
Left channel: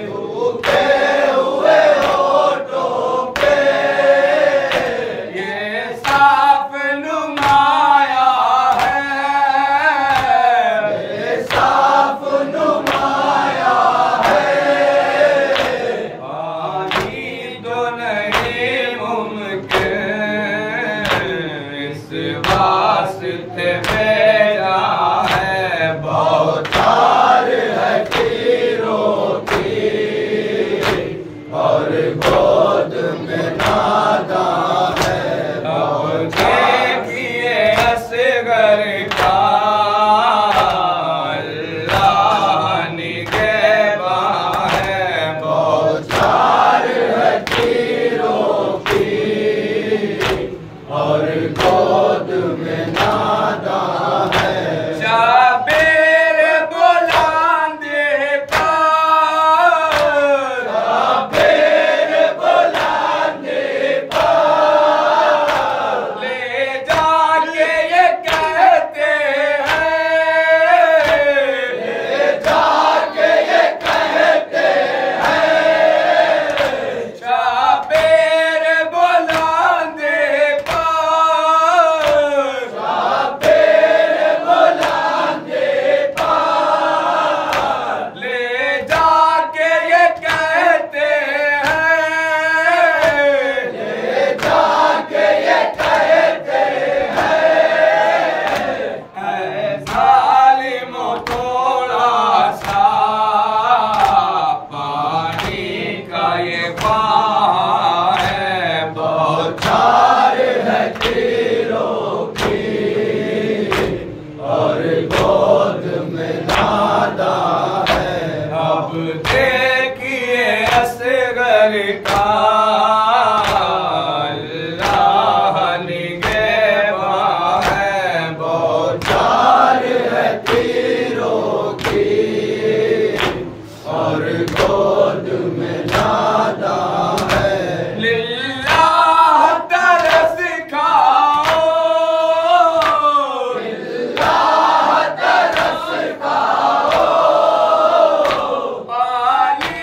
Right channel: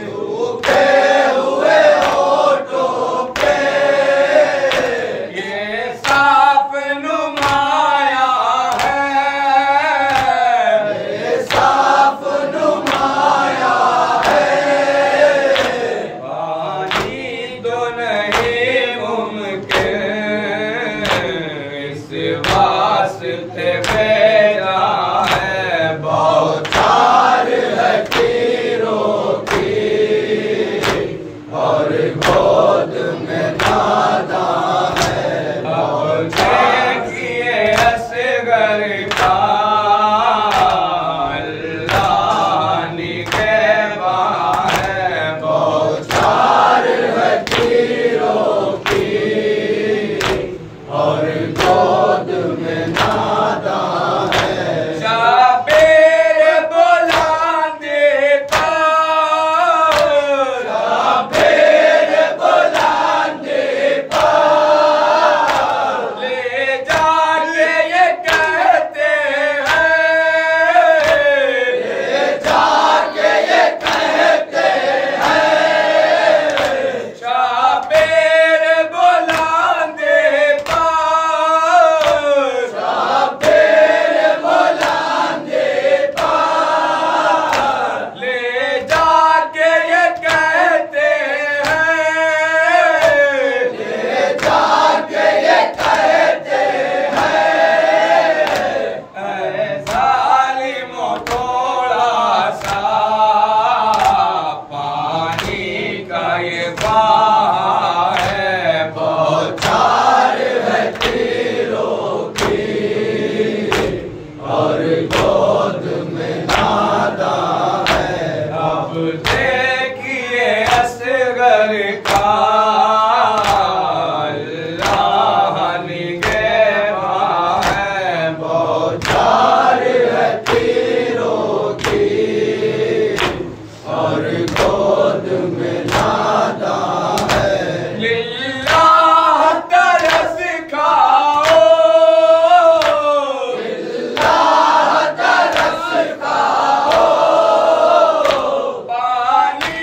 सूखे हुए होठों पे, ये साफ नुमाया है, ये साफ नुमाया है। पानी तो नहीं मुमकिन, इस वास्ते भेजा है। बौछार है तीरों की, और गोद में नादा है। देखिए असगर का अल्लाह निगहबान है। बौछार है तीरों की, और गोद में नादा है। शाबेर बुलंद पर, शाबेर का ये बाह है, बौछार है तीरों की और गोद में नादा है। अब देखिए असगर का अल्लाह निगहबान है, बौछार है तीरों की और गोद में नादा है। लिल्लाह तरस खाओ, लिल्लाह तरस खाओ, पानी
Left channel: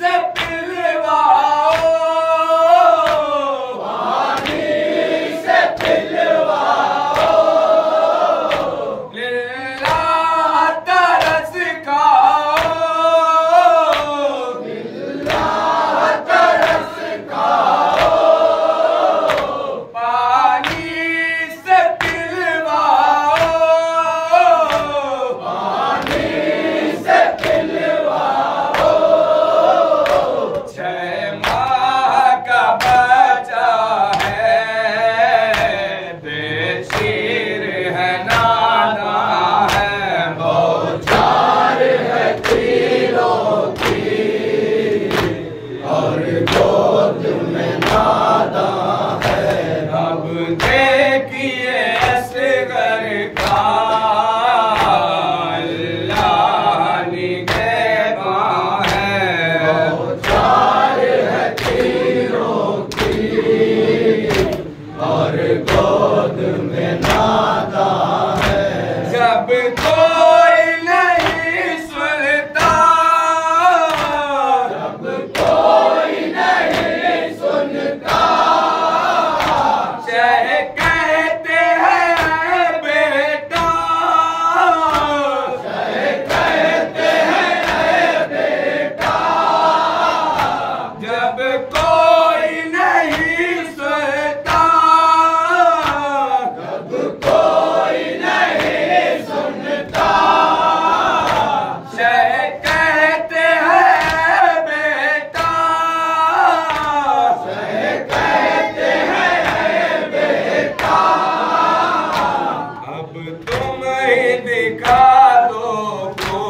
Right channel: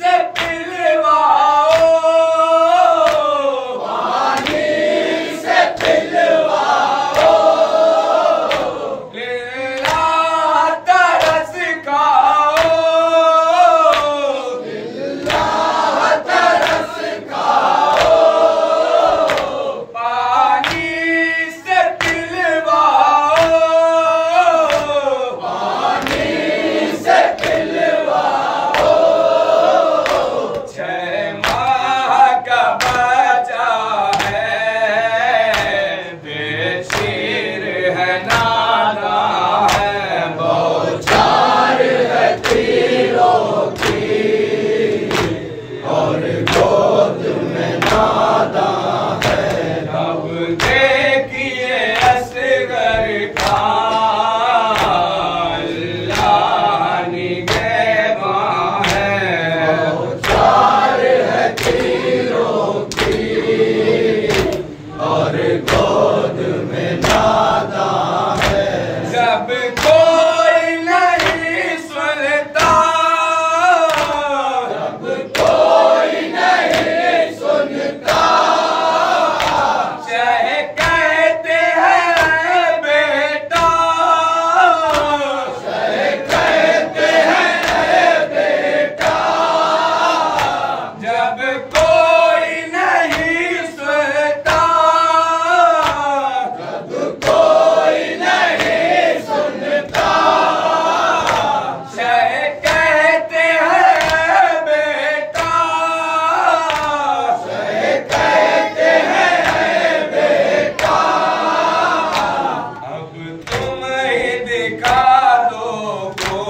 से पिलवाओ, पानी से पिलवाओ। लिल्लाह तरस खाओ, लिल्लाह तरस खाओ, पानी से पिलवाओ, पानी से पिलवाओ। 6 माह का बच्चा है, बेशीर है नाना है, बौछार है तीरों की और गोद में नादा है। अब देखिए असगर का अल्लाह निगहबान है, बौछार है तीरों की और गोद में नादा है। जब कोई नहीं सुनता, जब कोई नहीं सुनता, चाहे कहते हैं बेटा, चाहे कहते हैं बेटा। जब कोई नहीं सुनता, जब कोई नहीं सुनता, चाहे कहते हैं बेटा, चाहे कहते हैं बेटा। अब तुम ही दिखा दो को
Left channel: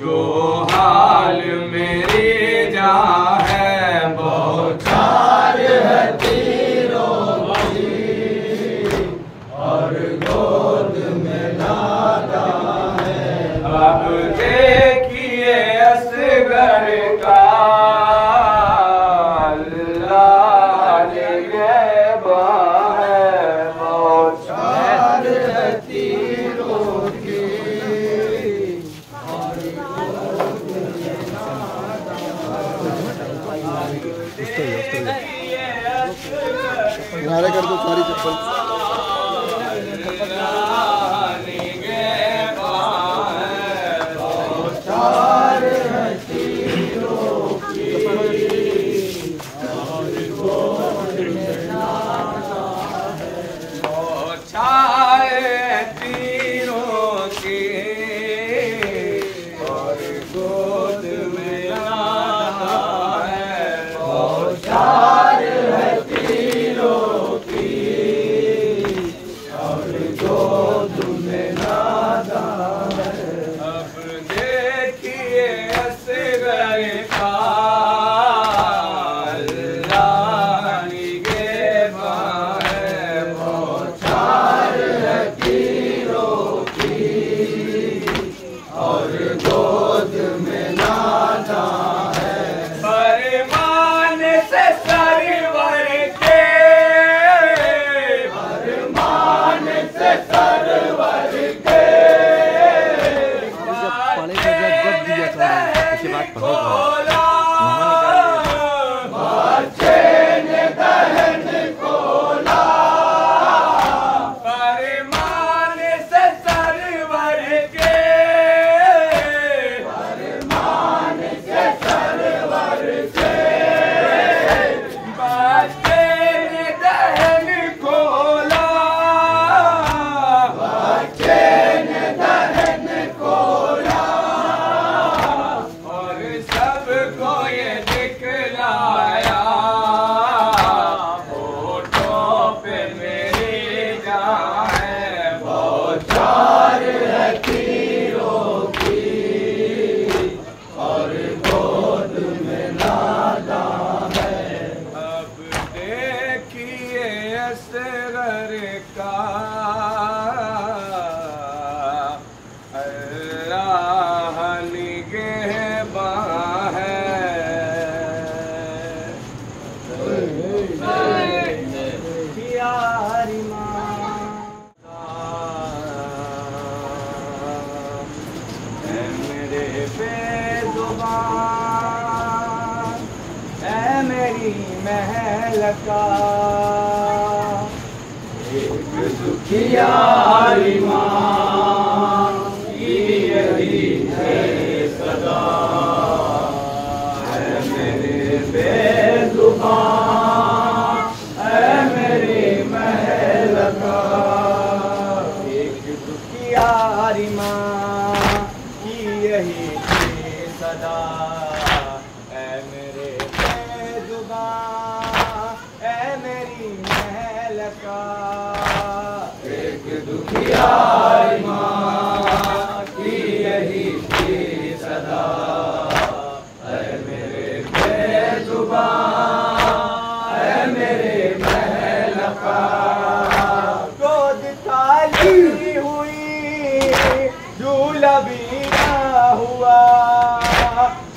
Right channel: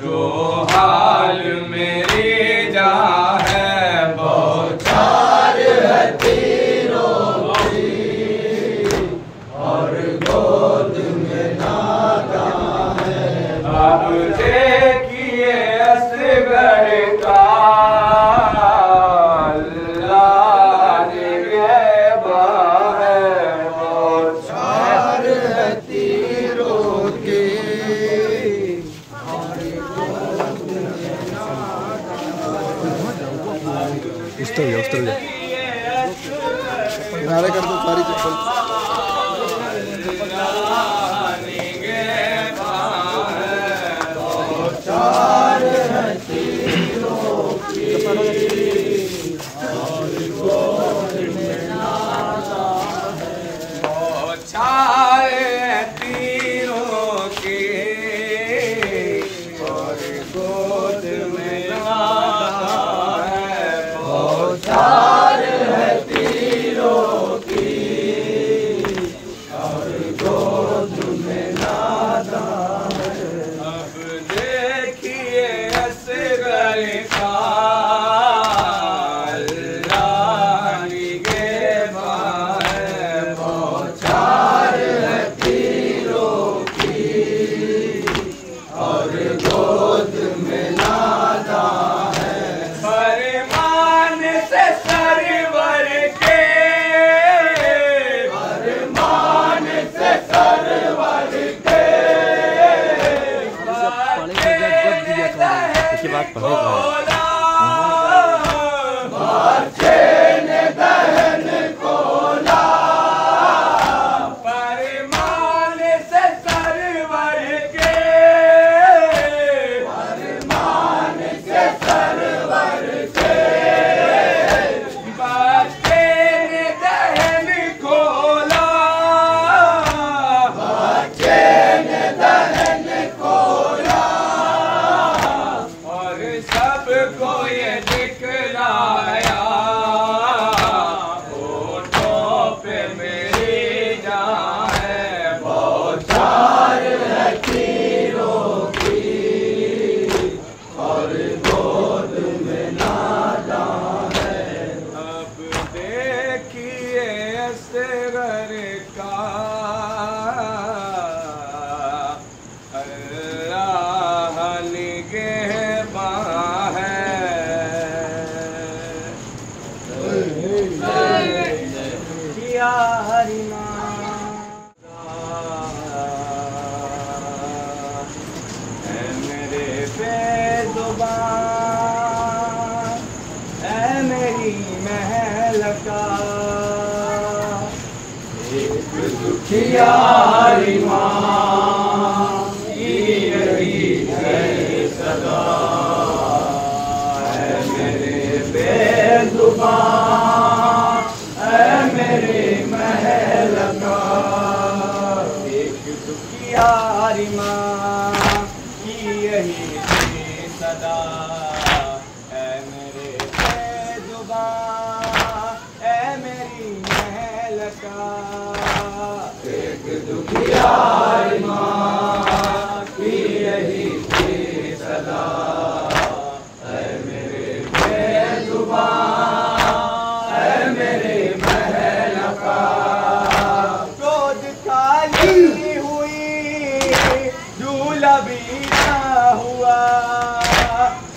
जो हाल मेरी जान है, बौछार है तीरों की और गोद में नादा है। अब देखिए असगर का अल्लाह निगहबान है, बौछार है तीरों की और गोद में नादा है। किनारे कर दो सारी चप्पल। अल्लाह निगहबान है, बौछार है तीरों की और गोद में नादा है। बौछार है तीरों की और गोद में नादा है, बौछार है तीरों की को ये दिखलाया, होठों पे मेरी जान है, बौछार है तीरों की और गोद में नादान है। अब देखिए असगर का अल्लाह निगहबान है। यारी ऐ मेरे बेजुबान, ऐ मेरी महल का एक दुखियारी माँ की यही है सदा। ऐ मेरे बेजुबान, ऐ मेरे महल का एक दुखियारी माँ की यही थी सदा। ऐ मेरे बेजुबान, ऐ मेरी महल का एक दुखियारी माँ की यही थी सदा। ऐ मेरे बेजुबान, ऐ मेरे महल का गोद खाली हुई, झूला भी ना हुआ,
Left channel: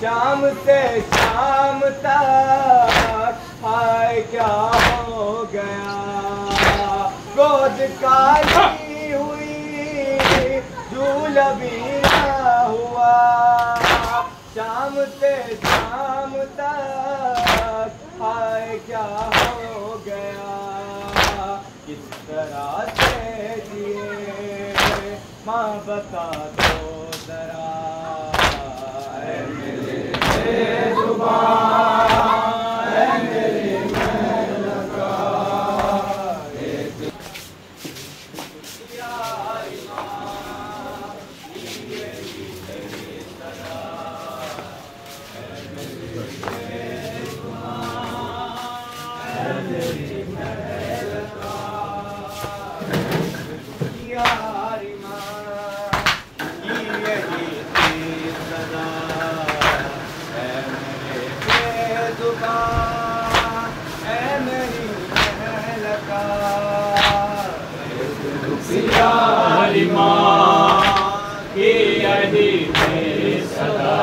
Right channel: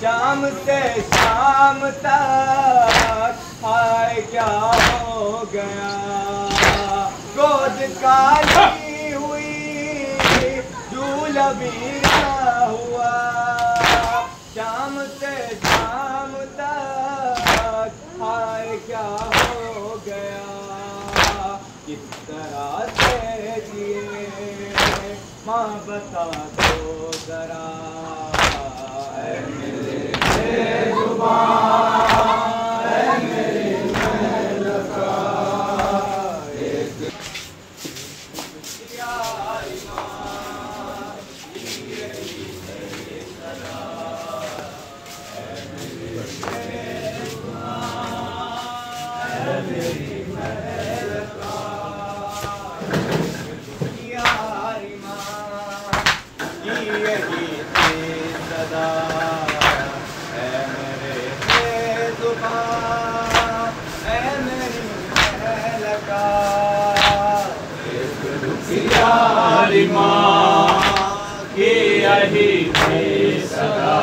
शाम से शाम तक हाय क्या हो गया। गोद खाली हुई, झूला भी ना हुआ, शाम से शाम तक हाय क्या हो गया। किस तरह से जिए माँ बता दो जरा। ऐ मेरे बेजुबान, ऐ मेरे महल का एक दुखियारी माँ की यही है सदा। ऐ मेरे बेजुबान, ऐ मेरी महल का दुखियारी माँ की यही थी सदा। ऐ मेरे बेजुबान, ऐ मेरी महल का एक दुखियारी माँ की यही थी सदा।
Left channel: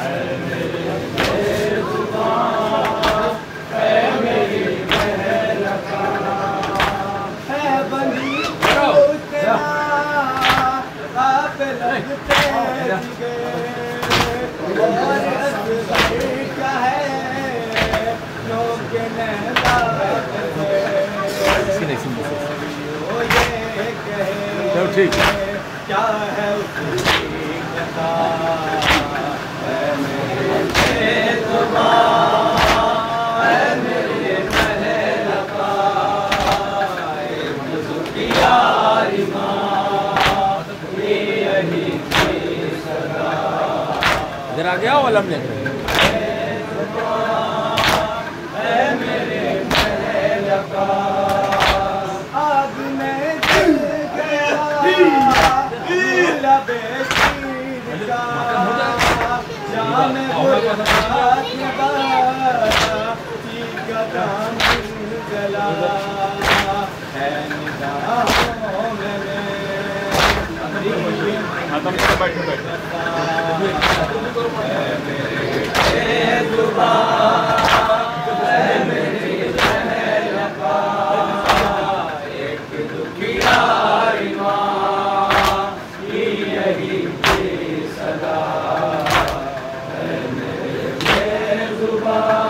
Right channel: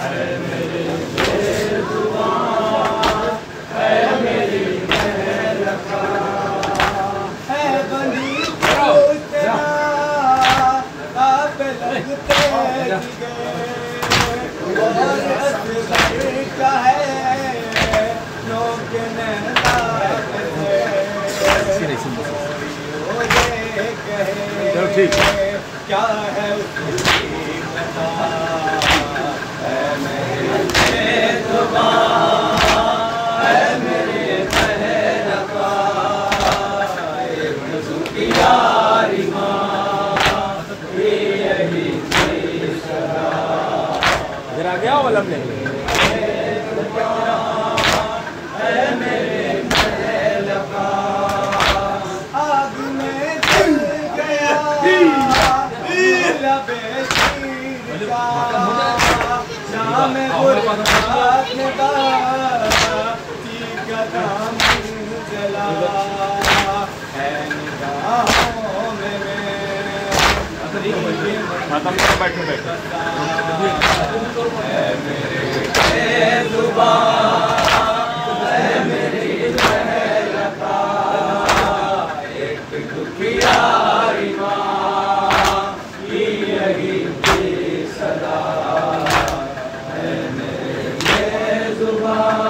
ऐ मेरे बेजुबान, ऐ मेरी महल का है बंदी तेरा आप लगते गए और असगर का है लोग नहला ये कहे क्या है उसकी पता। ऐ मेरे बेजुबान, ऐ मेरे महल का एक दुखियारी माँ की यही थी सदा। जरा गया वाला में ऐ मेरे महल का आग में जल गया लबे शीर का। शाम गुरबात में बाती का दामन जला है निगाहों में मेरी ऐ मेरे बेजुबान, ऐ मेरी महल का एक दुखियारी माँ की यही थी सदा। ऐ मेरे बेजुबान,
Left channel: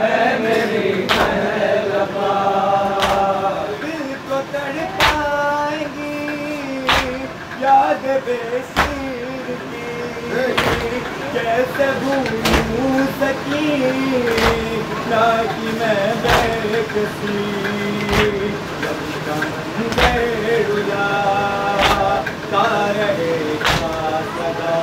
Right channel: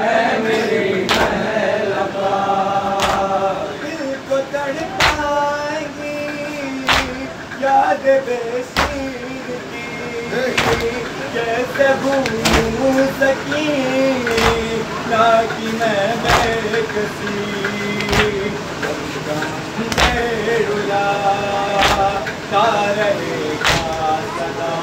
ऐ मेरी महल का दिल को तड़पाएगी याद बेसीर की। कैसे भूलूं सकी ना कि मैं बेकसी। जब गम रुला ता रहेगा सदा।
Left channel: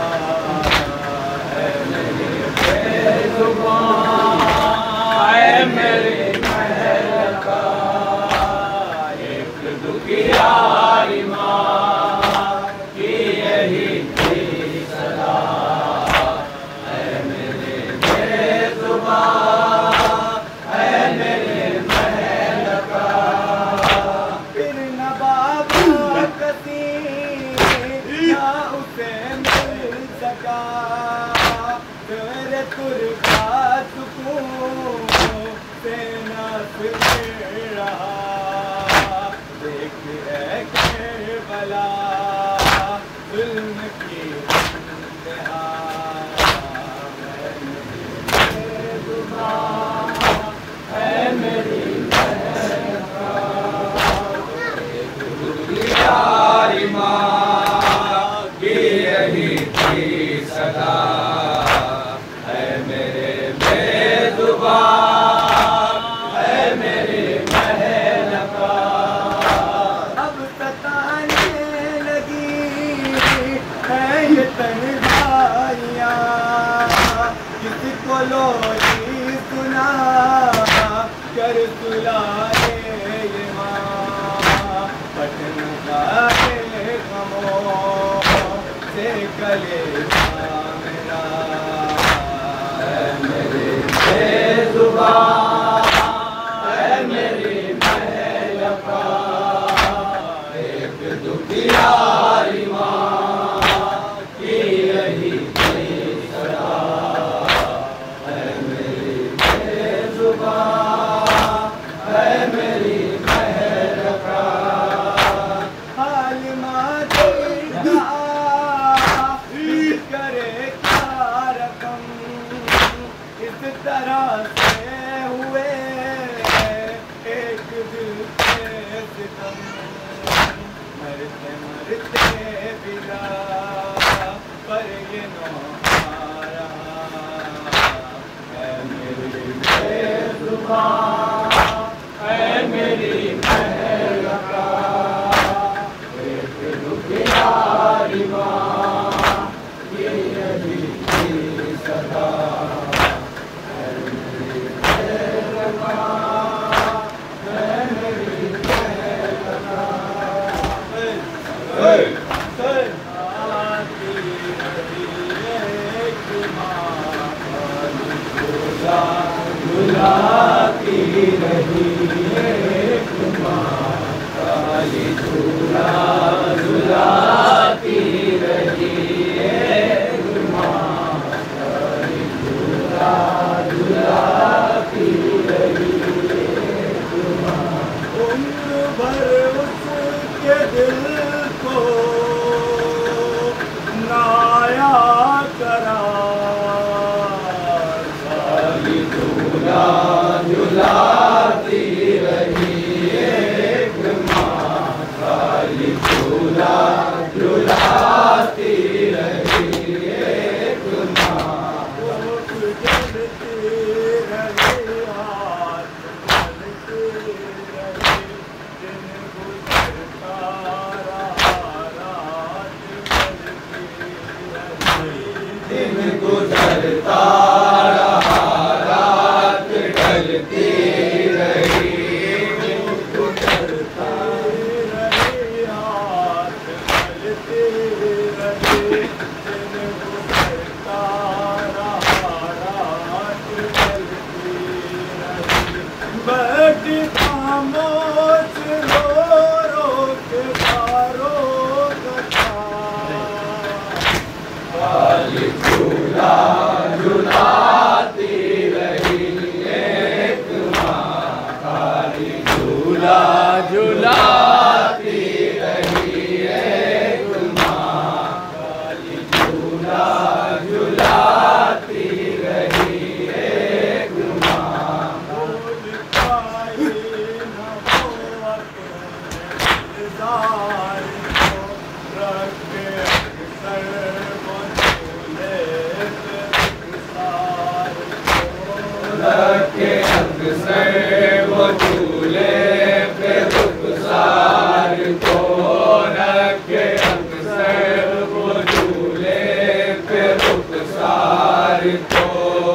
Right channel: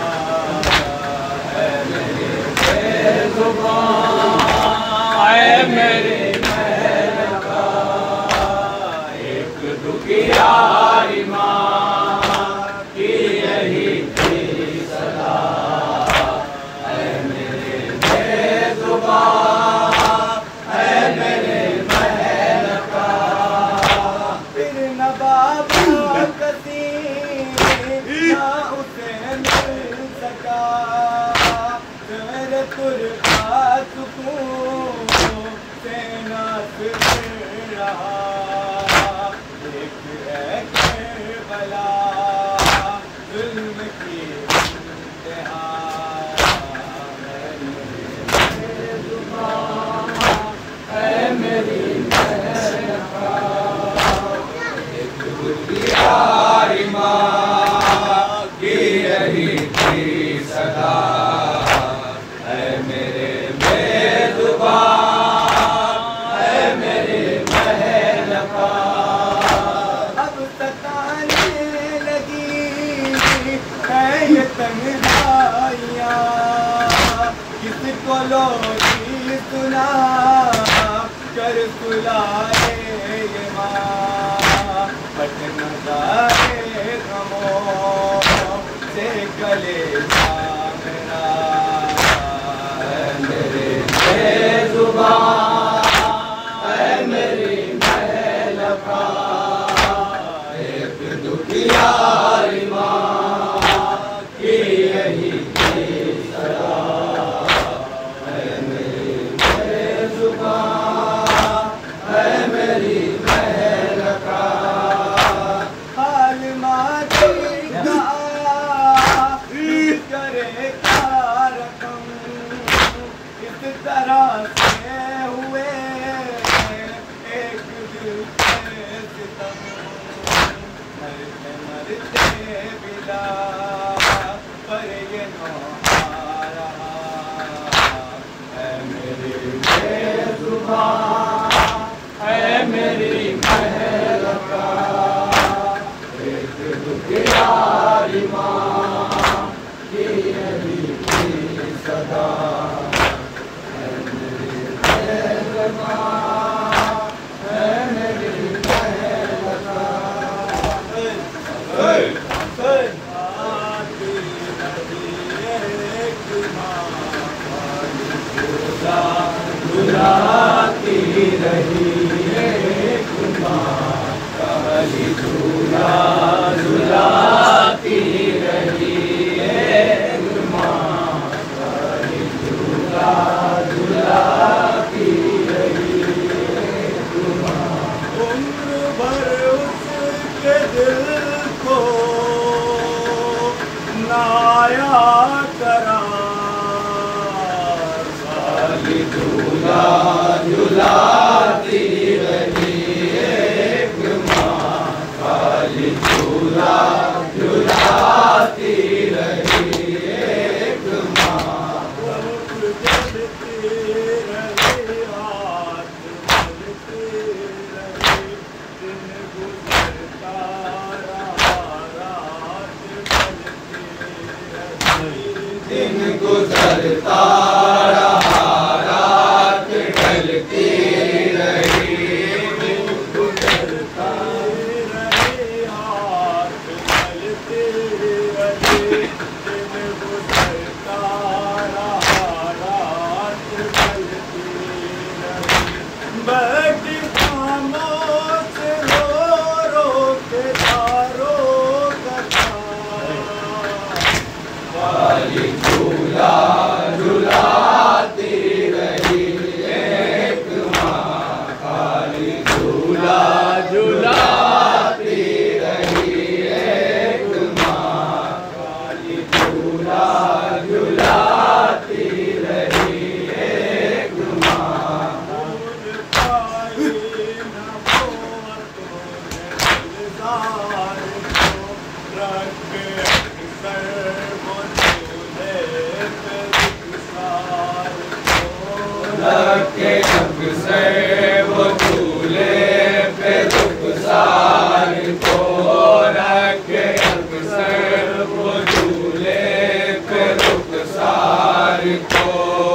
को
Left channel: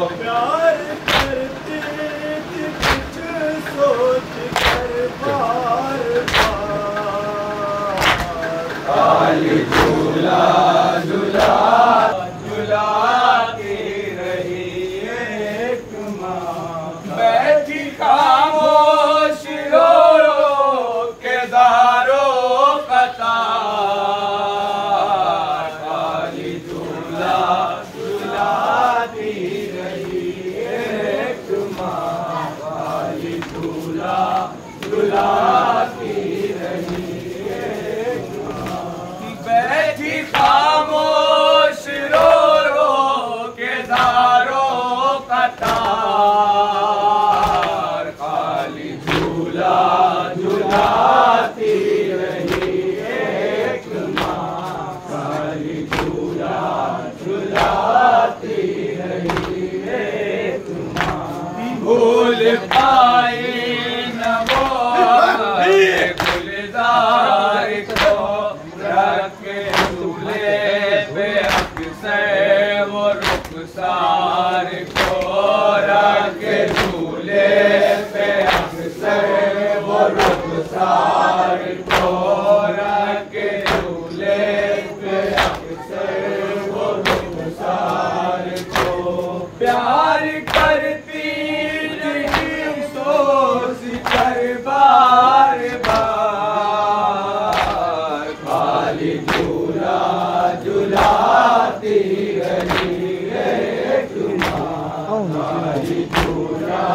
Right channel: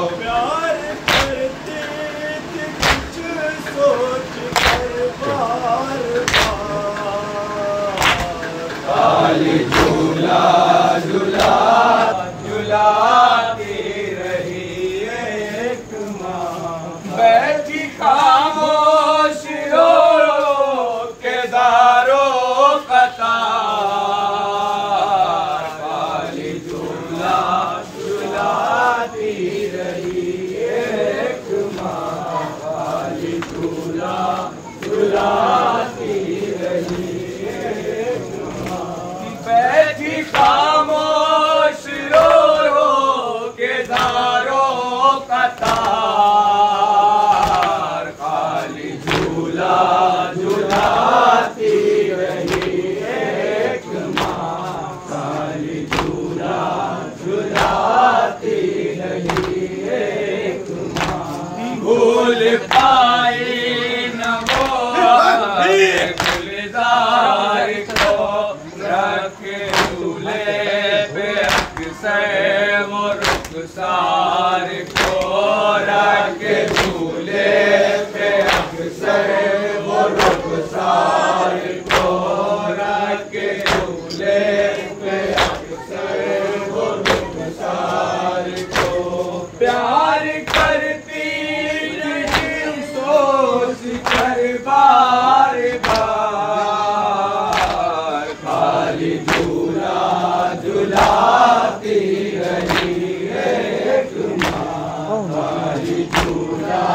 झूला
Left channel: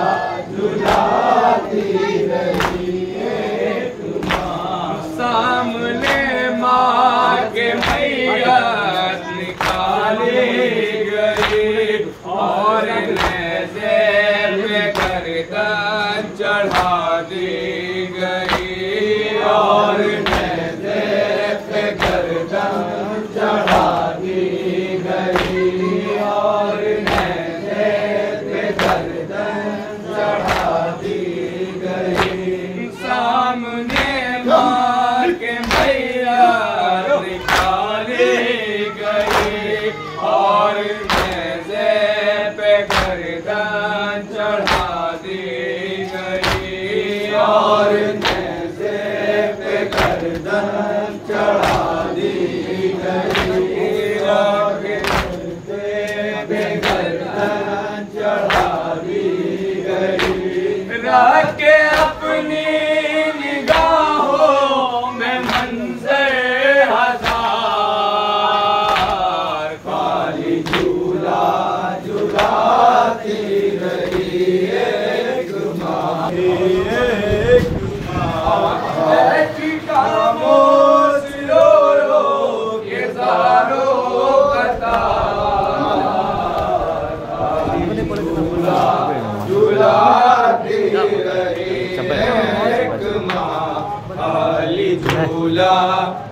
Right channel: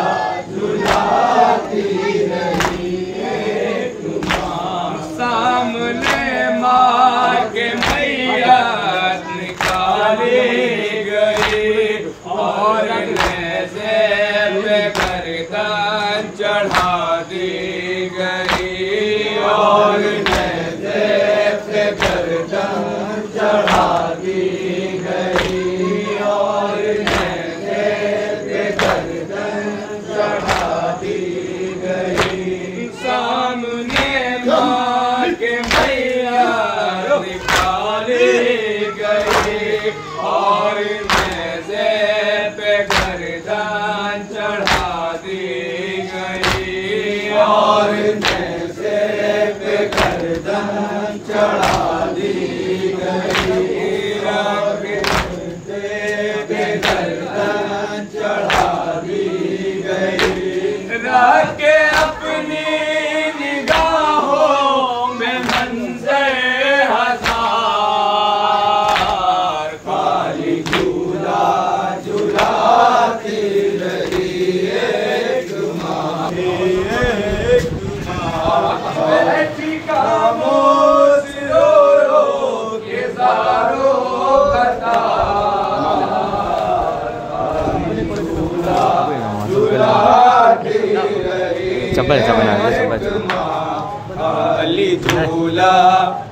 झुलाती रही एक माँ। सामने माँ के मैया निकाली गई और नेज़े पे गर्दन चढ़ा दी गई और नेज़े पे गर्दन चढ़ा दी गई और नेज़े पे गर्दन चढ़ा दी गई। सामने माँ के मैया निकाली गई और नेज़े पे गर्दन चढ़ा दी गई और नेज़े पे गर्दन चढ़ा दी गई और नेज़े पे गर्दन चढ़ा दी गई। रख के अपनी निगाहों में मंज़र हजार खाली झूला झुलाती रही एक माँ। एक माँ बैठी खामोश रो रो के सारों कतार खाली झूला झुलाती रही एक माँ। खाली झूला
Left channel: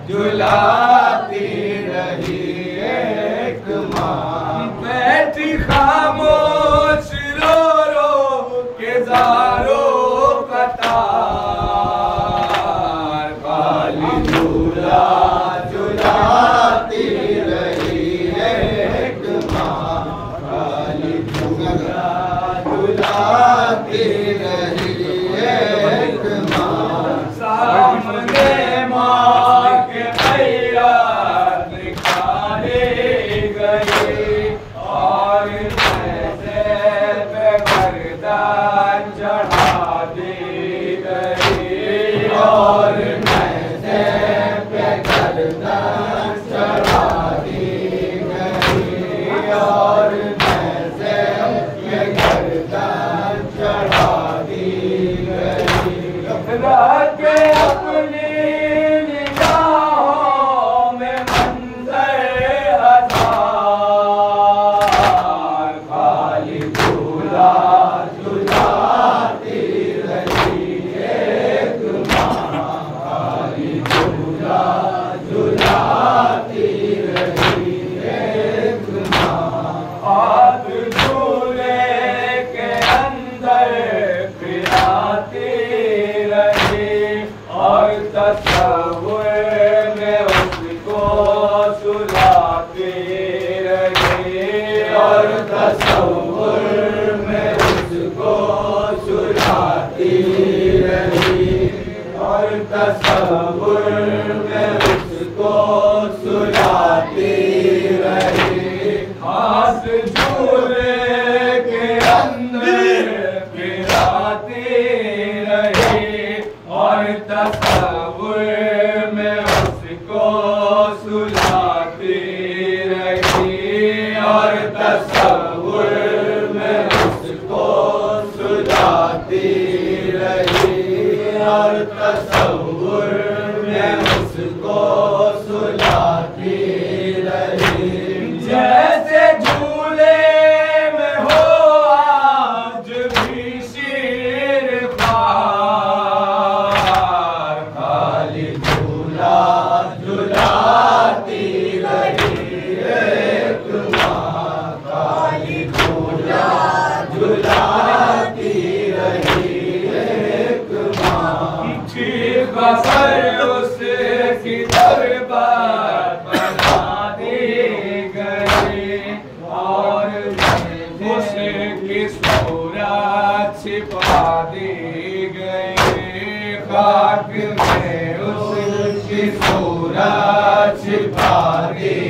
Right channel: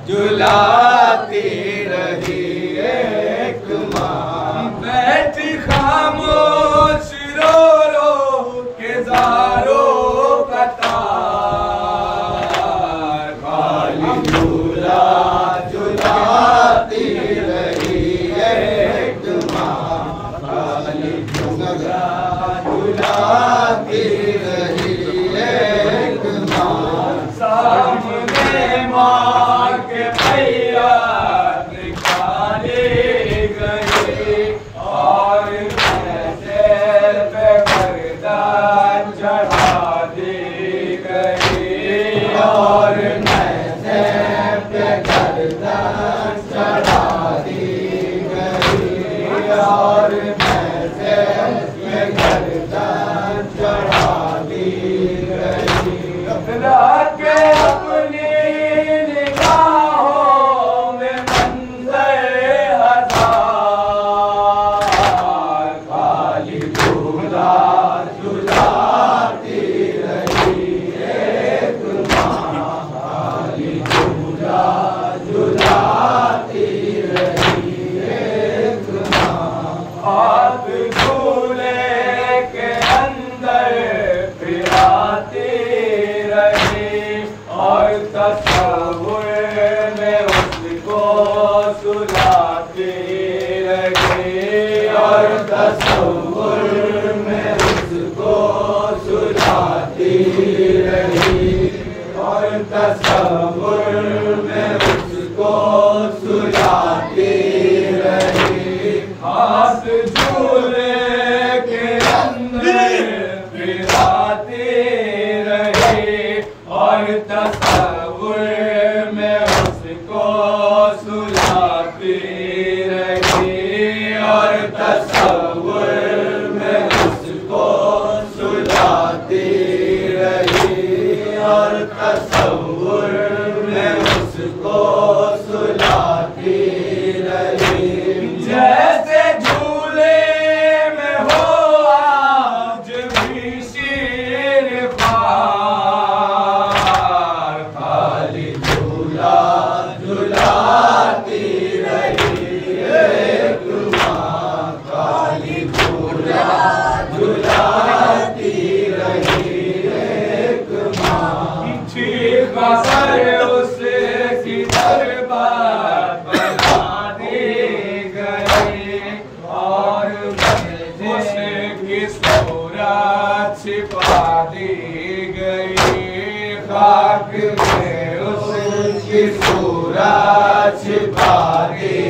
झुलाती रही एक माँ। बैठी खामोश रो रो के ज़ारों कतार खाली झूला झुलाती रही एक माँ। खाली झूला झुलाती रही एक माँ। सामने माँ के भैया निकाली गई और नेज़े पे गर्दन चढ़ा दी गई और नेज़े पे गर्दन चढ़ा दी गई और नेज़े पे गर्दन चढ़ा दी गई। रख के अपनी निगाहों में मंज़र हजार खाली झूला झुलाती रही एक माँ। खाली झूला झुलाती रही एक माँ। हाथ झूले के अंदर फिराती रही और तस्वीर में उसको सुलाती रही और तस्वीर में उसको सुलाती रही और तस्वीर में उसको सुलाती रही। हाथ झूले के अंदर फिराती रही और तस्वीर में उसको सुलाती रही और तस्वीर में उसको सुलाती रही और तस्वीर में उसको सुलाती रही। जैसे झूले में हो आज भी शेर ख्वार खाली झूला झुलाती रही एक माँ। खाली झूला झुलाती रही एक माँ। ठीक असर उसकी दरबार बना दी गई और उसकी सूरत छिपा दी गई। खाक में उसकी सूरत छिपा दी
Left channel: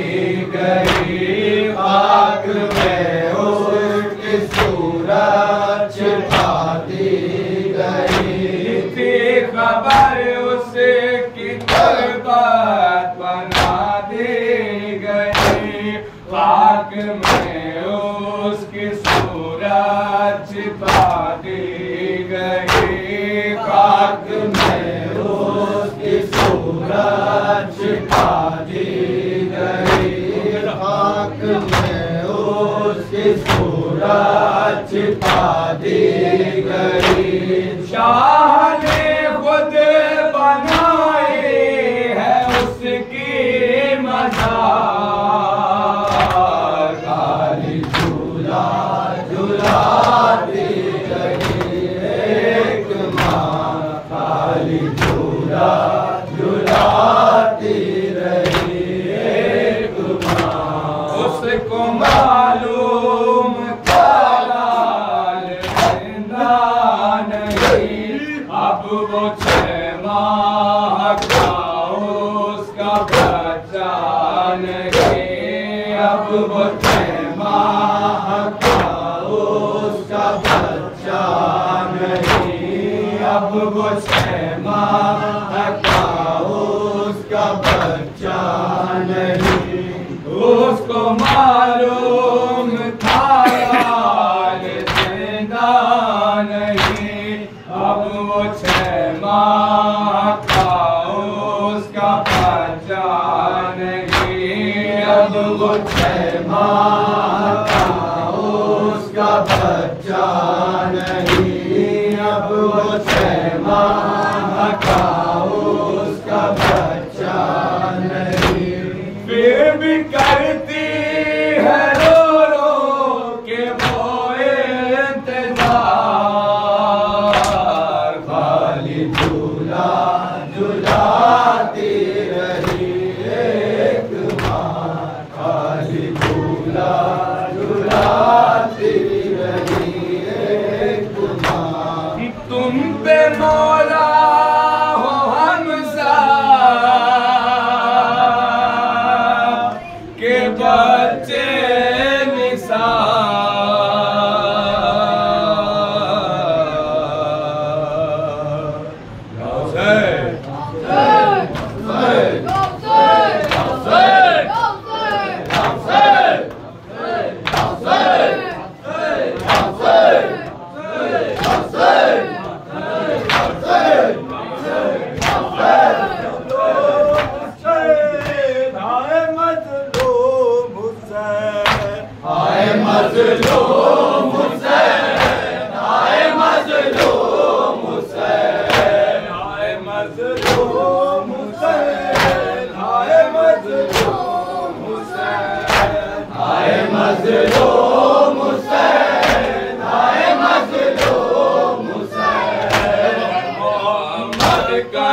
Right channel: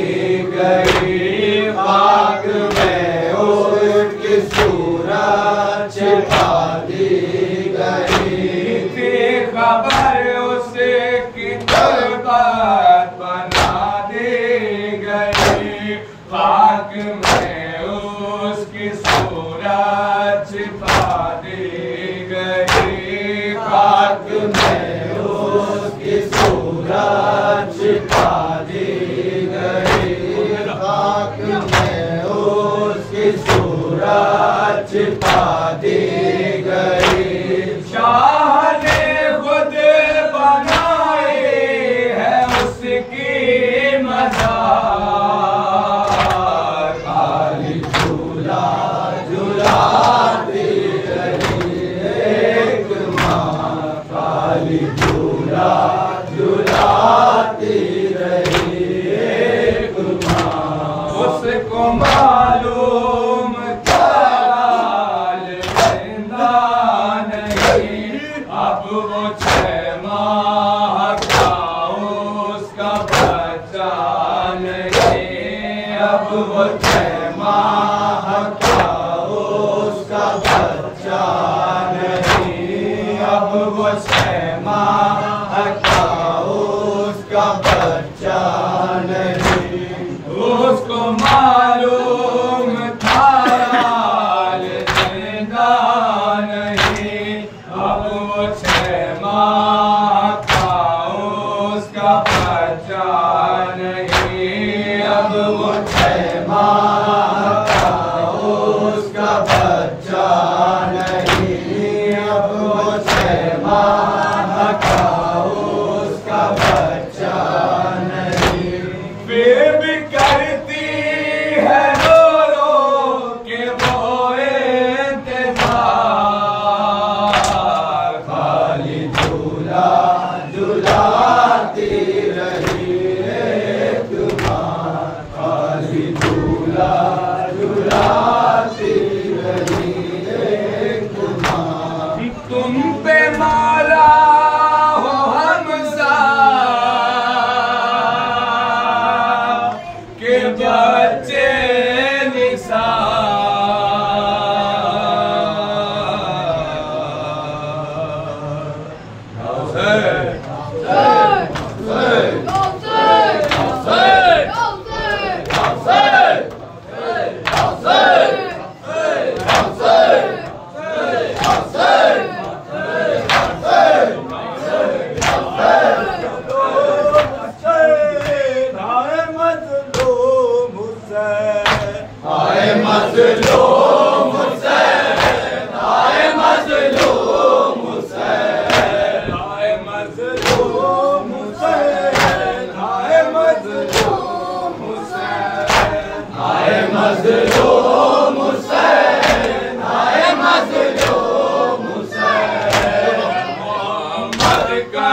गई। खाक में उसकी सूरत छिपा दी गई। थी खबर उसकी दरबार बना दी गई। खाक में उसकी सूरत छिपा दी गई, खाक में उसकी सूरत छिपा दी गई, खाक में उसकी सूरत छिपा दी गई। शाह ने खुद बनाई है उसकी मज़ार, खाली झूला झुलाती रही एक माँ, खाली झूला झुलाती रही एक माँ। उसको मालूम था लाल जिंदा नहीं, अब वो 6 माह का उसका बच्चा नहीं, अब वो 6 माह का उसका बच्चा नहीं, अब वो 6 माह का उसका बच्चा नहीं। उसको मालूम था लाल जिंदा नहीं, अब वो 6 माह का उसका बच्चा नहीं, अब वो 6 माह का उसका बच्चा नहीं, अब वो 6 माह का उसका बच्चा नहीं। फिर भी करती है रो रो के वो इंतजार, खाली झूला झुलाती रही एक माँ, खाली झूला झुलाती रही एक माँ। तुम पे मौला हो हमसा के बच्चे निसार,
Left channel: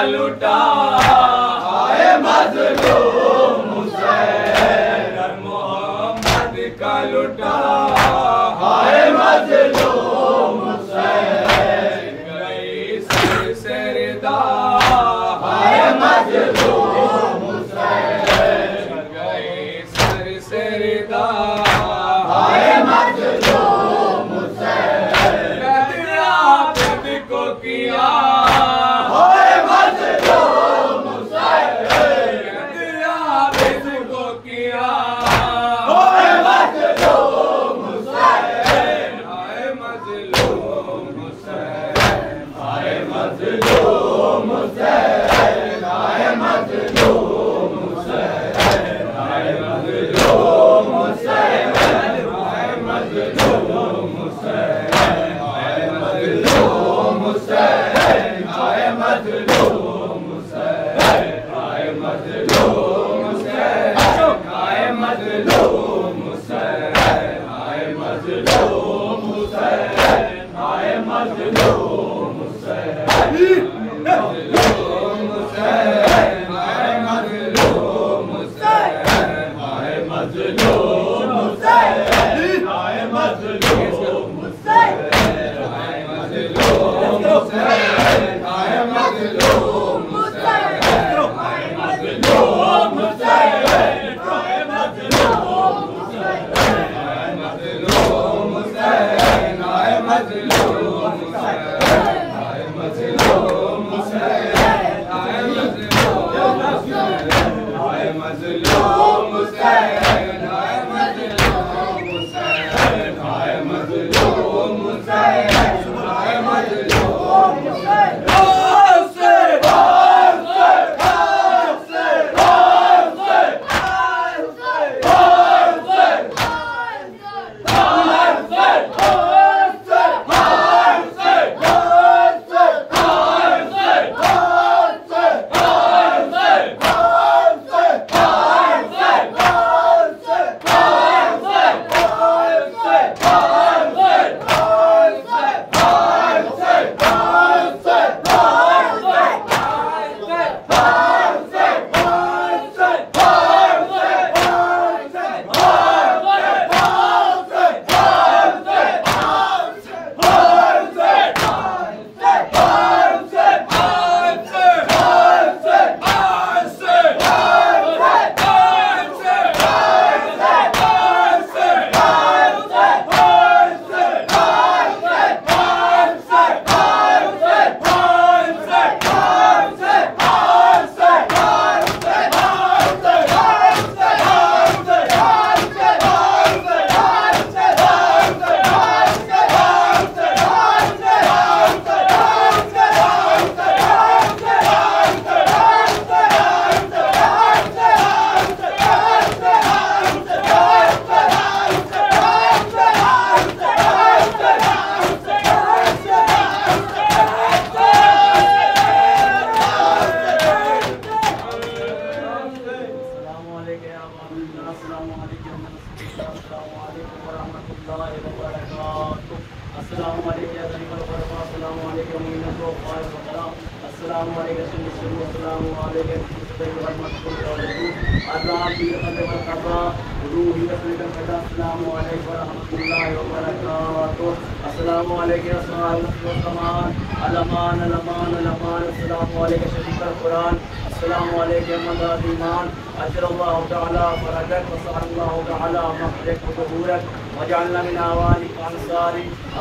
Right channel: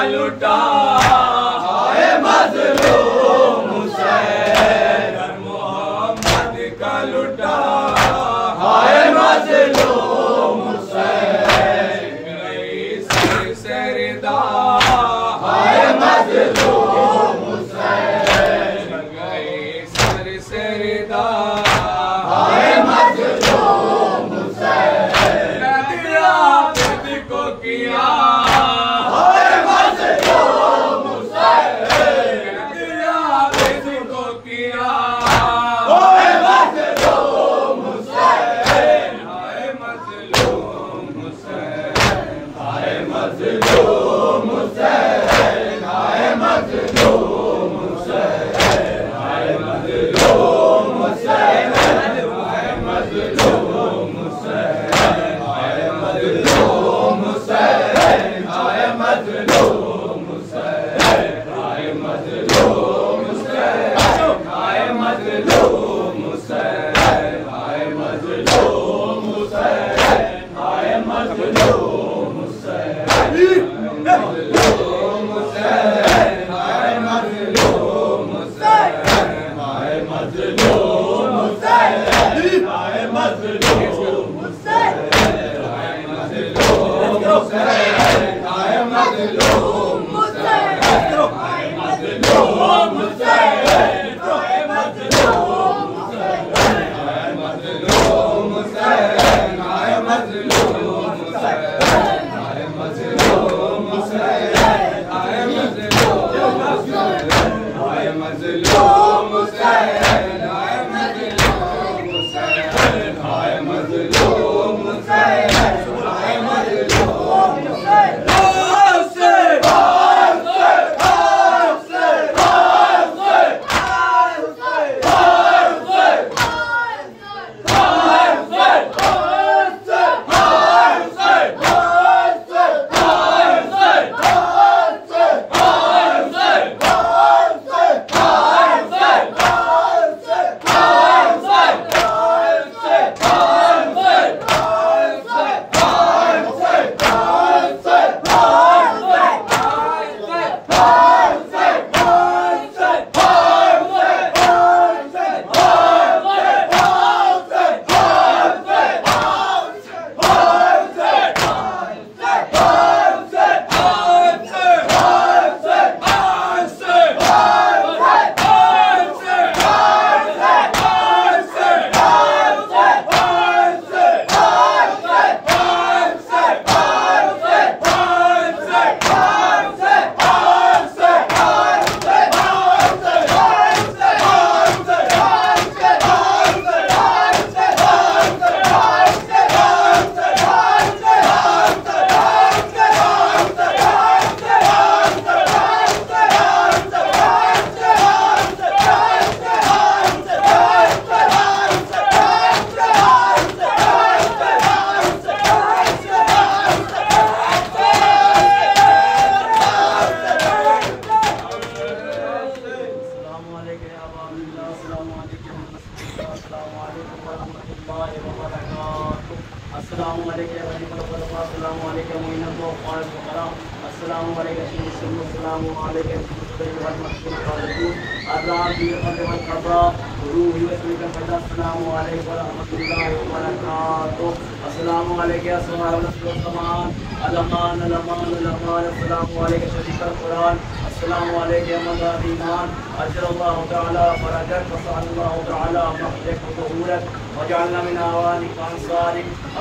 लुटा हाय मज़लूम हुसैन, मोहम्मद का लुटा हाय मज़लूम हुसैन। गई सर सरदा हाय मज़लूम हुसैन, गई सर सरदा हाय मज़लूम हुसैन। नबी को किया मज़लूम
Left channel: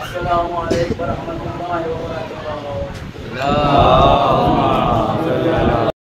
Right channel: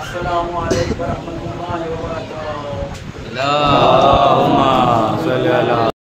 अस्सलामु अलैकुम व रहमतुल्लाहि व बरकातुहू।